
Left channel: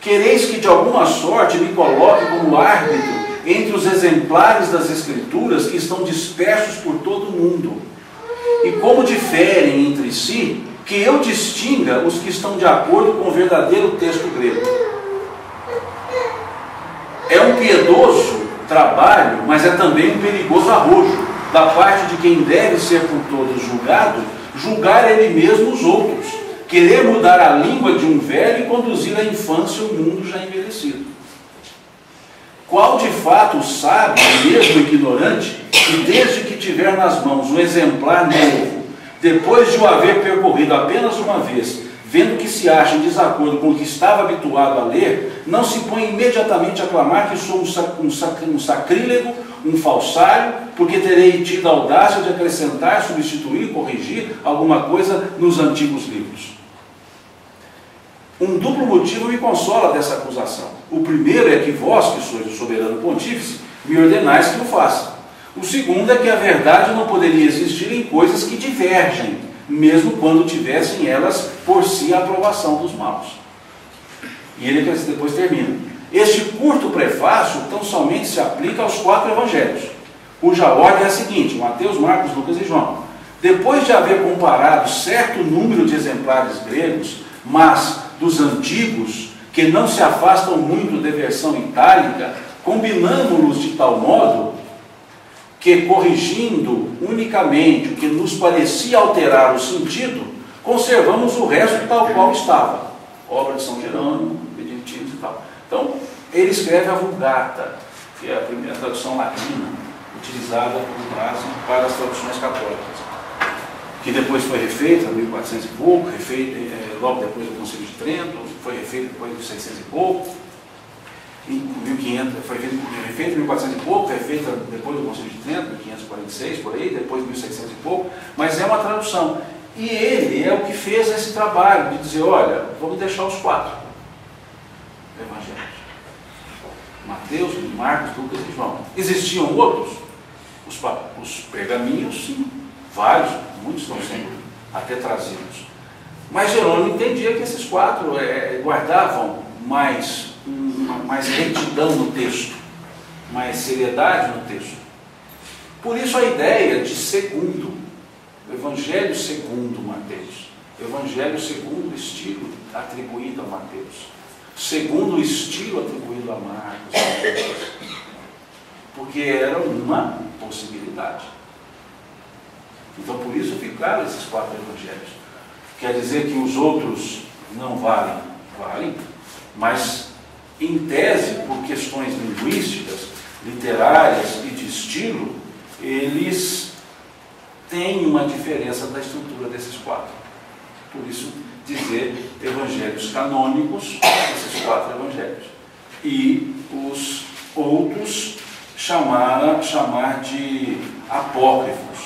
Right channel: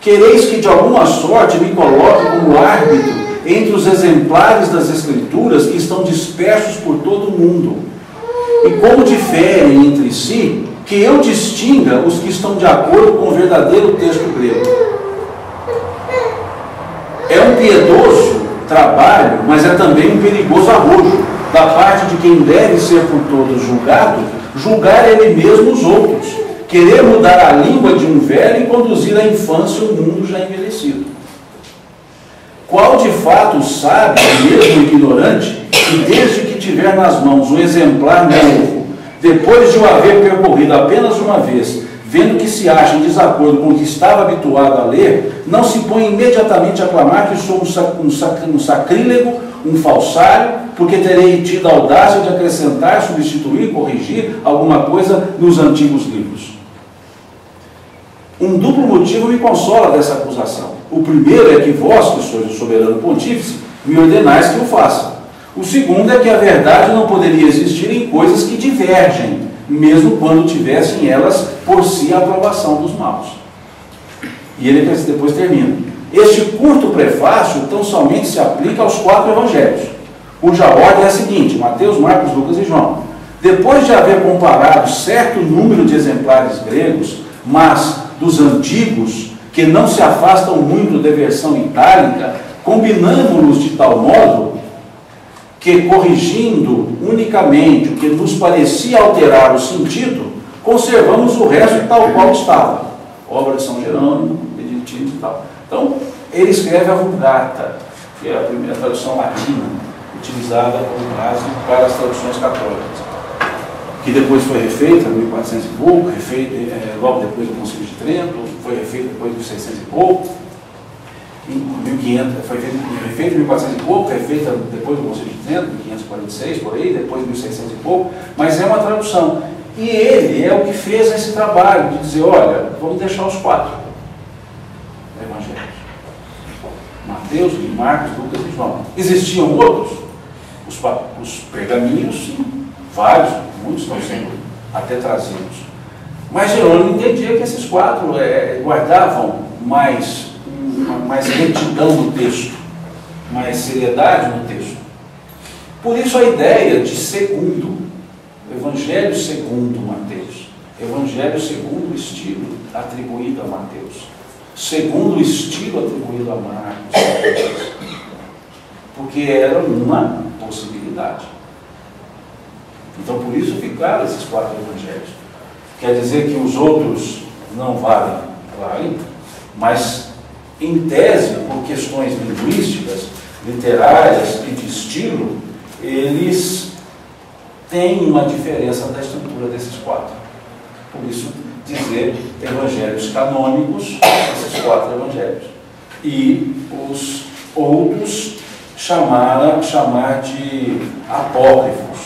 Quereis que de alguma sorte me coloque como árbitro entre os exemplares das Escrituras que estão dispersos por todo o mundo, e como diferem entre si, que eu distinga os que estão de acordo com o verdadeiro texto grego. É um piedoso trabalho, mas é também um perigoso arrojo da parte de quem deve ser por todos julgado, julgar ele mesmo os outros, querer mudar a língua de um velho e conduzir à infância o mundo já envelhecido. Qual de fato o sábio, mesmo ignorante, que desde que tiver nas mãos um exemplar novo, depois de o haver percorrido apenas uma vez, vendo que se acha em desacordo com o que estava habituado a ler, não se põe imediatamente a clamar que sou um sacrílego, um falsário, porque terei tido a audácia de acrescentar, substituir, corrigir alguma coisa nos antigos livros. Um duplo motivo me consola dessa acusação. O primeiro é que vós, que sois o soberano pontífice, me ordenais que o faça. O segundo é que a verdade não poderia existir em coisas que divergem mesmo quando tivessem elas por si a aprovação dos maus. E ele depois termina. Este curto prefácio tão somente se aplica aos 4 evangelhos, cuja ordem é a seguinte: Mateus, Marcos, Lucas e João. Depois de haver comparado certo número de exemplares gregos, mas dos antigos, que não se afastam muito da versão itálica, combinando-los de tal modo que, corrigindo unicamente o que nos parecia alterar o sentido, conservamos o resto tal qual estava. Obra de São Jerônimo, Beneditino e tal. Então, ele escreve a Vulgata, que é a primeira tradução latina, utilizada como base para as traduções católicas, que depois foi refeita em 1400 e pouco, logo depois do Concílio de Trento, foi refeita depois de 1600 e pouco, em 1500, foi refeita em 1400 e pouco, refeita depois do Concílio de Trento, 1546, por aí, depois de 1600 e pouco, mas é uma tradução. E ele é o que fez esse trabalho de dizer, olha, vamos deixar os 4 evangelhos. Mateus, Marcos, Lucas e João. Existiam outros? Os pergaminhos, sim, vários, muitos estão sendo até trazidos. Mas Jerônimo entendia que esses 4 guardavam mais retidão no texto, mais seriedade no texto. Por isso a ideia de segundo, Evangelho segundo Mateus, Evangelho segundo o estilo atribuído a Mateus, segundo o estilo atribuído a Marcos, porque era uma possibilidade. Então, por isso ficaram esses 4 evangelhos. Quer dizer que os outros não valem? Valem, mas em tese, por questões linguísticas, literárias e de estilo, eles têm uma diferença da estrutura desses 4. Por isso, dizer evangelhos canônicos, esses 4 evangelhos. E os outros chamar de apócrifos.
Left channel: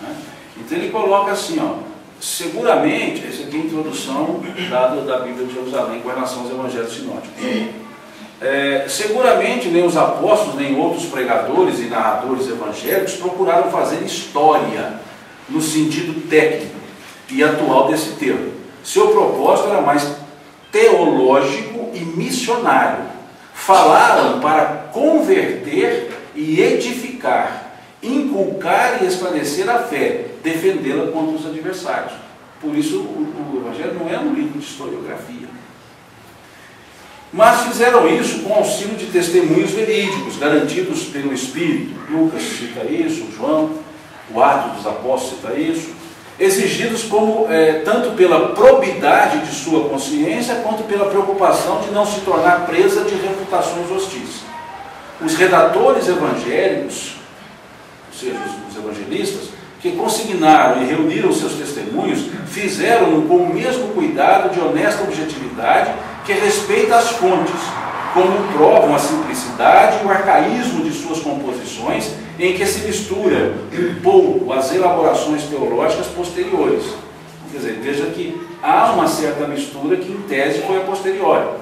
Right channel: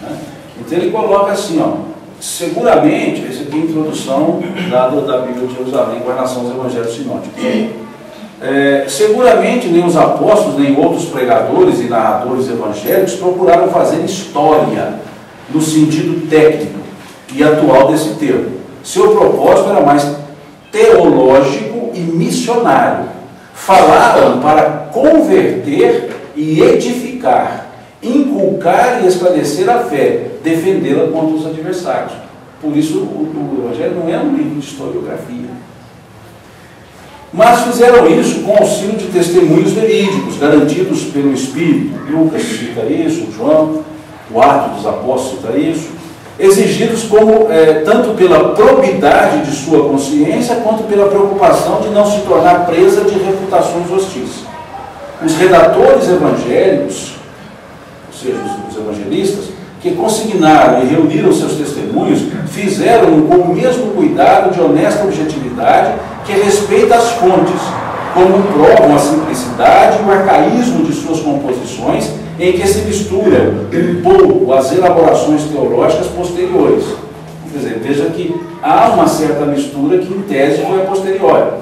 Né? Então ele coloca assim, ó, seguramente, essa aqui é a introdução dada da Bíblia de Jerusalém com relação aos evangelhos sinóticos. Seguramente nem os apóstolos, nem outros pregadores e narradores evangélicos procuraram fazer história no sentido técnico e atual desse termo. Seu propósito era mais teológico e missionário. Falaram para converter e edificar, inculcar e esclarecer a fé, defendê-la contra os adversários. Por isso o Evangelho não é um livro de historiografia. Mas fizeram isso com auxílio de testemunhos verídicos, garantidos pelo Espírito. Lucas cita isso, João, o Atos dos Apóstolos cita isso, exigidos tanto pela probidade de sua consciência, quanto pela preocupação de não se tornar presa de refutações hostis. Os redatores evangélicos, ou seja, os evangelistas, que consignaram e reuniram seus testemunhos, fizeram com o mesmo cuidado de honesta objetividade que respeita as fontes, como provam a simplicidade e o arcaísmo de suas composições, em que se mistura um pouco as elaborações teológicas posteriores. Quer dizer, veja que há uma certa mistura que em tese foi a posteriori.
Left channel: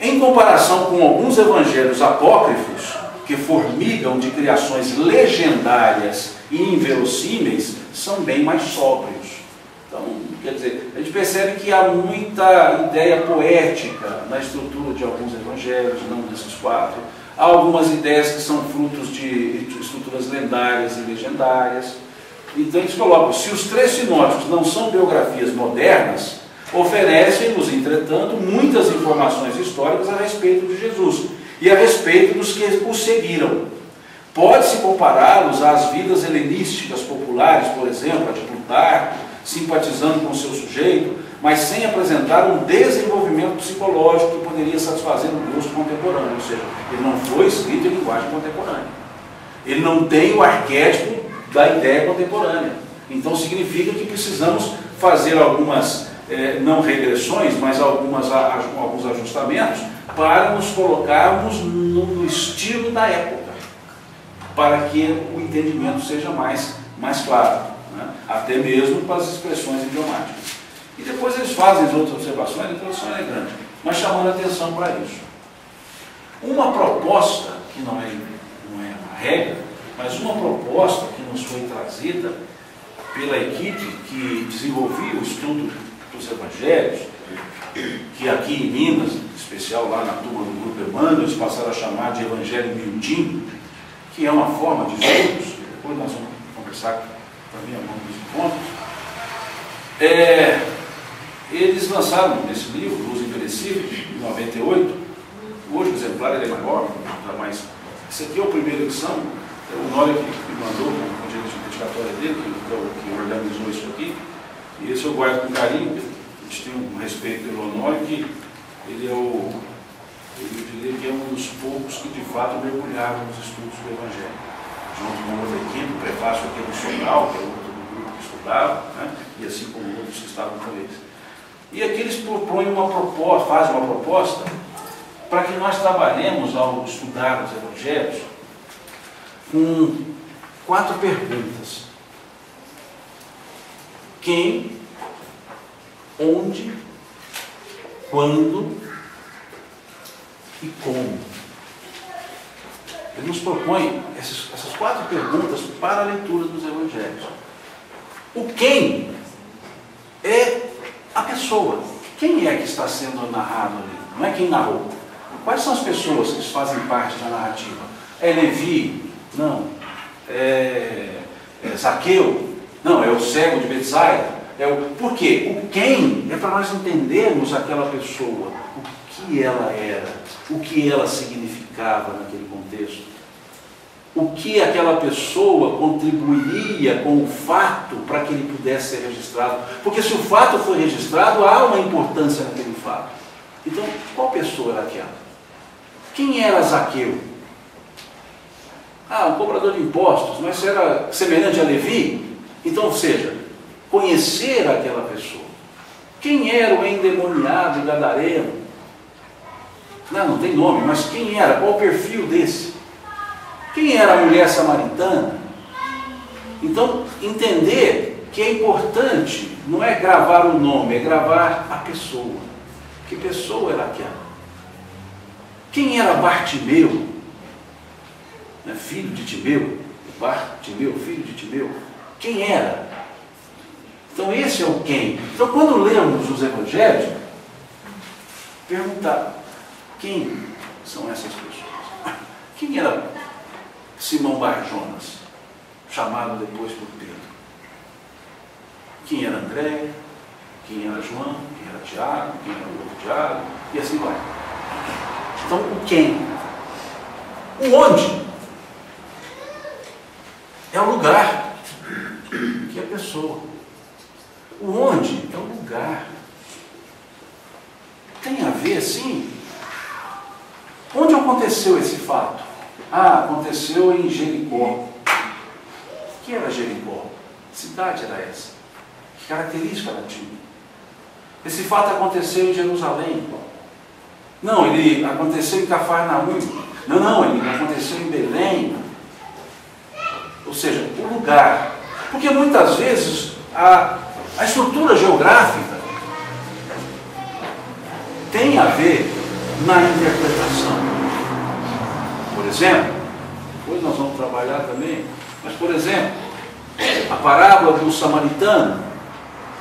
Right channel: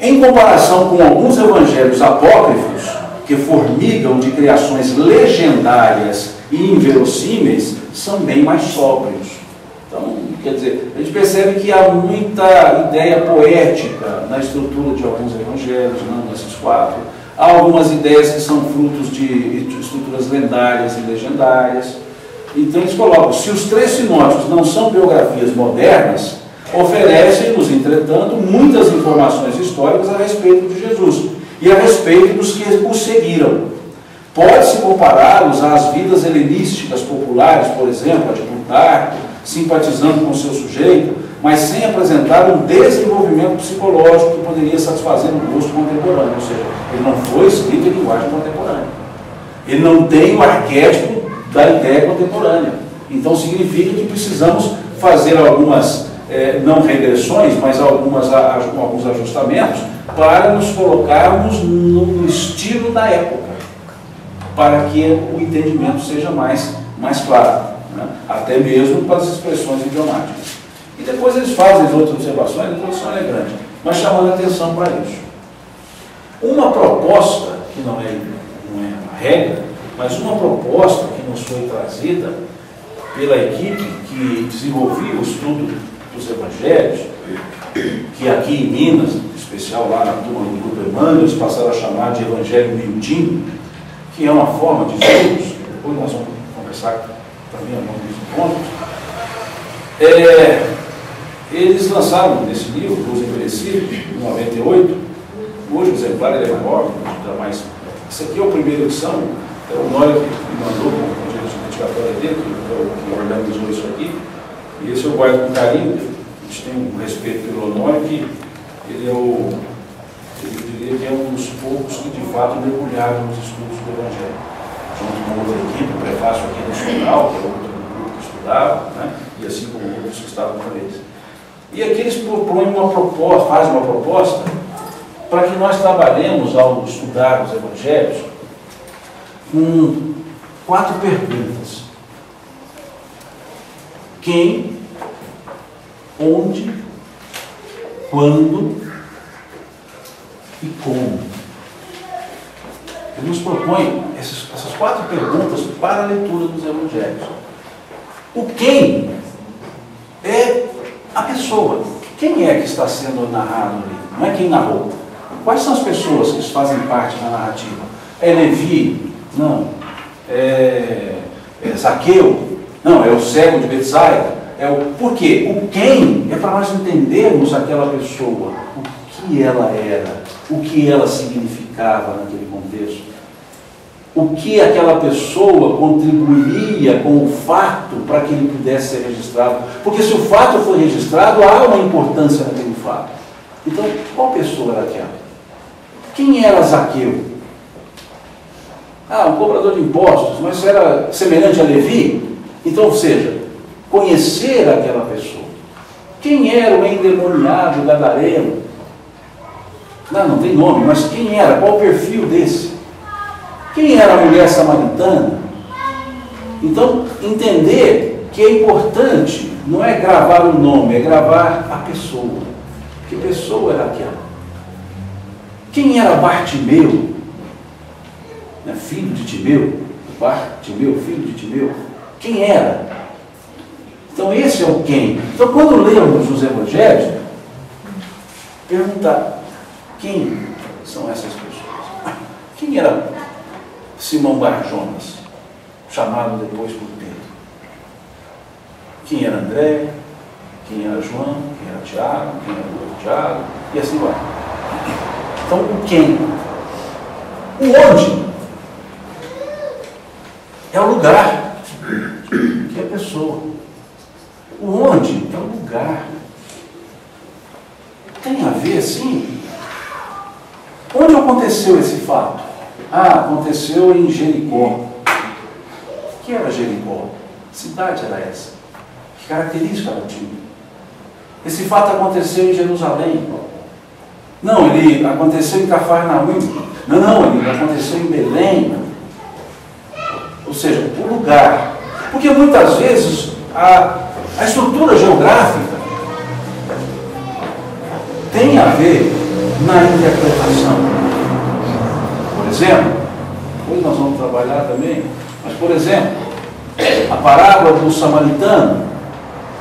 Em comparação com alguns evangelhos apócrifos, que formigam de criações legendárias e inverossímeis, são bem mais sóbrios. Então, quer dizer, a gente percebe que há muita ideia poética na estrutura de alguns evangelhos, não desses 4. Há algumas ideias que são frutos de estruturas lendárias e legendárias. Então eles colocam, se os 3 sinóticos não são biografias modernas, oferecem-nos, entretanto, muitas informações históricas a respeito de Jesus e a respeito dos que o seguiram. Pode-se compará-los às vidas helenísticas populares, por exemplo, a de Plutarco, simpatizando com o seu sujeito, mas sem apresentar um desenvolvimento psicológico que poderia satisfazer o gosto contemporâneo. Ou seja, ele não foi escrito em linguagem contemporânea. Ele não tem o arquétipo da ideia contemporânea. Então significa que precisamos fazer algumas, não regressões, mas alguns ajustamentos para nos colocarmos no estilo da época, para que o entendimento seja mais claro, né? Até mesmo para as expressões idiomáticas. E depois eles fazem as outras observações, a introdução é grande, mas chamando a atenção para isso. Uma proposta, que não é uma regra, mas uma proposta que nos foi trazida pela equipe que desenvolvia o estudo dos evangelhos, que aqui em Minas, em especial lá na turma do Grupo Emmanuel, eles passaram a chamar de Evangelho Miudinho, que é uma forma de estudos, que depois nós vamos conversar também ao longo dos encontros. Eles lançaram esse livro, Luz Envelhecida, em 98. Hoje o exemplar ele é maior, mas esse aqui é o primeira edição. É o Nório que me mandou com a dedicatória dele, que organizou isso aqui. E esse eu guardo com carinho. A gente tem um respeito pelo Honório, que ele é eu diria que é um dos poucos que de fato mergulharam nos estudos do Evangelho. Junto com outra equipe, o prefácio aqui do Sonal, que é outro do grupo que estudava, né? E assim como outros que estavam com eles. E aqui eles propõem uma proposta, fazem uma proposta para que nós trabalhemos ao estudar os Evangelhos com 4 perguntas. Quem, onde, quando e como. Ele nos propõe essas 4 perguntas para a leitura dos Evangelhos. O quem é a pessoa. Quem é que está sendo narrado ali? Não é quem narrou. Quais são as pessoas que fazem parte da narrativa? É Levi? Não. É Zaqueu? Não, é o cego de Betsaida? Por quê? O quem é para nós entendermos aquela pessoa, o que ela era, o que ela significava naquele contexto, o que aquela pessoa contribuiria com o fato para que ele pudesse ser registrado. Porque se o fato for registrado, há uma importância naquele fato. Então, qual pessoa era aquela? Quem era Zaqueu? Um cobrador de impostos, mas era semelhante a Levi? Então, ou seja, conhecer aquela pessoa. Quem era o endemoniado gadareno? Não tem nome, mas quem era? Qual o perfil desse? Quem era a mulher samaritana? Então, entender que é importante, não é gravar o nome, é gravar a pessoa. Que pessoa era aquela? Quem era Bartimeu? Filho de Timeu? Bartimeu, filho de Timeu? Quem era? Então esse é o quem. Então quando lemos os Evangelhos, perguntar quem são essas pessoas? Quem era Simão Barjonas, chamado depois por Pedro? Quem era André? Quem era João? Quem era Tiago? Quem era o outro Tiago? E assim vai. Então o quem? O onde? É o lugar, que é a pessoa. O onde é o lugar. Tem a ver, sim. Onde aconteceu esse fato? Aconteceu em Jericó. O que era Jericó? Que cidade era essa? Que característica ela tinha? Esse fato aconteceu em Jerusalém. Não, ele aconteceu em Cafarnaum. Não, ele aconteceu em Belém. Ou seja, o lugar. Porque muitas vezes a estrutura geográfica tem a ver na interpretação. Por exemplo, depois nós vamos trabalhar também, mas por exemplo, a parábola do samaritano.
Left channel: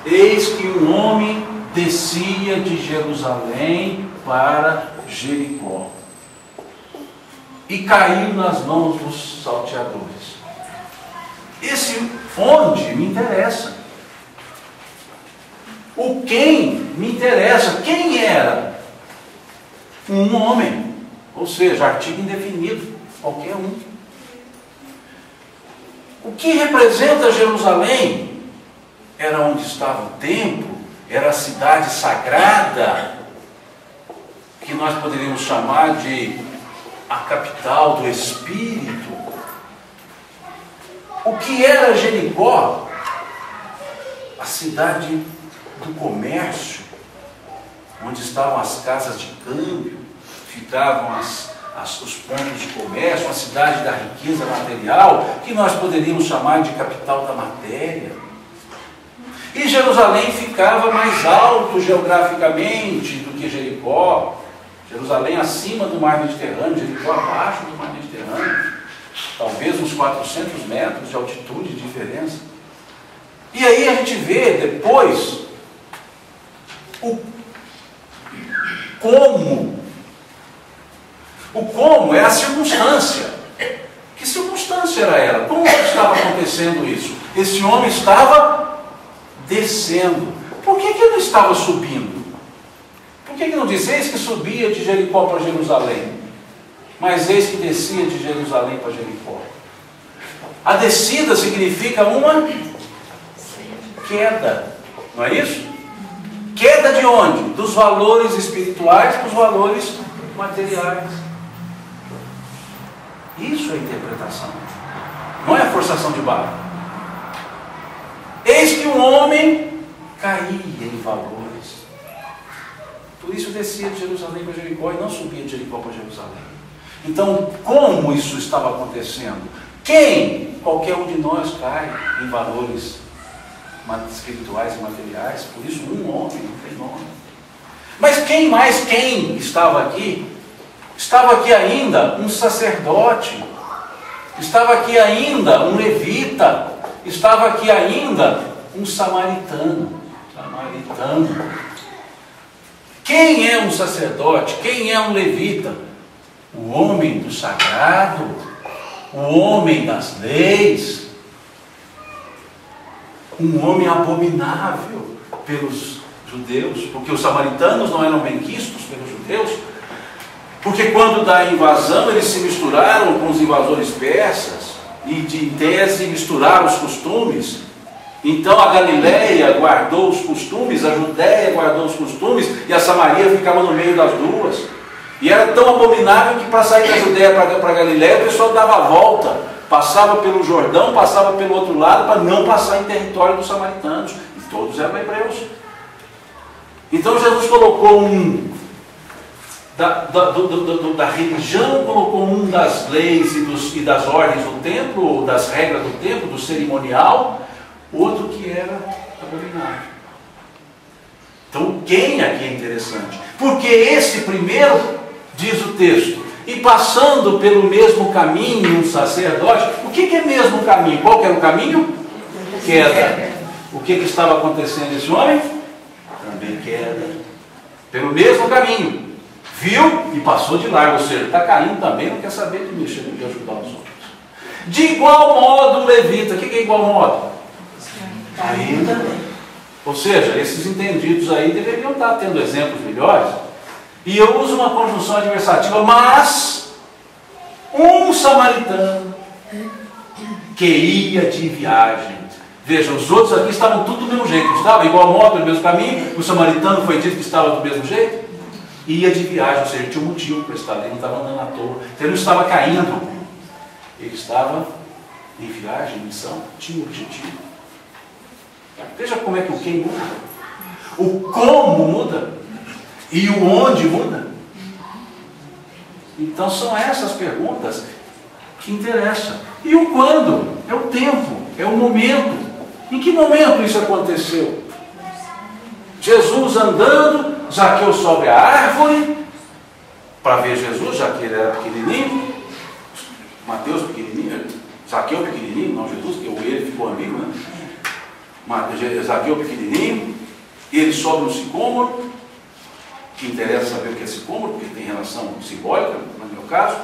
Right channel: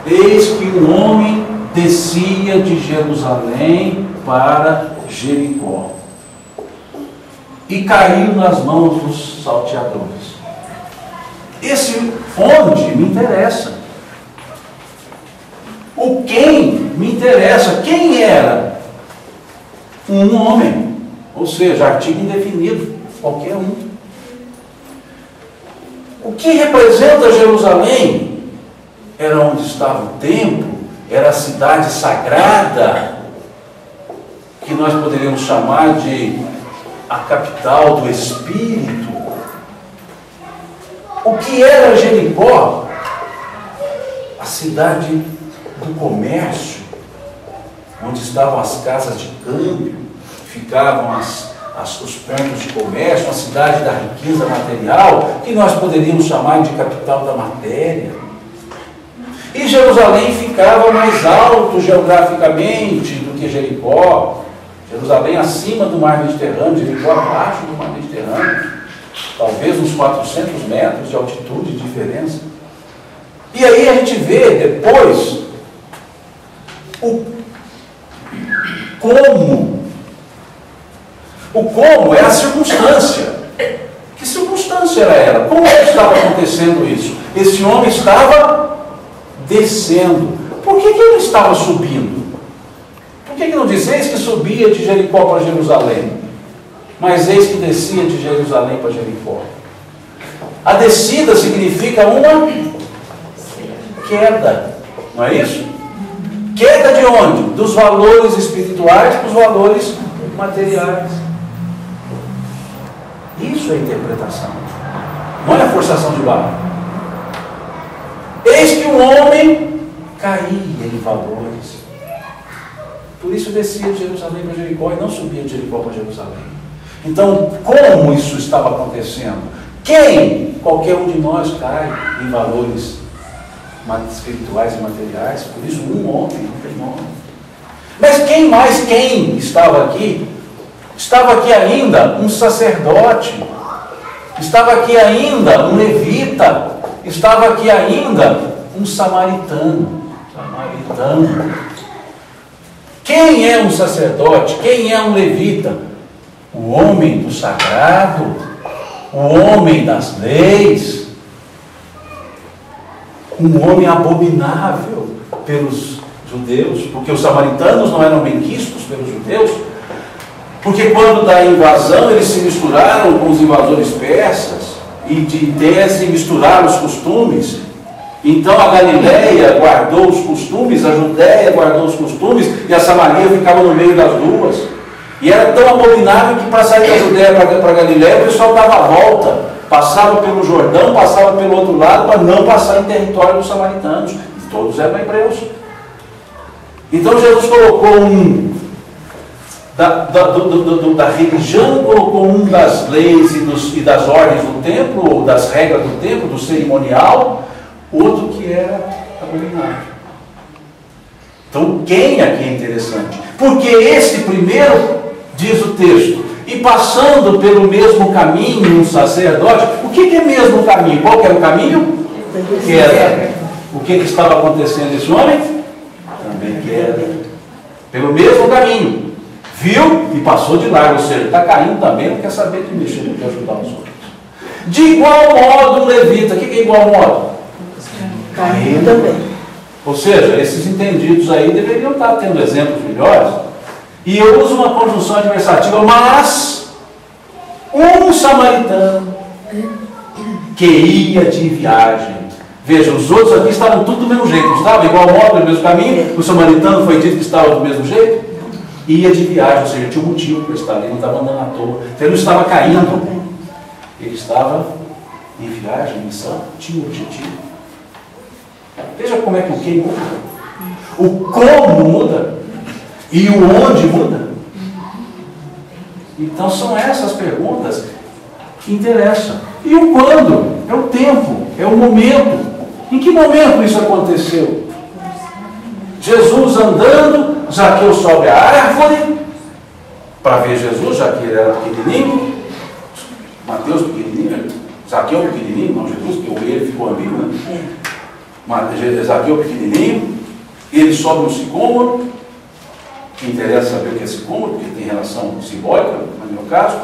Eis que um homem descia de Jerusalém para Jericó e caiu nas mãos dos salteadores. Esse onde me interessa. O quem me interessa. Quem era? Um homem. Ou seja, artigo indefinido. Qualquer um. O que representa Jerusalém? Era onde estava o templo. Era a cidade sagrada. Que nós poderíamos chamar de a capital do Espírito. O que era Jericó? A cidade do comércio, onde estavam as casas de câmbio, ficavam os pontos de comércio, a cidade da riqueza material, que nós poderíamos chamar de capital da matéria. E Jerusalém ficava mais alto geograficamente do que Jericó. Jerusalém acima do mar Mediterrâneo, Jericó abaixo do mar Mediterrâneo. Talvez uns 400 metros de altitude de diferença. E aí a gente vê depois o como. O como é a circunstância. Que circunstância era ela? Como estava acontecendo isso? Esse homem estava descendo. Por que ele não estava subindo? Por que não diz eis que subia de Jericó para Jerusalém? Mas eis que descia de Jerusalém para Jericó. A descida significa uma queda, não é isso? Queda de onde? Dos valores espirituais para os valores materiais. Isso é interpretação, não é forçação de barra. Eis que o homem caía em valores. Por isso descia de Jerusalém para Jericó e não subia de Jericó para Jerusalém. Então, como isso estava acontecendo? Quem? Qualquer um de nós cai em valores espirituais e materiais. Por isso, um homem não tem nome. Mas quem mais quem estava aqui? Estava aqui ainda um sacerdote. Estava aqui ainda um levita. Estava aqui ainda um samaritano. Quem é um sacerdote? Quem é um levita? O homem do sagrado, o homem das leis, um homem abominável pelos judeus, porque os samaritanos não eram benquistos pelos judeus, porque quando da invasão eles se misturaram com os invasores persas e de tese misturaram os costumes. Então a Galileia guardou os costumes, a Judéia guardou os costumes e a Samaria ficava no meio das duas. E era tão abominável que para sair da Judéia para a Galileia o pessoal dava a volta, passava pelo Jordão, passava pelo outro lado para não passar em território dos samaritanos. E todos eram hebreus. Então Jesus colocou da religião, colocou das leis e das ordens do templo, ou das regras do templo, do cerimonial, outro que era abominável. Então quem aqui é interessante? Porque esse primeiro, diz o texto, e passando pelo mesmo caminho um sacerdote. O que é mesmo caminho? Qual que era o caminho? Queda. O que estava acontecendo esse homem? Também queda. Pelo mesmo caminho. Viu e passou de largo. Ou seja, está caindo também, não quer saber de mexer, não quer ajudar os outros. De igual modo um levita. O que é igual modo? Caindo também. Ou seja, esses entendidos aí deveriam estar tendo exemplos melhores. E eu uso uma conjunção adversativa, mas um samaritano que ia de viagem. Veja, os outros aqui estavam tudo do mesmo jeito, não estava? Igual modo, do mesmo caminho. O samaritano foi dito que estava do mesmo jeito. Ia de viagem, ou seja, tinha um motivo para estar ali, não estava andando à toa. Então ele não estava caindo. Ele estava em viagem, em missão, tinha um objetivo. Veja como é que o quem muda. O como muda. E o onde muda? Então são essas perguntas que interessam. E o quando? É o tempo, é o momento. Em que momento isso aconteceu? Jesus andando, Zaqueu sobe a árvore para ver Jesus, já que ele era pequenininho. Mateus pequenininho, Zaqueu pequenininho, não Jesus, que ele ficou amigo, né? Zaqueu pequenininho, ele sobe no sicômoro. Que interessa saber o que é sicômoro, porque tem relação simbólica, no meu caso.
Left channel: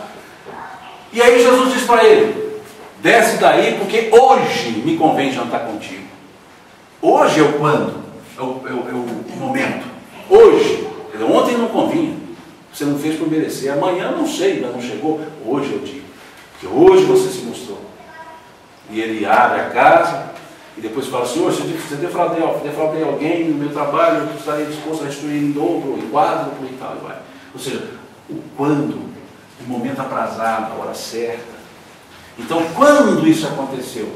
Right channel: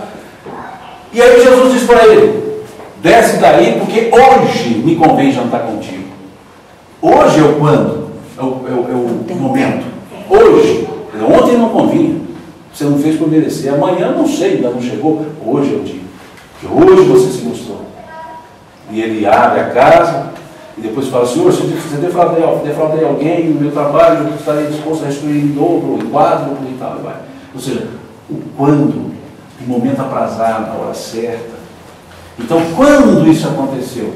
E aí Jesus diz para ele: desce daí, porque hoje me convém jantar contigo. Hoje é o quando? É o momento. Hoje. Ontem não convinha. Você não fez por merecer. Amanhã não sei, ainda não chegou. Hoje é o dia. Porque hoje você se mostrou. E ele abre a casa. E depois fala: Senhor, se eu defraudei alguém no meu trabalho, eu estarei disposto a restituir em dobro, em quádruplo e tal. Vai. Ou seja, o quando, o momento aprazado, a hora certa. Então, quando isso aconteceu?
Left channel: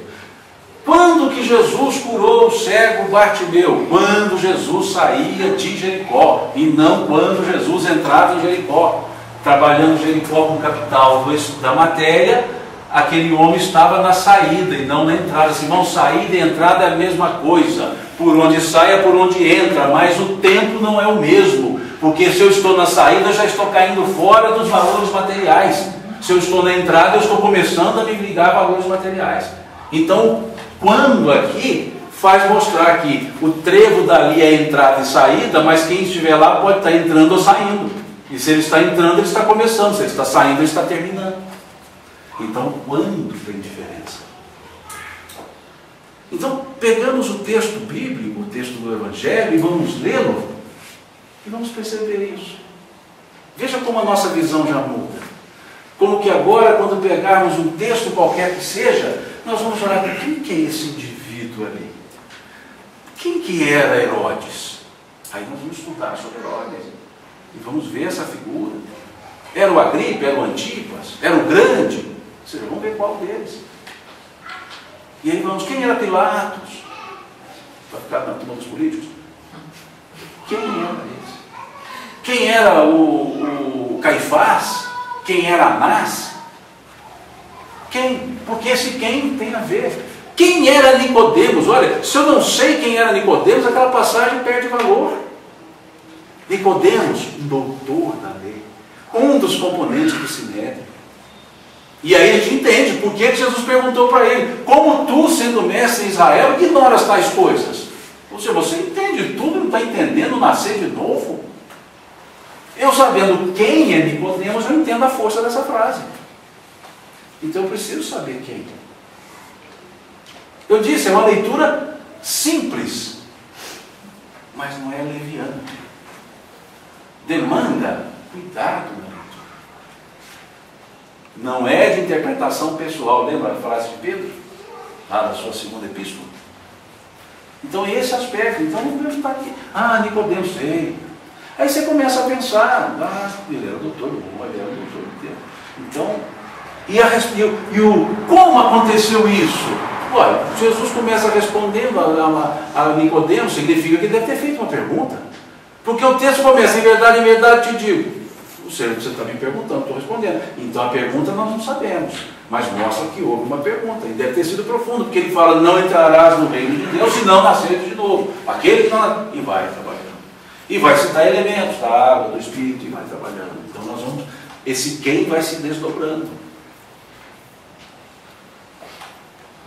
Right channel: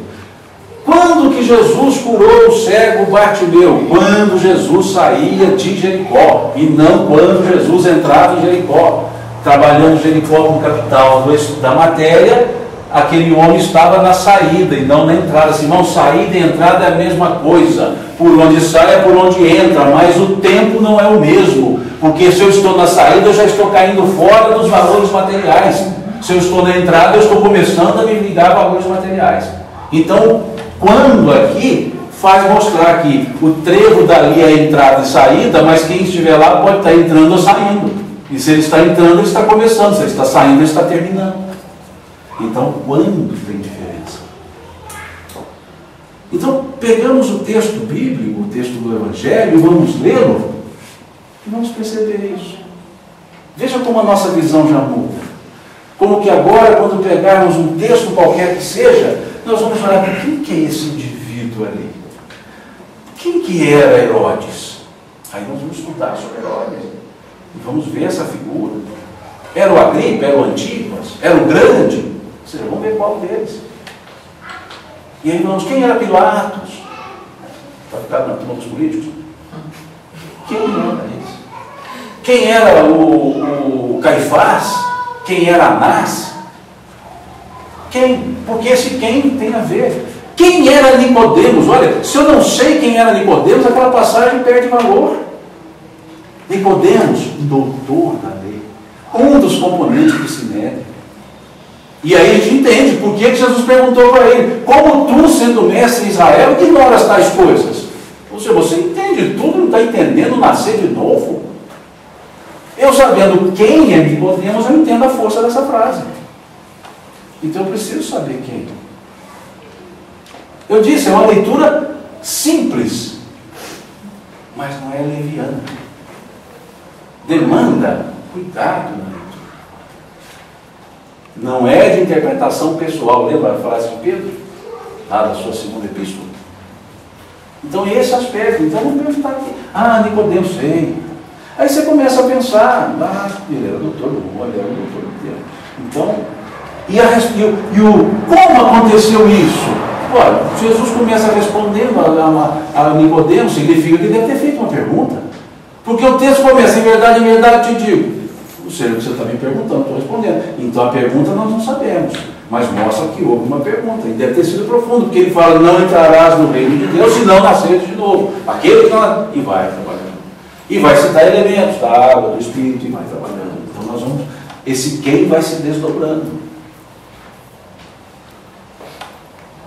Quando que Jesus curou o cego Bartimeu? Quando Jesus saía de Jericó, e não quando Jesus entrava em Jericó. Trabalhando Jericó como capital da matéria, aquele homem estava na saída e não na entrada. Assim, não, saída e entrada é a mesma coisa. Por onde sai é por onde entra, mas o tempo não é o mesmo. Porque se eu estou na saída, eu já estou caindo fora dos valores materiais. Se eu estou na entrada, eu estou começando a me ligar a valores materiais. Então, quando aqui faz mostrar que o trevo dali é entrada e saída, mas quem estiver lá pode estar entrando ou saindo. E se ele está entrando, ele está começando. Se ele está saindo, ele está terminando. Então, quando tem diferença? Então, pegamos o texto bíblico, o texto do Evangelho, e vamos lê-lo, e vamos perceber isso. Veja como a nossa visão já muda. Como que agora, quando pegarmos um texto qualquer que seja, nós vamos olhar para quem que é esse indivíduo ali? Quem que era Herodes? Aí nós vamos estudar sobre Herodes. E vamos ver essa figura. Era o Agripa? Era o Antipas? Era o grande? Vocês vão ver qual deles. E aí vamos, quem era Pilatos? Para ficar na turma dos políticos. Quem era esse? Quem era o Caifás? Quem era Anás? Quem? Porque esse quem tem a ver. Quem era Nicodemos? Olha, se eu não sei quem era Nicodemos, aquela passagem perde valor. Nicodemos, doutor da lei, um dos componentes do Sinédrio. E aí a gente entende por que Jesus perguntou para ele: como tu, sendo mestre em Israel, ignoras tais coisas? Ou seja, você entende tudo, não está entendendo nascer de novo? Eu sabendo quem é Nicodemos, eu entendo a força dessa frase. Então eu preciso saber quem. Eu disse, é uma leitura simples, mas não é leviana. Demanda cuidado na leitura. Não é de interpretação pessoal. Lembra a frase de Pedro? Lá da sua segunda epístola. Então esse aspecto. Então não podemos estar aqui. Ah, Nicodemos, sei. Aí você começa a pensar, ele era doutor do mundo, ele era doutor do tempo. Então, como aconteceu isso? Olha, Jesus começa respondendo a Nicodemos, significa que ele deve ter feito uma pergunta. Porque o texto começa, em verdade te digo. Não sei o que você está me perguntando, estou respondendo. Então a pergunta nós não sabemos, mas mostra que houve uma pergunta, e deve ter sido profundo, porque ele fala, não entrarás no reino de Deus, se não nasceres de novo. Aquele que não... E vai trabalhando. E vai citar elementos da água, do Espírito, e vai trabalhando. Então nós vamos... Esse quem vai se desdobrando.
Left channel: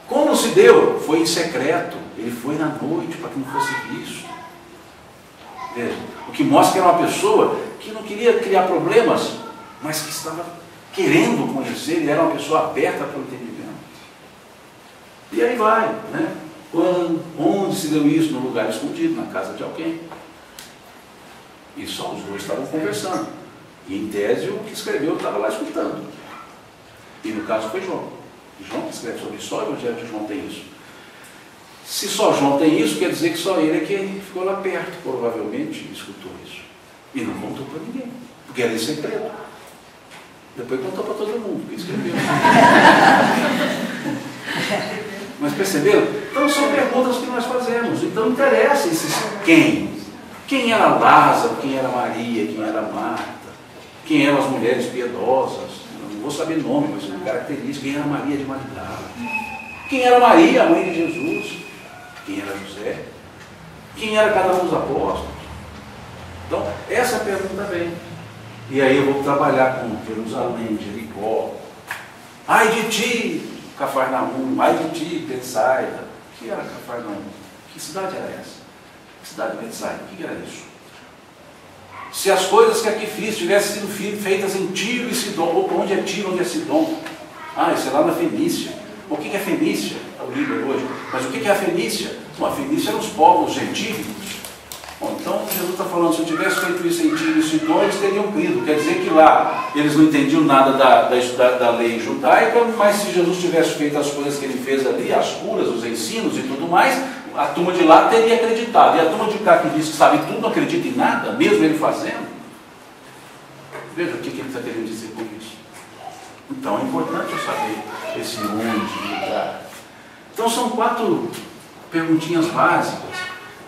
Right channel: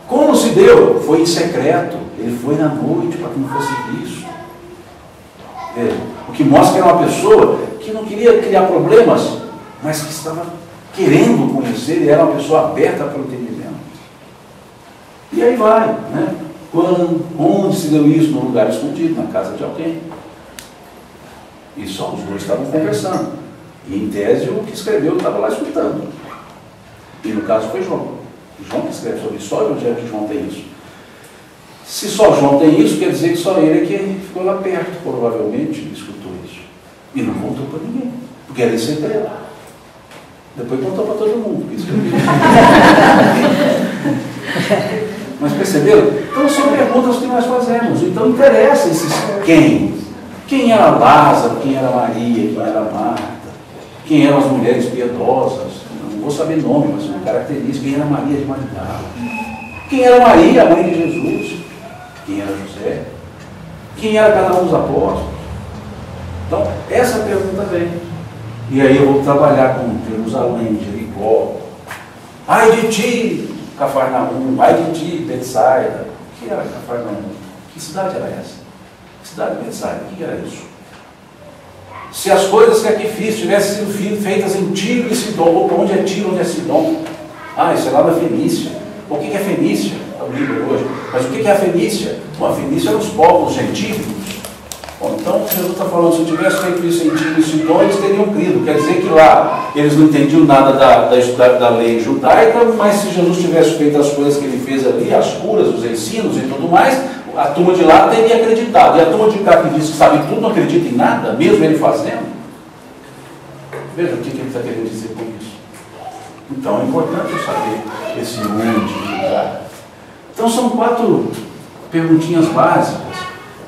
Como se deu? Foi em secreto. Ele foi na noite para que não fosse visto. Veja, o que mostra que era uma pessoa que não queria criar problemas, mas que estava querendo conhecer, e era uma pessoa aberta para o entendimento. E aí vai, né? Onde se deu isso? Num lugar escondido, na casa de alguém. E só os dois estavam conversando. E em tese o que escreveu estava lá escutando. E no caso foi João. João que escreve sobre isso, só o Evangelho de João tem isso. Se só João tem isso, quer dizer que só ele é que ficou lá perto, provavelmente, e escutou isso. E não contou para ninguém, porque era em segredo. Depois contou para todo mundo que escreveu. Mas perceberam? Então são perguntas que nós fazemos. Então interessa esses quem. Quem era Lázaro, quem era Maria, quem era Marta, quem eram as mulheres piedosas, não vou saber nome, mas uma característica, quem era Maria de Magdala, quem era Maria, a mãe de Jesus, quem era José, quem era cada um dos apóstolos. Então, essa pergunta vem. E aí eu vou trabalhar com Jerusalém, Jericó. Ai de ti, Cafarnaum, ai de ti, Betsaida. O que era Cafarnaum? Que cidade era essa? Cidade de Betsaida, o que era isso? Se as coisas que aqui fiz tivessem sido feitas em Tiro e Sidom, onde é Tiro, onde é Sidom? Ah, isso é lá da Fenícia. O que é Fenícia? É o livro hoje. Mas o que é a Fenícia? Bom, a Fenícia eram os povos gentílicos. Bom, então Jesus está falando, se eu tivesse feito isso em Tiro e Sidom, eles teriam crido. Quer dizer que lá eles não entendiam nada da lei judaica, mas se Jesus tivesse feito as coisas que ele fez ali, as curas, os ensinos e tudo mais, a turma de lá teria acreditado. E a turma de cá que diz que sabe tudo, não acredita em nada, mesmo ele fazendo. Veja o que ele está querendo dizer com isso. Então é importante eu saber esse onde, lugar. Então são 4 perguntinhas básicas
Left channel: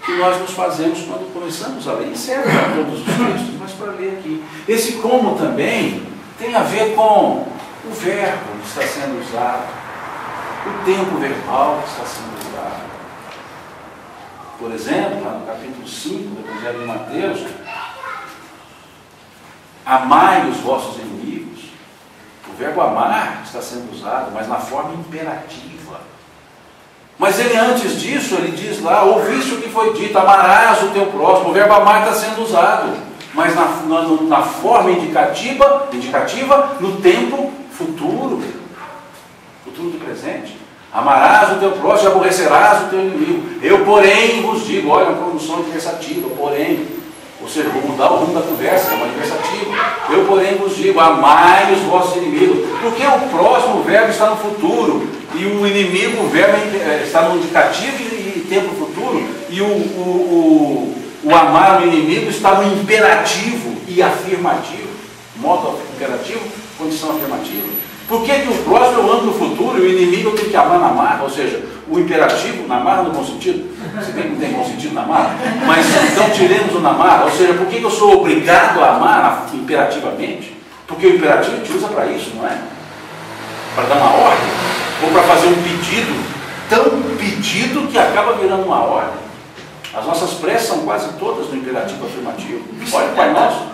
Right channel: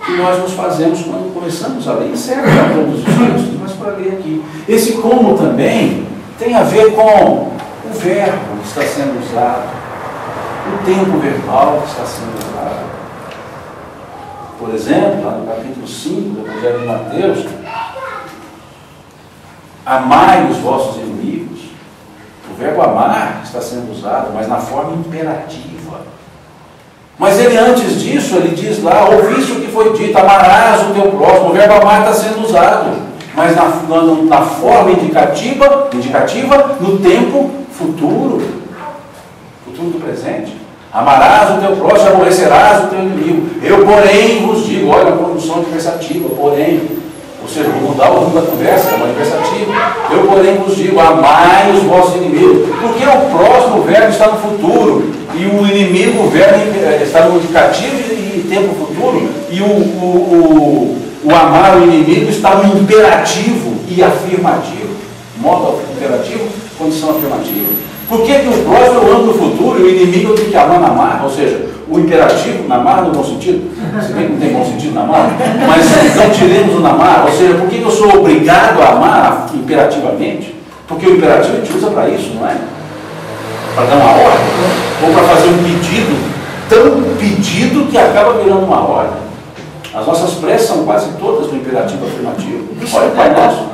que nós nos fazemos quando começamos a ler. E serve para todos os textos, mas para ler aqui. Esse como também tem a ver com o verbo que está sendo usado, o tempo verbal que está sendo usado. Por exemplo, lá no capítulo 5 do Evangelho de Mateus, amai os vossos inimigos. O verbo amar está sendo usado, mas na forma imperativa. Mas ele, antes disso, ele diz lá, ouviste o que foi dito, amarás o teu próximo. O verbo amar está sendo usado, mas na forma indicativa, no tempo futuro do presente. Amarás o teu próximo, aborrecerás o teu inimigo. Eu, porém, vos digo, olha a conjunção adversativa, porém, ou seja, vou mudar o rumo da conversa, é uma adversativa. Eu, porém, vos digo, amai os vossos inimigos. Porque o próximo, o verbo está no futuro, e o inimigo, o verbo está no indicativo e tempo futuro, e o amar o inimigo está no imperativo e afirmativo. Modo imperativo, condição afirmativa. Por que o próximo eu amo no futuro e o inimigo eu tenho que amar na marra? Ou seja, o imperativo, na marra no bom sentido, se bem que não tem bom sentido na marra, mas então tiremos o na marra. Ou seja, por que eu sou obrigado a amar imperativamente? Porque o imperativo a gente usa para isso, não é? Para dar uma ordem, ou para fazer um pedido, tão pedido que acaba virando uma ordem. As nossas preces são quase todas do imperativo afirmativo. Olha o Pai Nosso.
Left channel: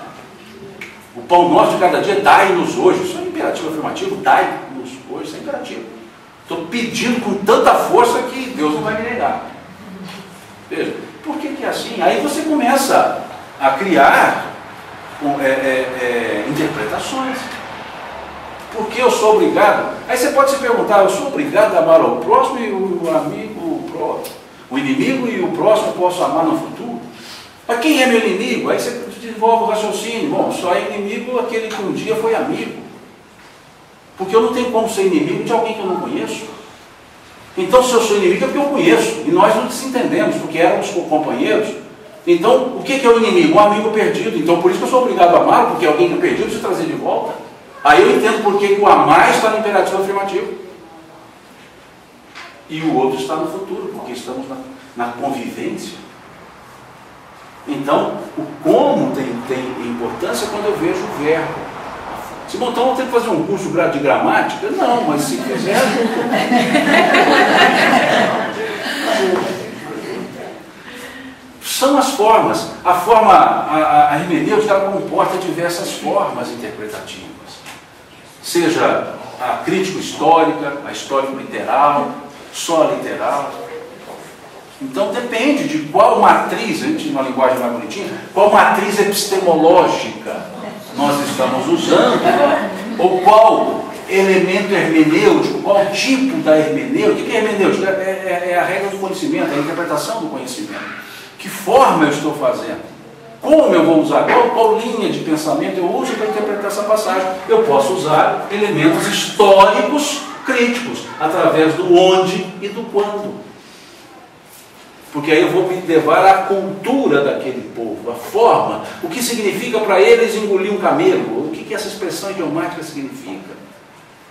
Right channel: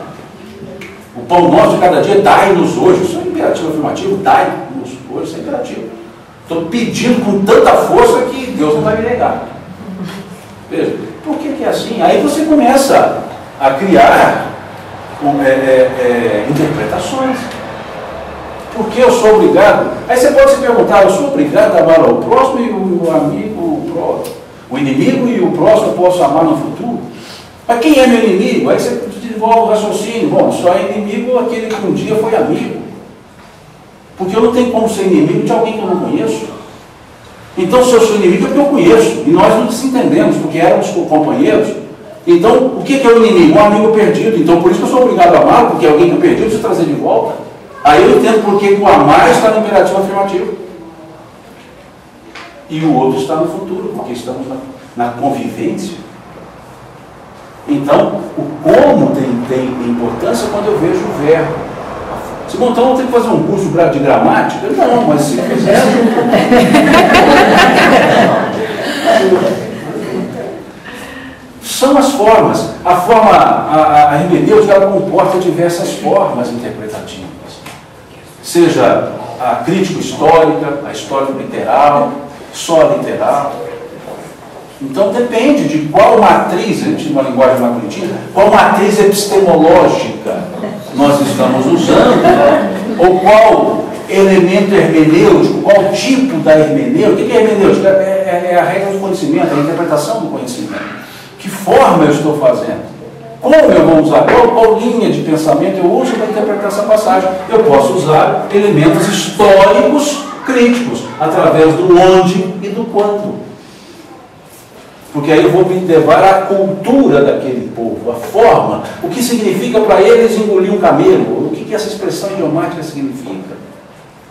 O pão nosso de cada dia, dai-nos hoje. Isso é imperativo afirmativo, dai-nos hoje, isso é imperativo. Estou pedindo com tanta força que Deus não vai me negar. Veja, por que é assim? Aí você começa a criar interpretações. Por que eu sou obrigado? Aí você pode se perguntar, eu sou obrigado a amar o próximo e o amigo, o inimigo e o próximo eu posso amar no futuro? Mas quem é meu inimigo? Aí você desenvolve o raciocínio. Bom, só é inimigo aquele que um dia foi amigo. Porque eu não tenho como ser inimigo de alguém que eu não conheço. Então, se eu sou inimigo é porque eu conheço. E nós não nos entendemos, porque éramos companheiros. Então, o que é o inimigo? Um amigo perdido. Então, por isso que eu sou obrigado a amar, porque alguém que eu perdi eu preciso trazer de volta. Aí eu entendo por que o amar está no imperativo afirmativo. E o outro está no futuro, porque estamos na convivência. Então, o como tem importância quando eu vejo o verbo. Se bom, então eu tenho que fazer um curso de gramática? Não, mas se fizer, são as formas. A hermenêutica ela comporta diversas formas interpretativas. Seja a crítico-histórica, a histórico-literal, só literal. Então depende de qual matriz, a gente numa linguagem mais bonitinha, qual matriz epistemológica nós estamos usando, ou qual elemento hermenêutico, qual tipo da hermenêutica. O que é hermenêutica? É a regra do conhecimento, a interpretação do conhecimento. Que forma eu estou fazendo? Como eu vou usar? Qual linha de pensamento eu uso para interpretar essa passagem? Eu posso usar elementos históricos críticos, através do onde e do quando. Porque aí eu vou me levar à cultura daquele povo, a forma, o que significa para eles engolir um camelo, o que essa expressão idiomática significa.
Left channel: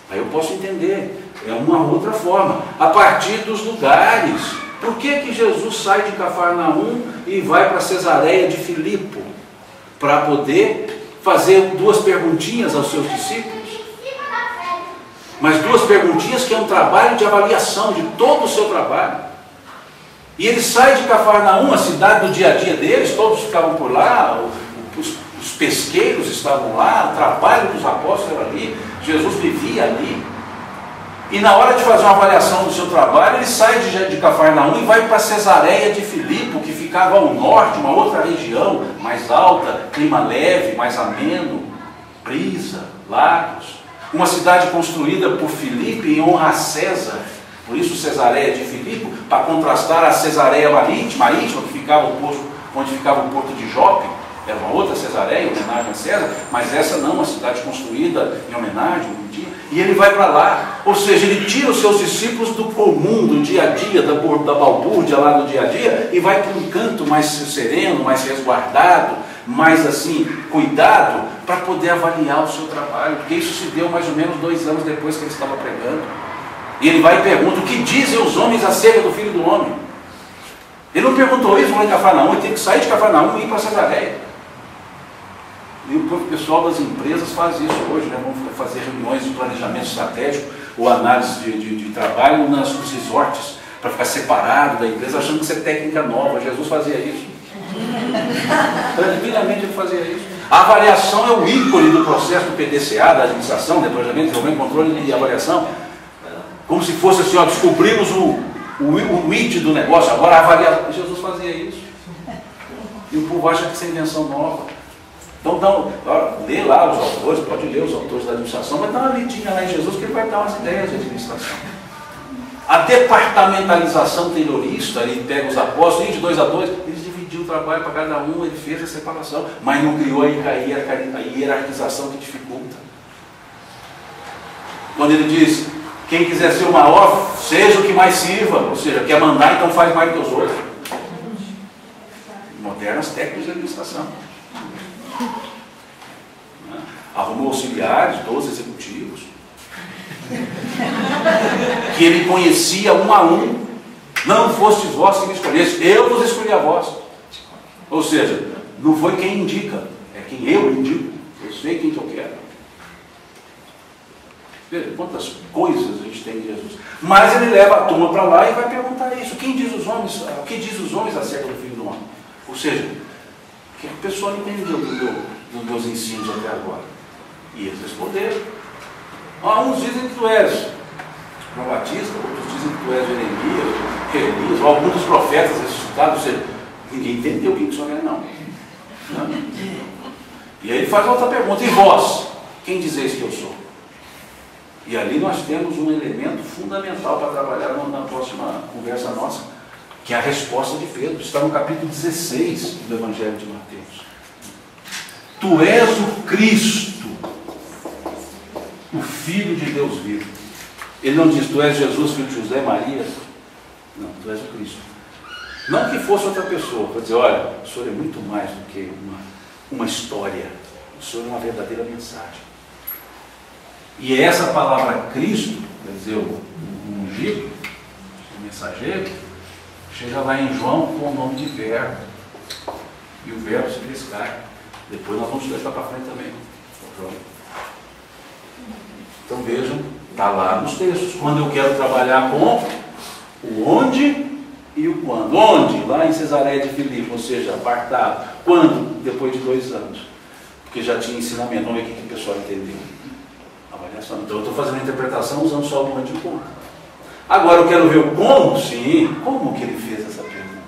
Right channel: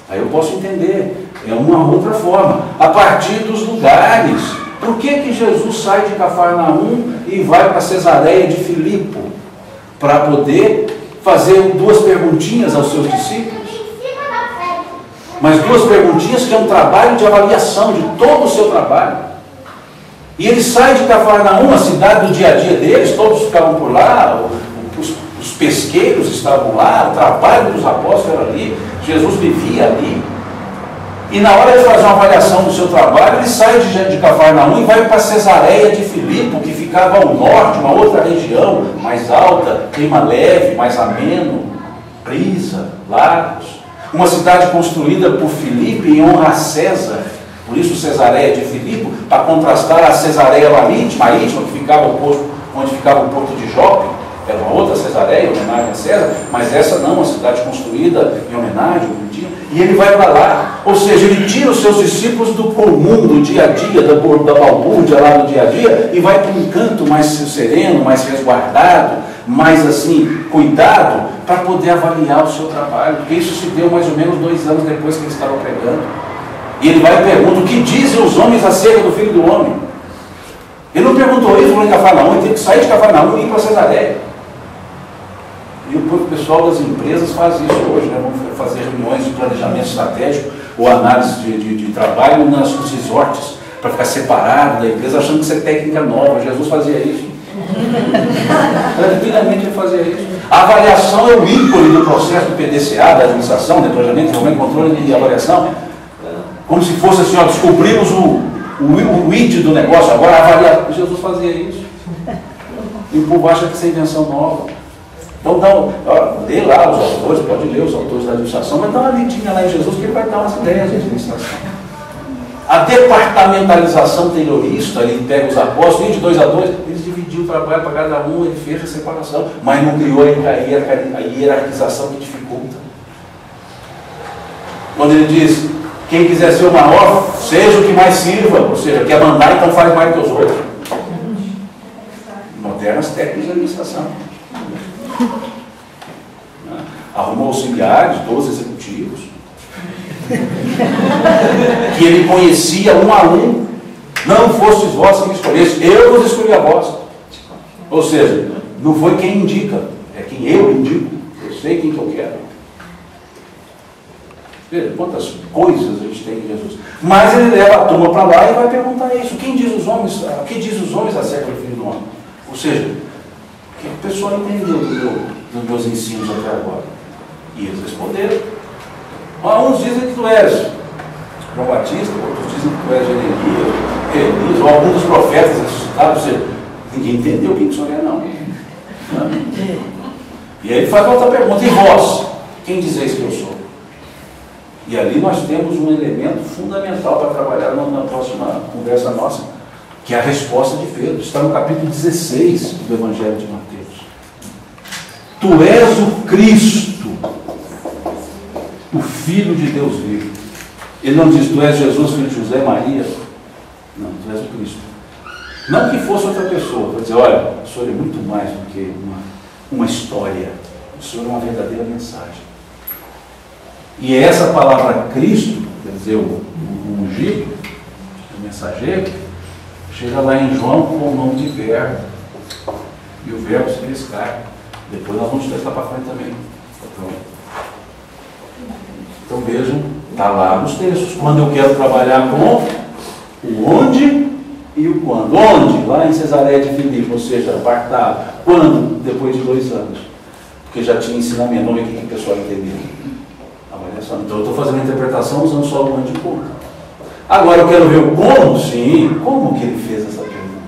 Aí eu posso entender, é uma outra forma, a partir dos lugares. Por que Jesus sai de Cafarnaum e vai para Cesareia de Filipe? Para poder fazer duas perguntinhas aos seus discípulos. Mas duas perguntinhas que é um trabalho de avaliação de todo o seu trabalho. E ele sai de Cafarnaum, a cidade do dia a dia deles, todos ficavam por lá, os pesqueiros estavam lá, o trabalho dos apóstolos era ali, Jesus vivia ali. E na hora de fazer uma avaliação do seu trabalho, ele sai de Cafarnaum e vai para Cesareia de Filipe, que ficava ao norte, uma outra região, mais alta, clima leve, mais ameno, brisa, lagos. Uma cidade construída por Filipe em honra a César. Por isso Cesareia de Filipe, para contrastar a Cesareia marítima, que ficava onde ficava o porto de Jope, era uma outra Cesareia, em homenagem a César, mas essa não, uma cidade construída em homenagem, e ele vai para lá. Ou seja, ele tira os seus discípulos do comum, do dia a dia, da balbúrdia lá do dia a dia, e vai para um canto mais sereno, mais resguardado, mais assim, cuidado, para poder avaliar o seu trabalho, porque isso se deu mais ou menos 2 anos depois que ele estava pregando. E ele vai e pergunta, o que dizem os homens acerca do Filho do Homem? Ele não perguntou isso lá em Cafarnaum, ele teve que sair de Cafarnaum e ir para Cesareia. E o pessoal das empresas faz isso hoje, né? Vamos fazer reuniões de planejamento estratégico ou análise de trabalho nos resorts, para ficar separado da empresa, achando que isso é técnica nova. Jesus fazia isso. Tranquilamente ele fazia isso. A avaliação é o ícone do processo do PDCA, da administração, de planejamento, desenvolvimento, controle e avaliação. Como se fosse assim, ó, descobrimos o id do negócio, agora avaliar. Jesus fazia isso. E o povo acha que isso é invenção nova. Então, lê lá os autores, pode ler os autores da administração, mas dá uma lidinha lá em Jesus que ele vai dar umas ideias de administração. A departamentalização terrorista, ele pega os apóstolos, de 2 a 2, eles dividiu o trabalho para cada um, ele fez a separação, mas não criou a hierarquização que dificulta. Quando ele diz, quem quiser ser o maior, seja o que mais sirva, ou seja, quer mandar, então faz mais que os outros. Modernas técnicas de administração. Arrumou auxiliares, 12 executivos, que ele conhecia um a um. Não fostes vós que me escolheste, eu vos escolhi a vós. Ou seja, não foi quem indica, é quem eu indico. Eu sei quem que eu quero. Veja quantas coisas a gente tem em Jesus. Mas ele leva a turma para lá e vai perguntar isso. Quem diz os homens, o que diz os homens acerca do Filho do Homem? Ou seja, o que a pessoa entendeu dos meus ensinos até agora? E eles responderam. Uns dizem que tu és João Batista, outros dizem que tu és Jeremias, ou alguns dos profetas ressuscitados. Ou seja, ninguém entendeu quem que o senhor é, não. E aí ele faz outra pergunta. E vós? Quem dizeis que eu sou? E ali nós temos um elemento fundamental para trabalhar na próxima conversa nossa, que é a resposta de Pedro. Está no capítulo 16 do Evangelho de Mateus. Tu és o Cristo, o Filho de Deus vivo. Ele não diz, tu és Jesus, filho de José, Maria. Não, tu és o Cristo. Não que fosse outra pessoa. Vou dizer, olha, o Senhor é muito mais do que uma história. O Senhor é uma verdadeira mensagem. E essa palavra Cristo, quer dizer, o ungido, o mensageiro, chega lá em João com o nome de Verbo. E o Verbo se fez carne. Depois nós vamos estudar para frente também. Então vejam, está lá nos textos. Quando eu quero trabalhar com o onde e o quando. Onde? Lá em Cesareia de Filipe, ou seja, apartado. Quando? Depois de 2 anos. Porque já tinha ensinamento. Vamos ver o que o pessoal entendeu. Então eu estou fazendo a interpretação usando só o onde e o como. Agora eu quero ver o como, sim. Como que ele fez essa pergunta?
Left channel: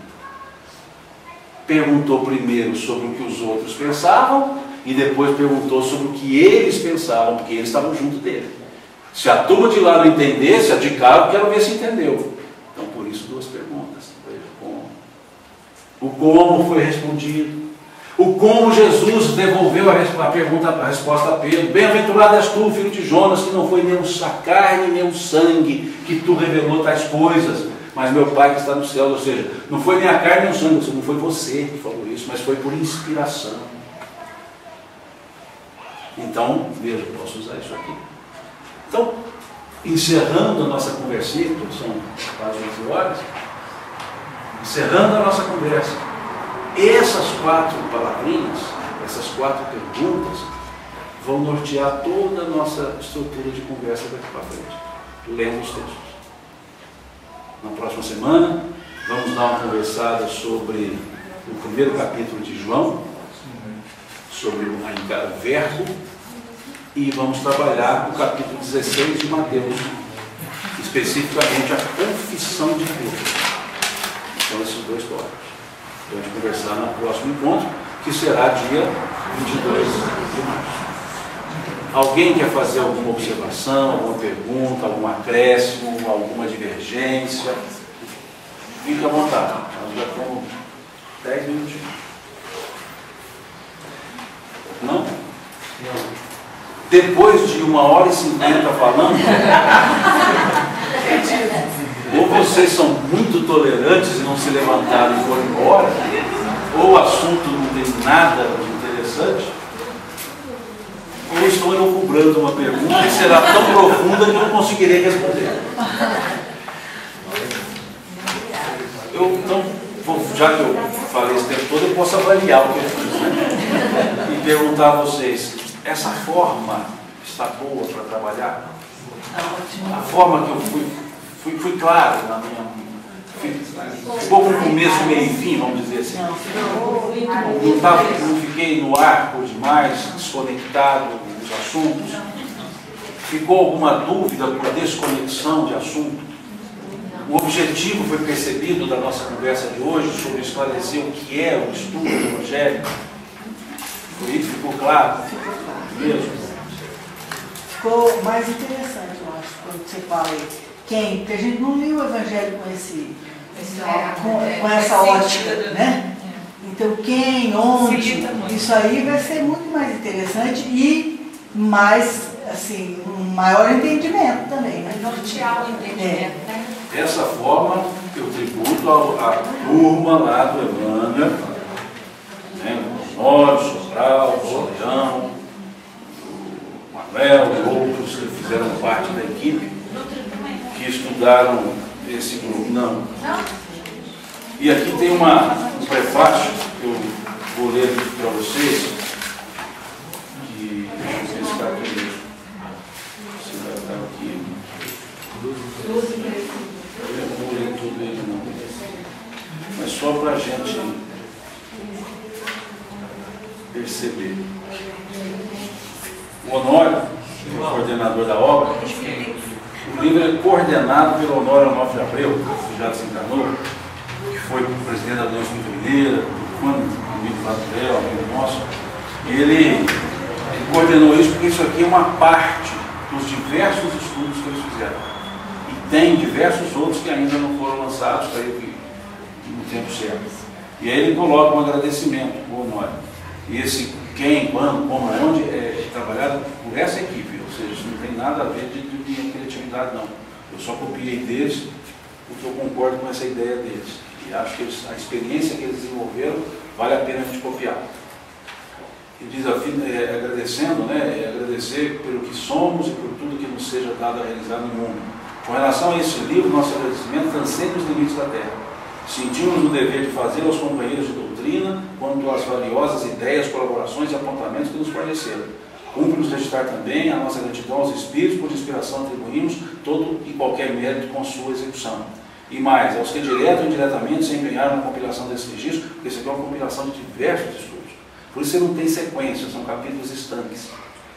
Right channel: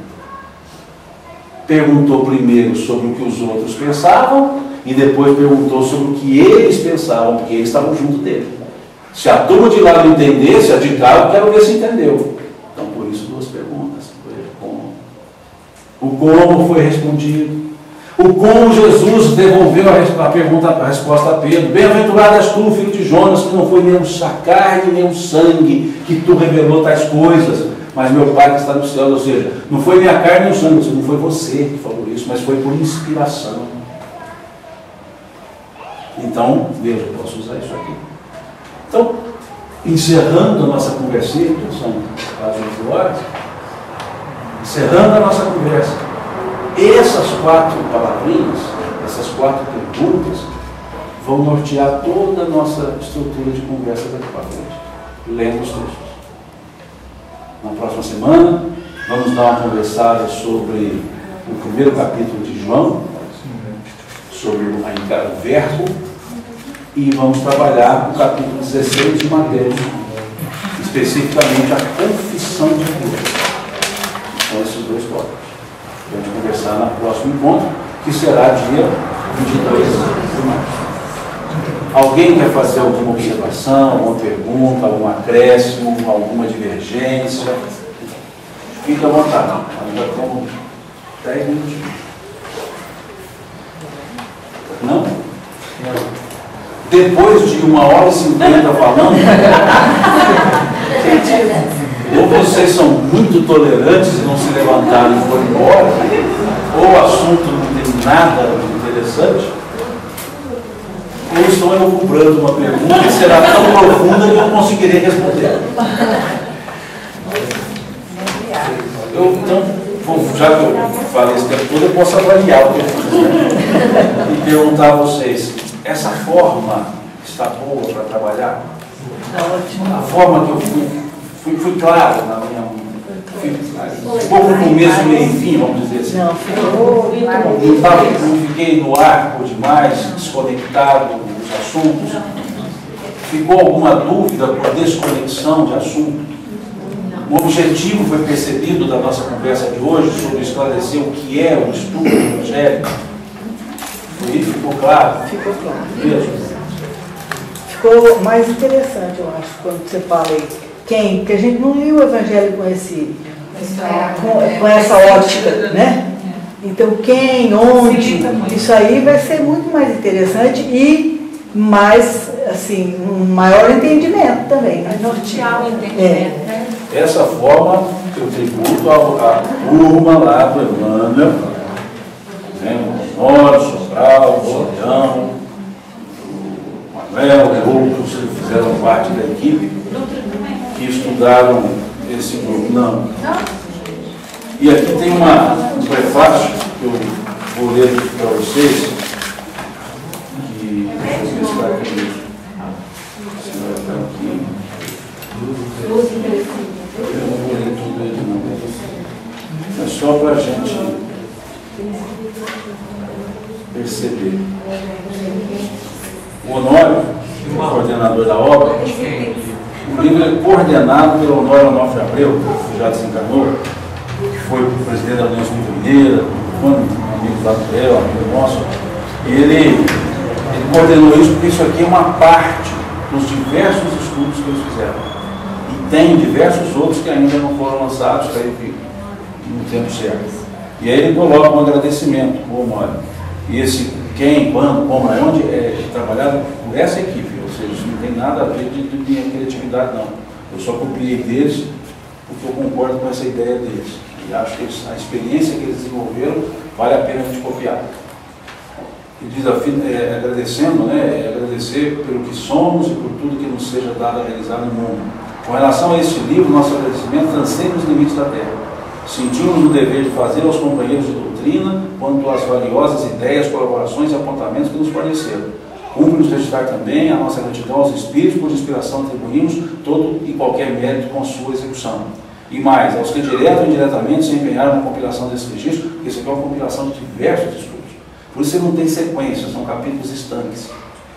Perguntou primeiro sobre o que os outros pensavam e depois perguntou sobre o que eles pensavam, porque eles estavam junto dele. Se a turma de lá não entendesse, a de cá eu quero ver se entendeu. Então por isso 2 perguntas. Como? O como foi respondido. O como Jesus devolveu a resposta a Pedro. Bem-aventurado és tu, filho de Jonas, que não foi nem a carne, nem o sangue que tu revelou tais coisas, mas meu Pai que está no céu. Ou seja, não foi nem a carne nem o sangue, não foi você que falou isso, mas foi por inspiração. Então, veja, eu posso usar isso aqui. Então, encerrando a nossa conversinha, são quase 11 horas, encerrando a nossa conversa, essas 4 palavrinhas, essas 4 perguntas, vão nortear toda a nossa estrutura de conversa daqui para frente, lendo os textos. Na próxima semana, vamos dar uma conversada sobre o primeiro capítulo de João, sobre o verbo, e vamos trabalhar o capítulo 16 de Mateus, especificamente a confissão de Pedro. Então, esses 2 tópicos. Vamos conversar no próximo encontro, que será dia 22 de março. Alguém quer fazer alguma observação, alguma pergunta, algum acréscimo, alguma divergência? Fique à vontade. Nós já temos 10 minutinhos. Não? Depois de 1h50 falando, ou vocês são muito tolerantes e não se levantaram e foram embora, ou o assunto não tem nada de interessante, ou estão elucubrando uma pergunta que será tão profunda que eu não conseguirei responder. Então, já que eu falei esse tempo todo, eu posso avaliar o que eu fiz, né? E perguntar a vocês, essa forma está boa para trabalhar? A forma que eu fui claro na minha... Ficou com começo, meio e fim, vamos dizer assim. Não fiquei no ar por demais, desconectado dos assuntos. Ficou alguma dúvida por desconexão de assunto? Um objetivo foi percebido da nossa conversa de hoje sobre esclarecer o que é o estudo do Evangelho? Ficou claro? Ficou claro. Mesmo? Ficou mais interessante, eu acho, quando você fala aí. Quem? Porque a gente não lia o Evangelho com essa ótica, né? Então, quem, onde, isso aí vai ser muito mais interessante e mais, assim, um maior entendimento também. Né? Nortear o entendimento, né? Dessa forma, eu tributo a turma lá do Emmanuel, né? O Honório, Sobral, o Soleão, o Manuel e outros que fizeram parte da equipe, que estudaram esse grupo. Não. E aqui tem um prefácio que eu vou ler aqui para vocês, que deixa eu ver se está aqui. Se não está aqui. Eu não vou ler tudo ele não. É só para a gente perceber. O Honório, que é o coordenador da obra, o livro é coordenado pelo Honório Onofre Abreu, que já desencarnou, que foi presidente da União Espírita Mineira, amigo lá do Léo, amigo nosso. E ele coordenou isso porque isso aqui é uma parte dos diversos estudos que eles fizeram. E tem diversos outros que ainda não foram lançados, creio que no tempo certo. E aí ele coloca um agradecimento ao Honório. E esse quem, quando, como, onde é trabalhado por essa equipe, ou seja, isso não tem nada a ver de minha criatividade, não. Eu só copiei deles porque eu concordo com essa ideia deles. E acho que a experiência que eles desenvolveram vale a pena a gente copiar. Ele diz, agradecendo, né, agradecer pelo que somos e por tudo que nos seja dado a realizar no mundo. Com relação a este livro, nosso agradecimento transcende os limites da Terra. Sentimos o dever de fazer aos companheiros de doutrina quanto às valiosas ideias, colaborações e apontamentos que nos forneceram. Cumpre-nos registrar também a nossa gratidão aos Espíritos, por inspiração atribuímos todo e qualquer mérito com sua execução. E mais, aos que direto ou indiretamente se empenharam na compilação desse registro, porque isso aqui é uma compilação de diversos estudos. Por isso ele não tem sequência, são capítulos estanques.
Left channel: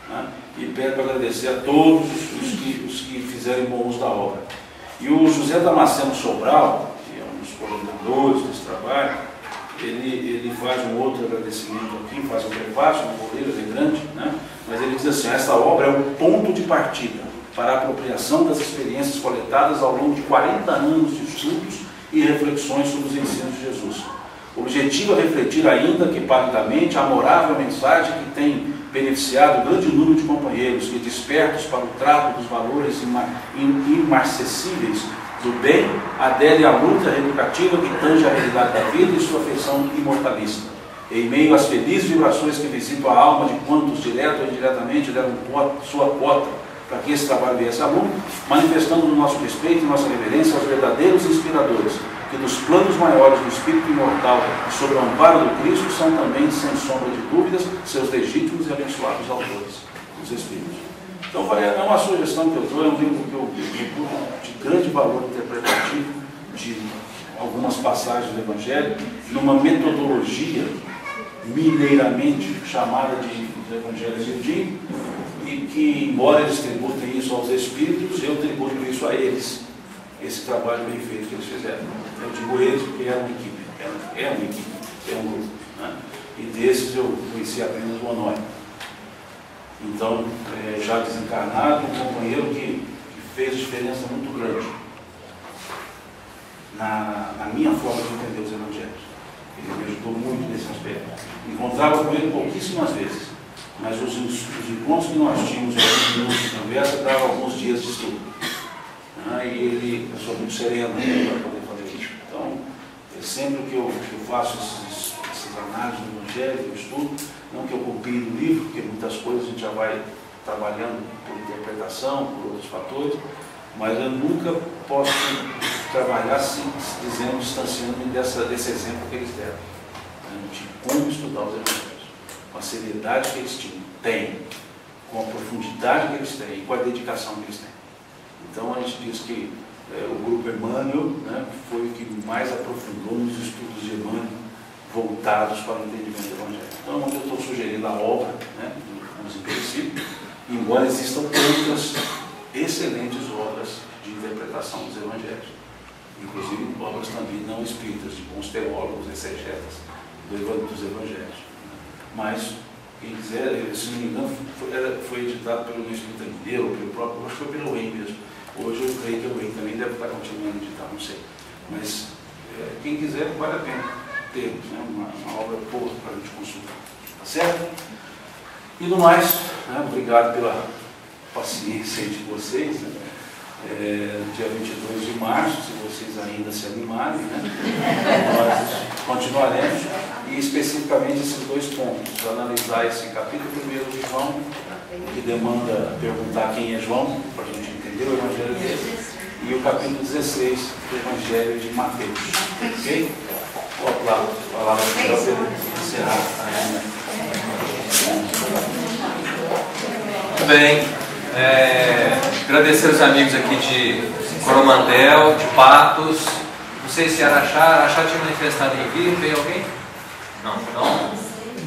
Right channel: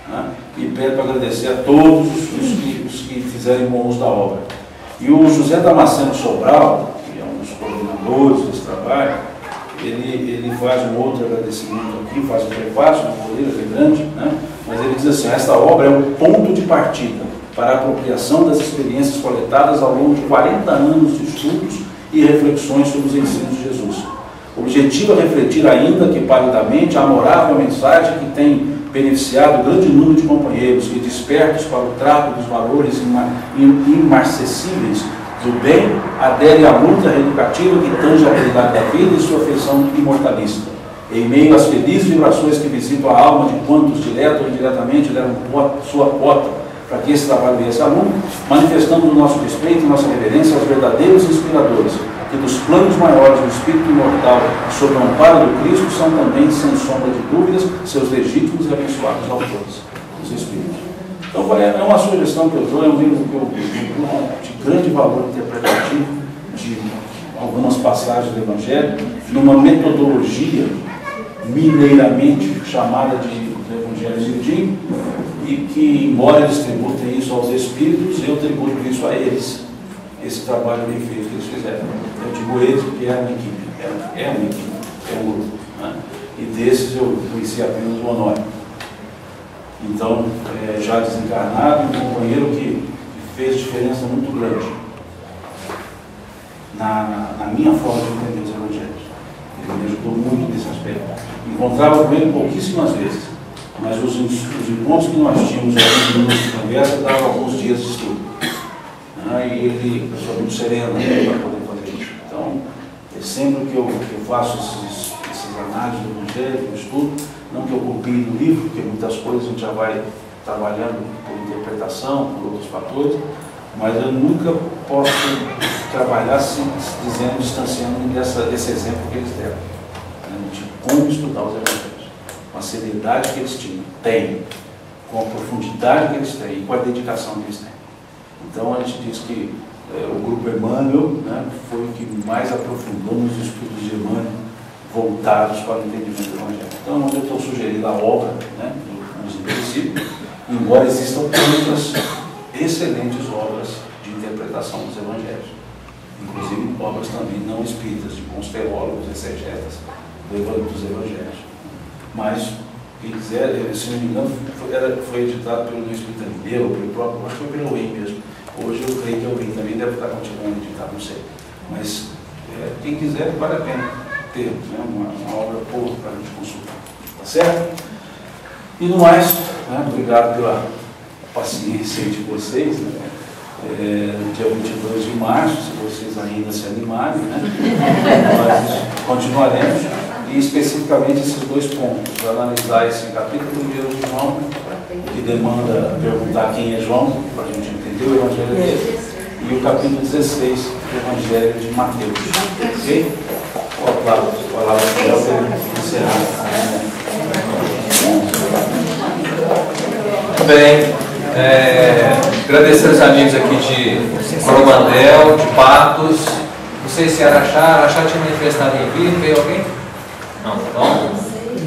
Né? E peço para agradecer a todos os que fizeram bom uso da obra. E o José Damasceno Sobral, que é um dos coordenadores desse trabalho, ele faz um outro agradecimento aqui, faz um prefácio, uma boleira bem grande, né? Mas ele diz assim, esta obra é o ponto de partida para a apropriação das experiências coletadas ao longo de 40 anos de estudos e reflexões sobre os ensinos de Jesus. O objetivo é refletir ainda que palidamente a amorável mensagem que tem beneficiado o grande número de companheiros que, despertos para o trato dos valores imarcessíveis do bem, adere à luta reeducativa que tange a realidade da vida e sua feição imortalista. Em meio às felizes vibrações que visitam a alma de quantos, direto ou indiretamente, deram sua cota para que esse trabalho viesse a lume, manifestamos o nosso respeito e nossa reverência aos verdadeiros inspiradores, que dos planos maiores do Espírito imortal e sob o amparo do Cristo são também, sem sombra de dúvidas, seus legítimos e abençoados autores, os Espíritos. Então, é uma sugestão que eu dou, é um livro que eu de grande valor interpretativo de algumas passagens do Evangelho, numa metodologia mineiramente chamada de Evangelho miudinho, e que, embora eles tributem isso aos Espíritos, eu tributo isso a eles, esse trabalho bem feito que eles fizeram. Eu digo eles porque é uma equipe, é um grupo. Né? E desses eu conheci apenas o Honório. Então, já desencarnado, um companheiro que fez diferença muito grande na minha forma de entender os Evangelhos. Ele me ajudou muito nesse aspecto. Encontrava com ele pouquíssimas vezes, mas os encontros que nós tínhamos alguns minutos de conversa davam alguns dias de estudo. E ele, pessoa muito serena, para poder fazer isso. Então, sempre que eu faço essas análises do Evangelho, eu estudo, não que eu copie do livro, porque muitas coisas a gente já vai trabalhando por interpretação, por outros fatores, mas eu nunca posso trabalhar distanciando-me desse exemplo que eles deram, né, de como estudar os Evangelhos, com a seriedade que eles têm, com a profundidade que eles têm e com a dedicação que eles têm. Então a gente diz que o grupo Emmanuel, né, foi o que mais aprofundou nos estudos de Emmanuel voltados para o entendimento do Evangelho. Então eu estou sugerindo a obra, né, dos Imperecíveis, embora existam outras excelentes obras de interpretação dos Evangelhos. obras também não espíritas, de bons teólogos, exegetas dos evangelhos. Mas, quem quiser, se não me engano, foi editado pelo Espírita Mineu, pelo próprio, acho que foi pelo UEM mesmo. Hoje eu creio que o UEM também deve estar continuando a editar, não sei. Mas quem quiser, vale a pena ter, né, uma obra boa para a gente consultar. Tá certo? E no mais, né, obrigado pela paciência de vocês. Né? Dia 22 de março, se vocês ainda se animarem, né? Nós continuaremos, e especificamente esses dois pontos, analisar esse capítulo 1 de João, que demanda perguntar quem é João, para a gente entender o Evangelho dele, e o capítulo 16 do Evangelho de Mateus. Ok? Ó, claro, palavra para ele encerrar. Bem, agradecer os amigos aqui de Coromandel, de Patos, não sei se Araxá tinha manifestado em vida, veio alguém? Não, então,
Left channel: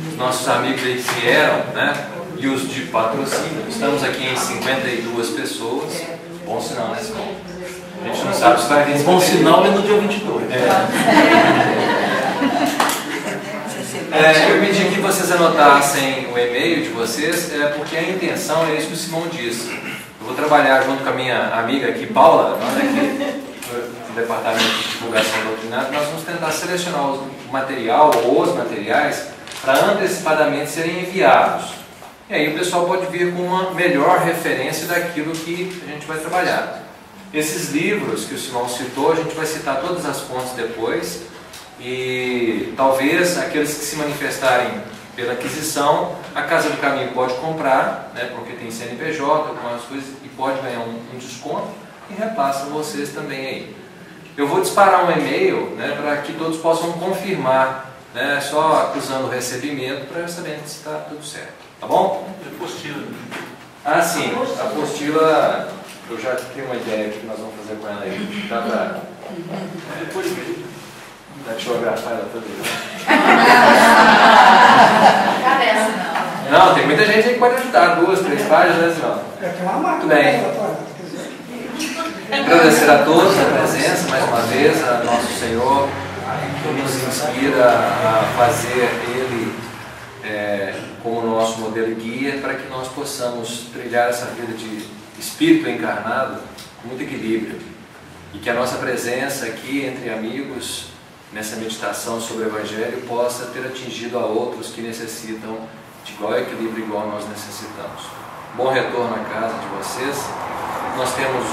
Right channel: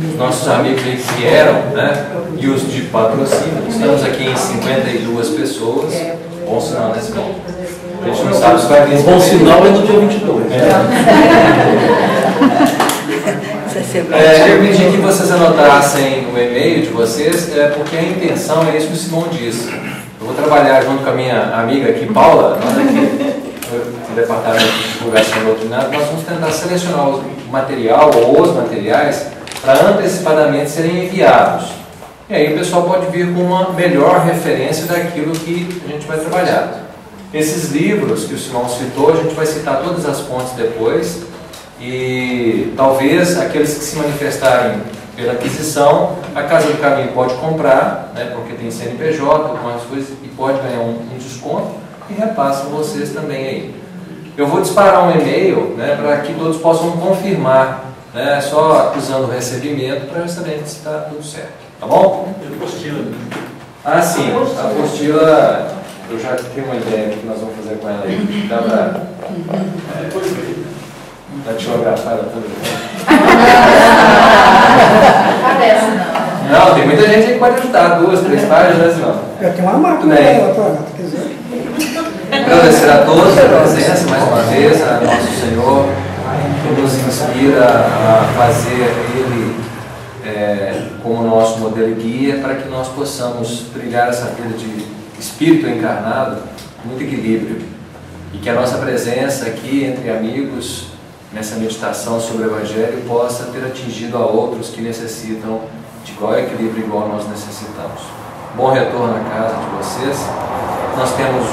os nossos amigos aí que vieram, né, e os de patrocínio, estamos aqui em 52 pessoas, bom sinal, né, Simão? A gente não sabe se vai vir. Bom sinal é no dia 22. Eu pedi que vocês anotassem o e-mail de vocês, porque a intenção é isso que o Simão disse. Eu vou trabalhar junto com a minha amiga aqui, Paula, nós aqui no departamento de divulgação doutrinária, nós vamos tentar selecionar o material ou os materiais para antecipadamente serem enviados. E aí o pessoal pode vir com uma melhor referência daquilo que a gente vai trabalhar. Esses livros que o Simão citou, a gente vai citar todas as fontes depois, e talvez aqueles que se manifestarem pela aquisição, a Casa do Caminho pode comprar, né, porque tem CNPJ, com as coisas, e pode ganhar um desconto, e repassa vocês também aí. Eu vou disparar um e-mail, né, para que todos possam confirmar, né, só acusando o recebimento para saber se está tudo certo. Tá bom? Apostila. Ah, sim. A apostila, eu já tenho uma ideia do que nós vamos fazer com ela aí. Dá para... Depois mesmo. datilografar ela toda. Parece não. Não, tem muita gente aí que pode ajudar. 2, 3 páginas, não. Eu tenho uma máquina dela, quer dizer. Agradecer a todos a presença, mais uma vez, a nosso Senhor, que nos inspira a fazer Ele como nosso modelo e guia, para que nós possamos trilhar essa vida de espírito encarnado com muito equilíbrio. E que a nossa presença aqui entre amigos, nessa meditação sobre o Evangelho, possa ter atingido a outros que necessitam de igual equilíbrio, igual nós necessitamos. Bom retorno à casa de vocês. Nós temos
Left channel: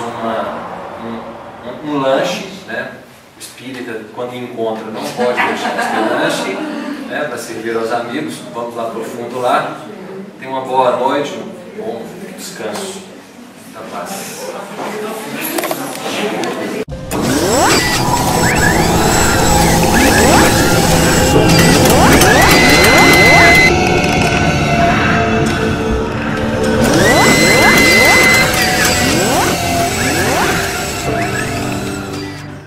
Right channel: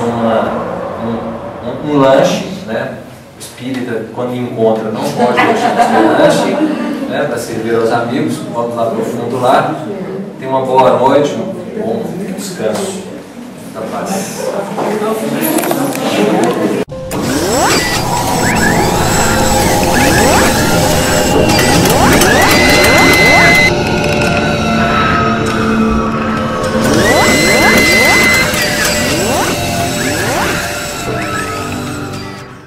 um lanche, né? O espírita, quando encontra, não pode deixar de ter lanche, né? Para servir aos amigos. Vamos lá para o fundo lá. Tenha uma boa noite, um bom descanso. Muita paz.